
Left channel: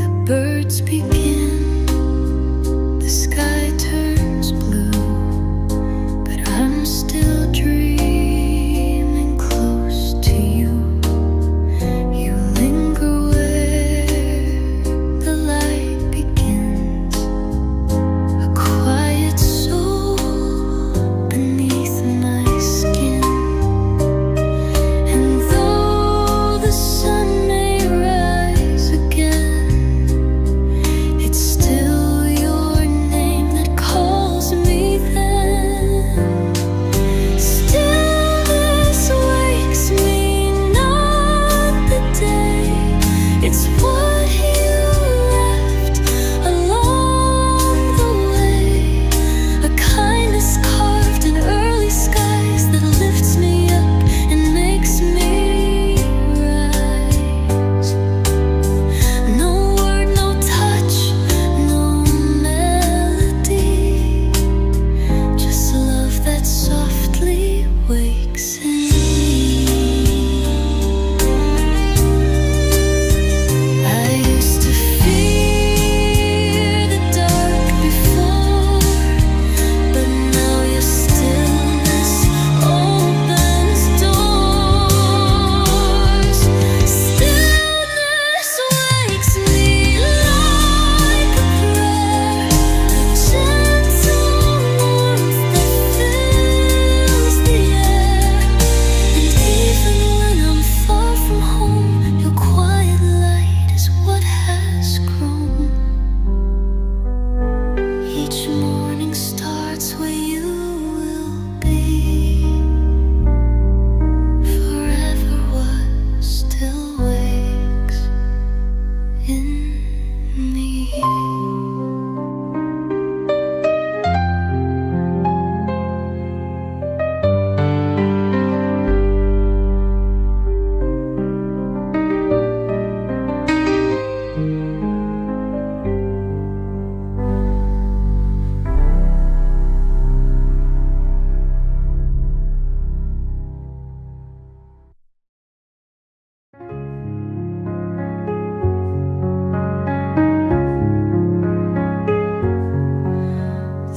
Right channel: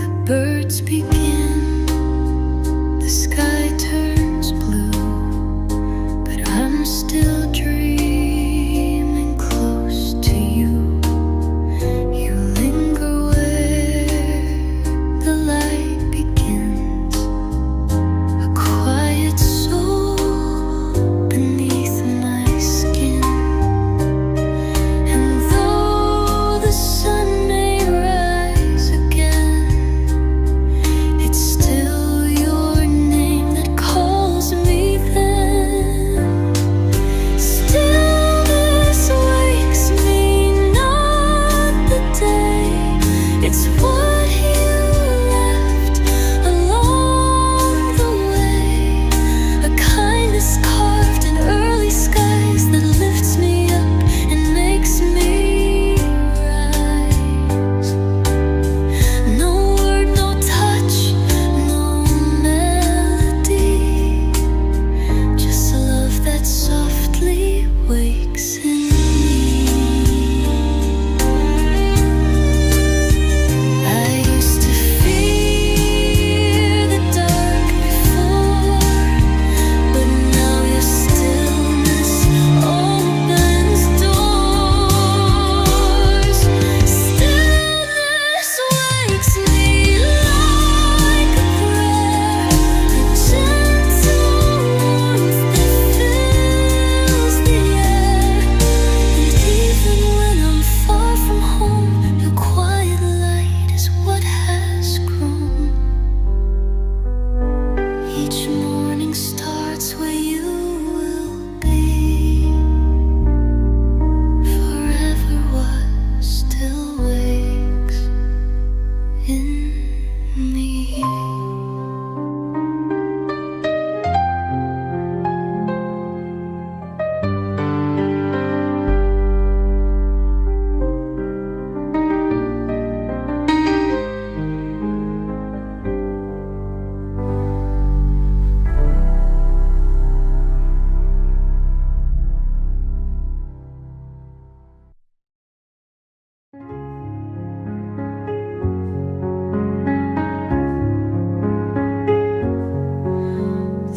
The birds begin, the sky turns blue, but I'm still dreaming close to you. You linger where the light begins, a quiet soul beneath my skin. And though the sun may rise again, it's still your name that calls me then. Stillness makes me rise. No word, no touch, no melody, just love that softly wakes in me. I used to fear the dark before, but now your stillness opens doors. Stillness wakes me like a prayer, a gentle warmth that fills the air. And even when I'm far from home, your quiet light is what has grown. Each morning starts where you will be. Forever what still wakes in me.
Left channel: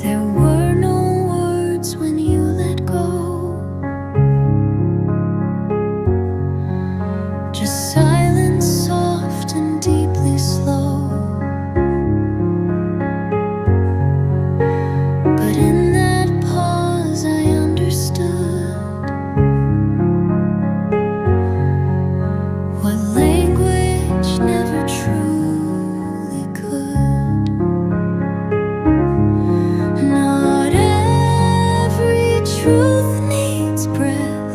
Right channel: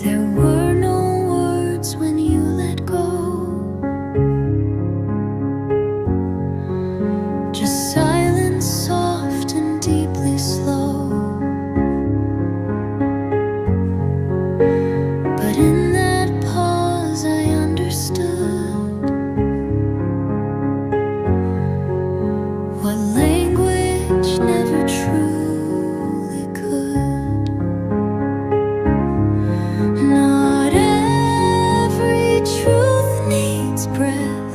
There were no words when you let go, just silence, soft and deeply slow. But in that pause I understood what language never truly could. Not every truth needs breath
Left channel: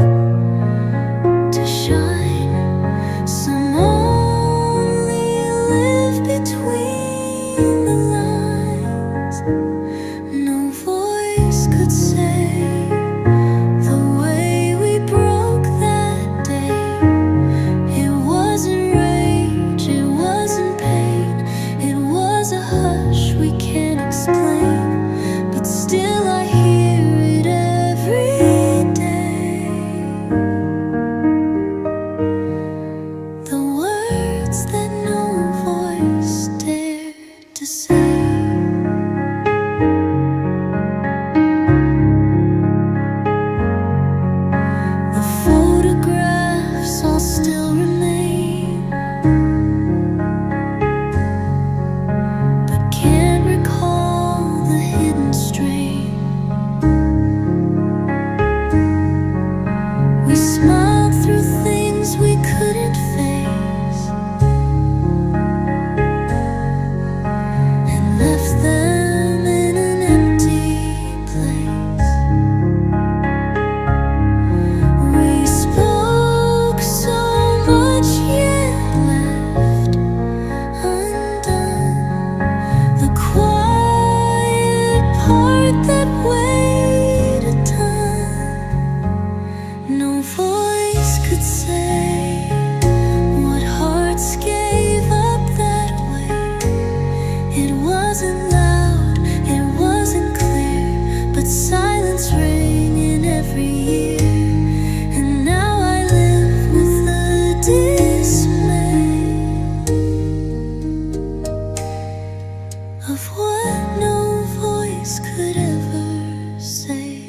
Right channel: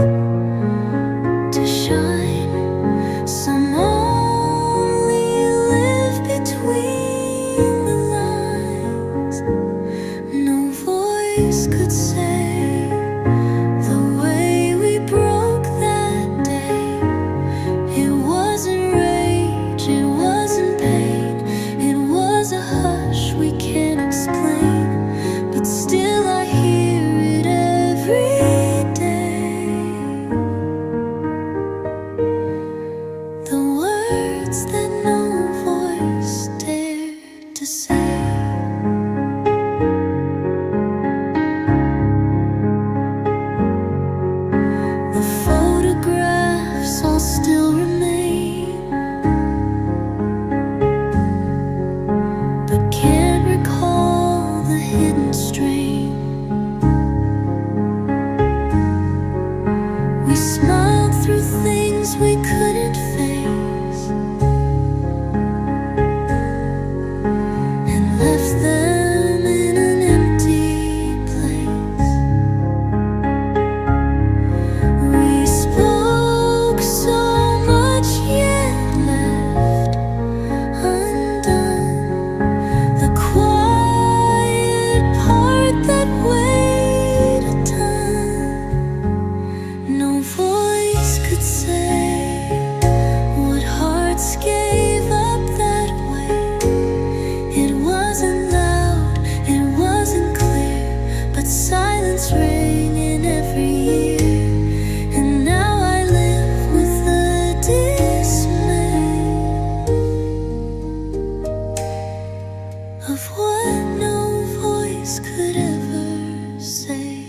to shine. Some only live between the lines. No voice could say the way we broke that day. It wasn't rage, it wasn't pain, it was a hush we can't explain. But still I hear it every day. The words that no voice dared to say. The photographs all still remain, but can't recall the hidden strain. We smiled through things we couldn't face and left them in an empty place. We spoke so much yet left undone. The quiet part that weighed a ton. No voice could say what hearts gave up that way. It wasn't loud, it wasn't clear, but silence rang in every year. And now I live with the dismay of what no voice could ever say.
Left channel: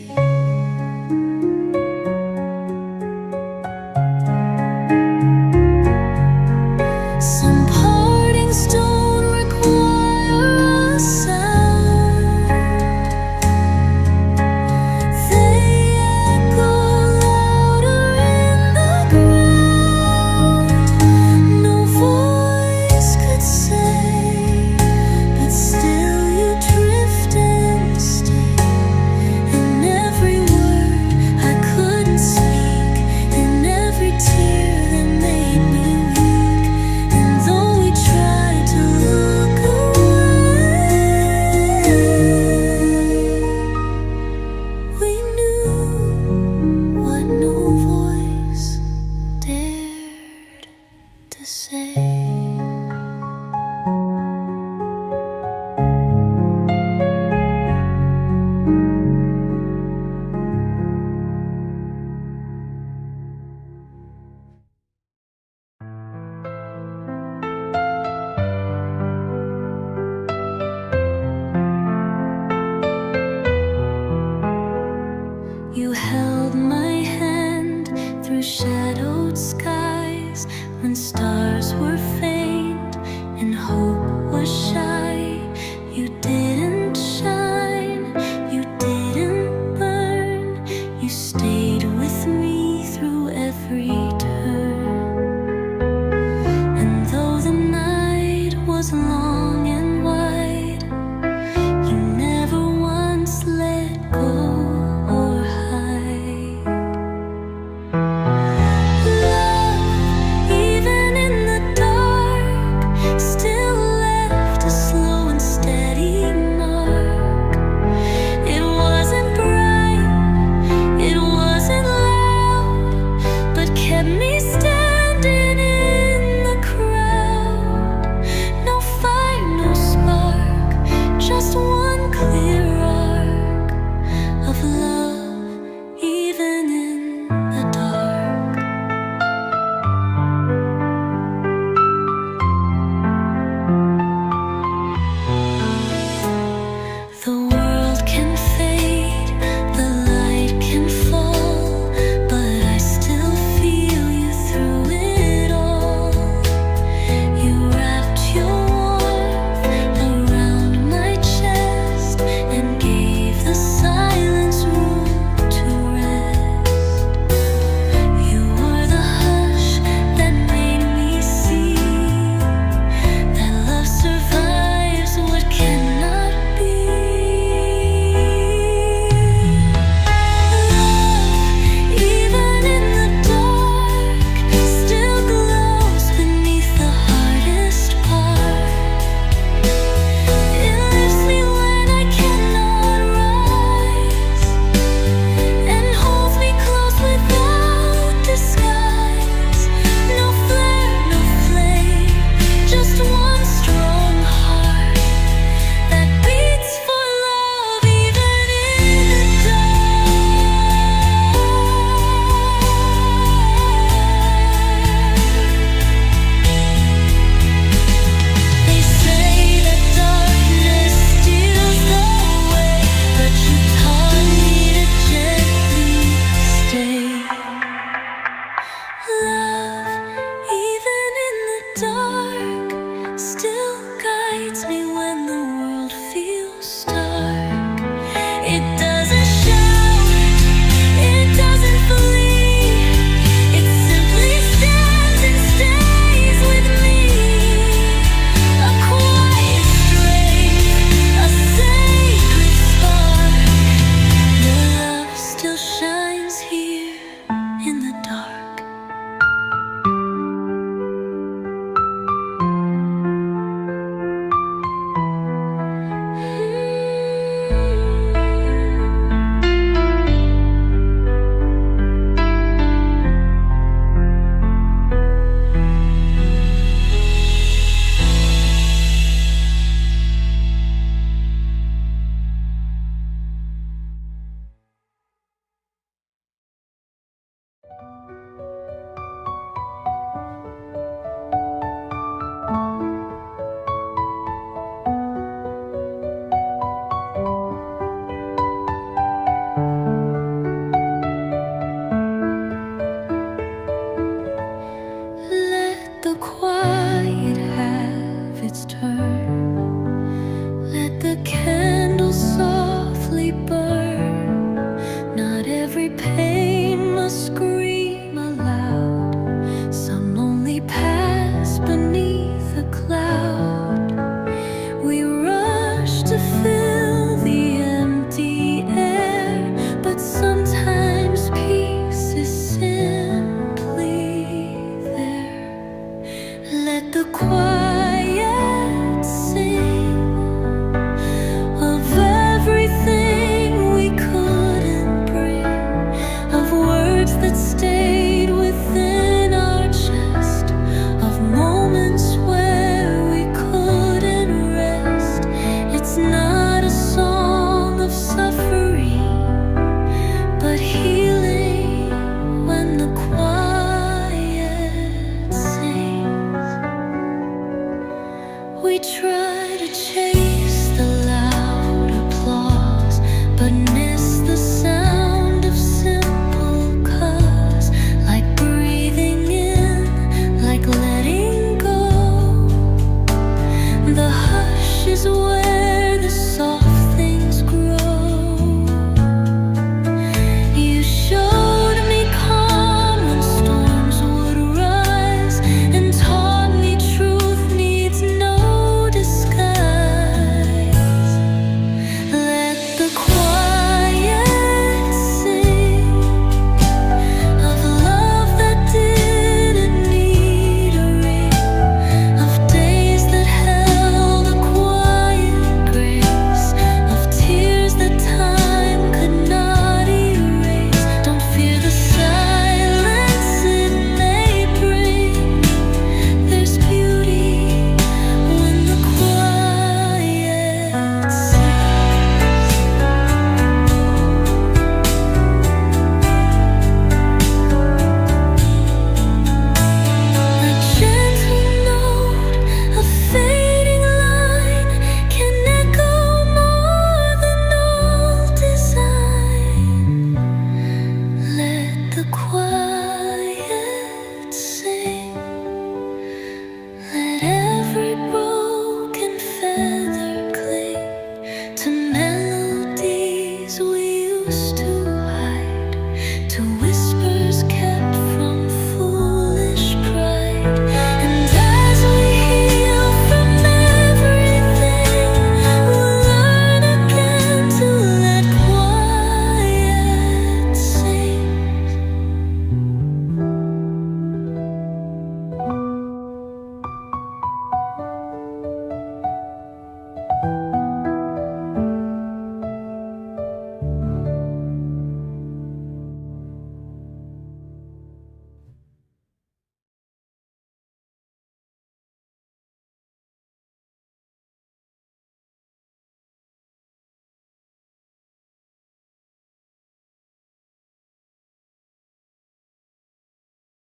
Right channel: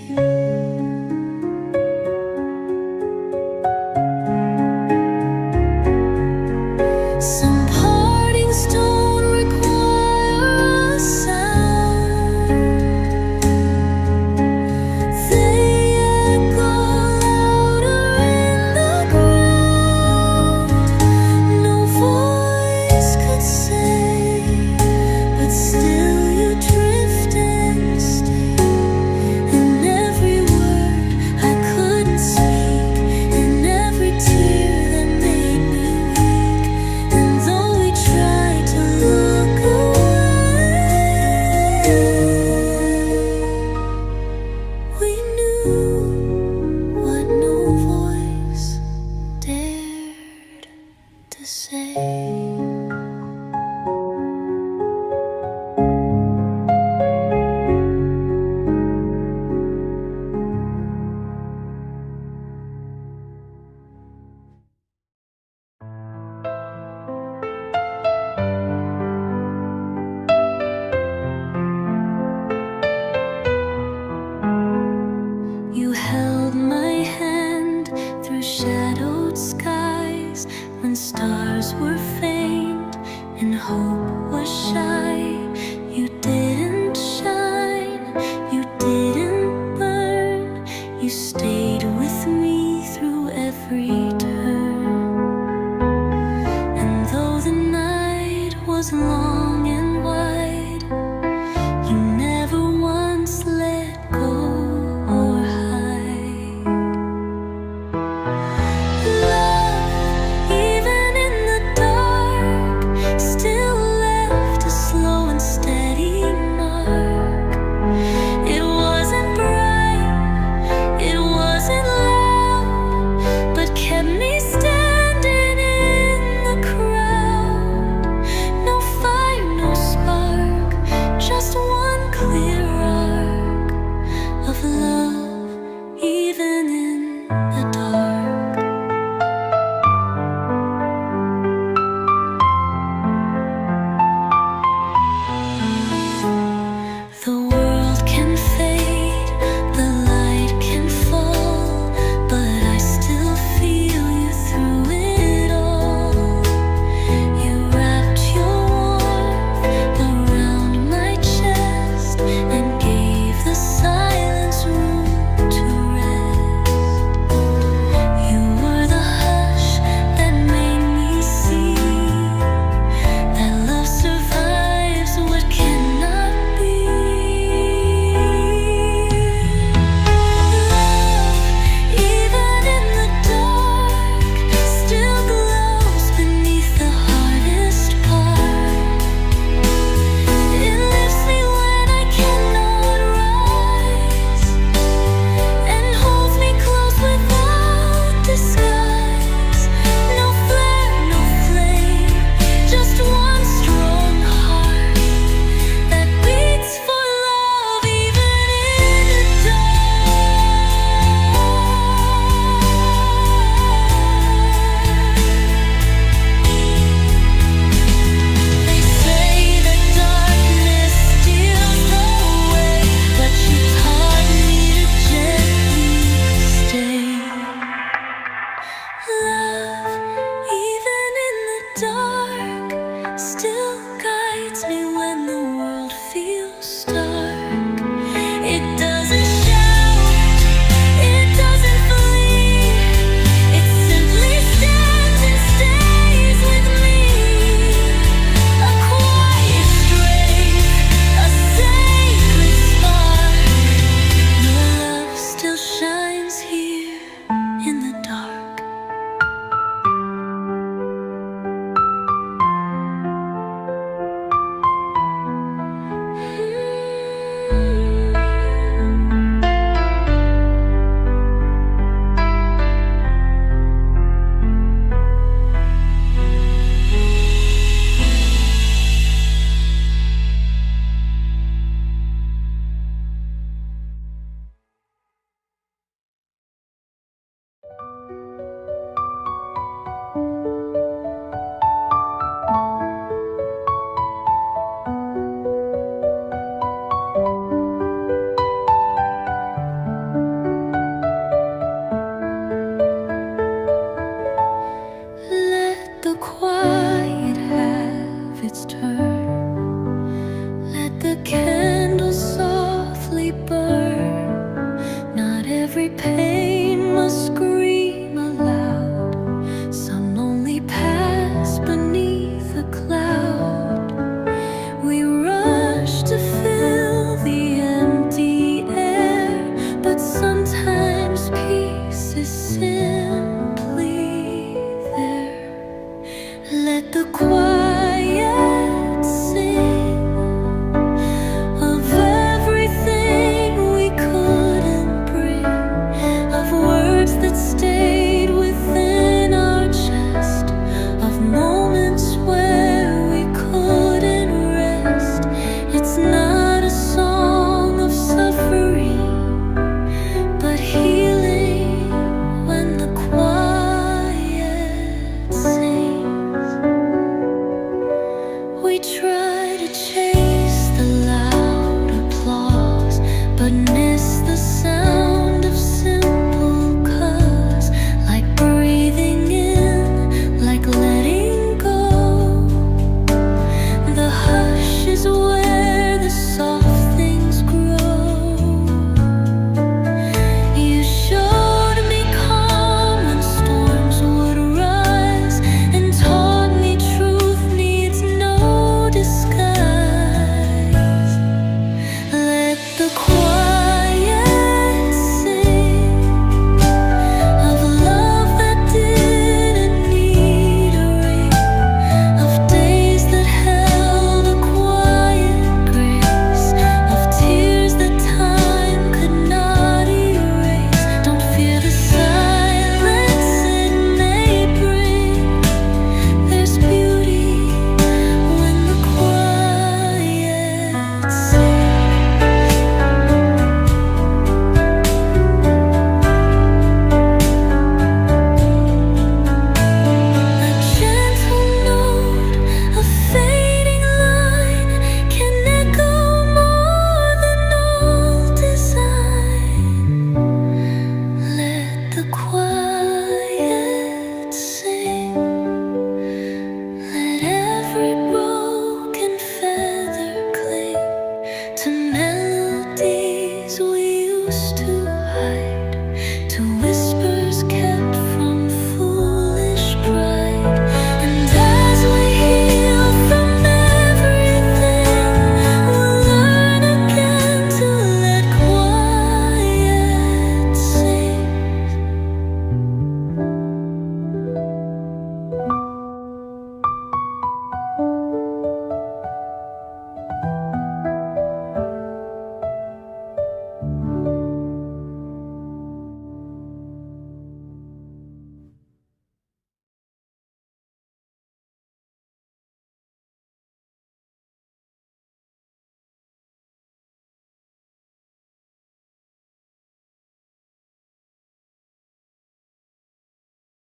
Some partings don't require a sound. They echo louder in the ground. No voice could say, but still you drift and when stars were faint and hope was shy. You didn't shine, you didn't burn. You stayed with me through every turn. And though the night was long and wide, you never once let go or hide. Love, even in the dark, still left a slow and steady mark. It wasn't bright, it wasn't loud, but kept me standing in the crowd. No fire, no spark, just one clear arc of love, even in the dark. The world can fade, the light can fall, but I still feel you through it all. You wrapped your warmth around my chest and gave the silence room to rest. You were the hush that made me see that love survives what cannot be. Me when the world feels stark. It doesn't shout, it doesn't flee, it simply stands and stays with me. A quiet strength, a sacred spark. Your love still shines here in the dark. Quiet have its turn. Let the candle softly burn. Not every pain must scream aloud. Some only pass beneath a cloud. We rush to fill the empty air, but sometimes peace is simply there. Let the quiet sing of everything we couldn't bring, of words that stayed within our chest, of moments where we couldn't rest. It's not a song of suffering, but healing when the quiet sings. We try to chase the loud applause, but miss the sound of simple cause. Like breathing in, like is where the soul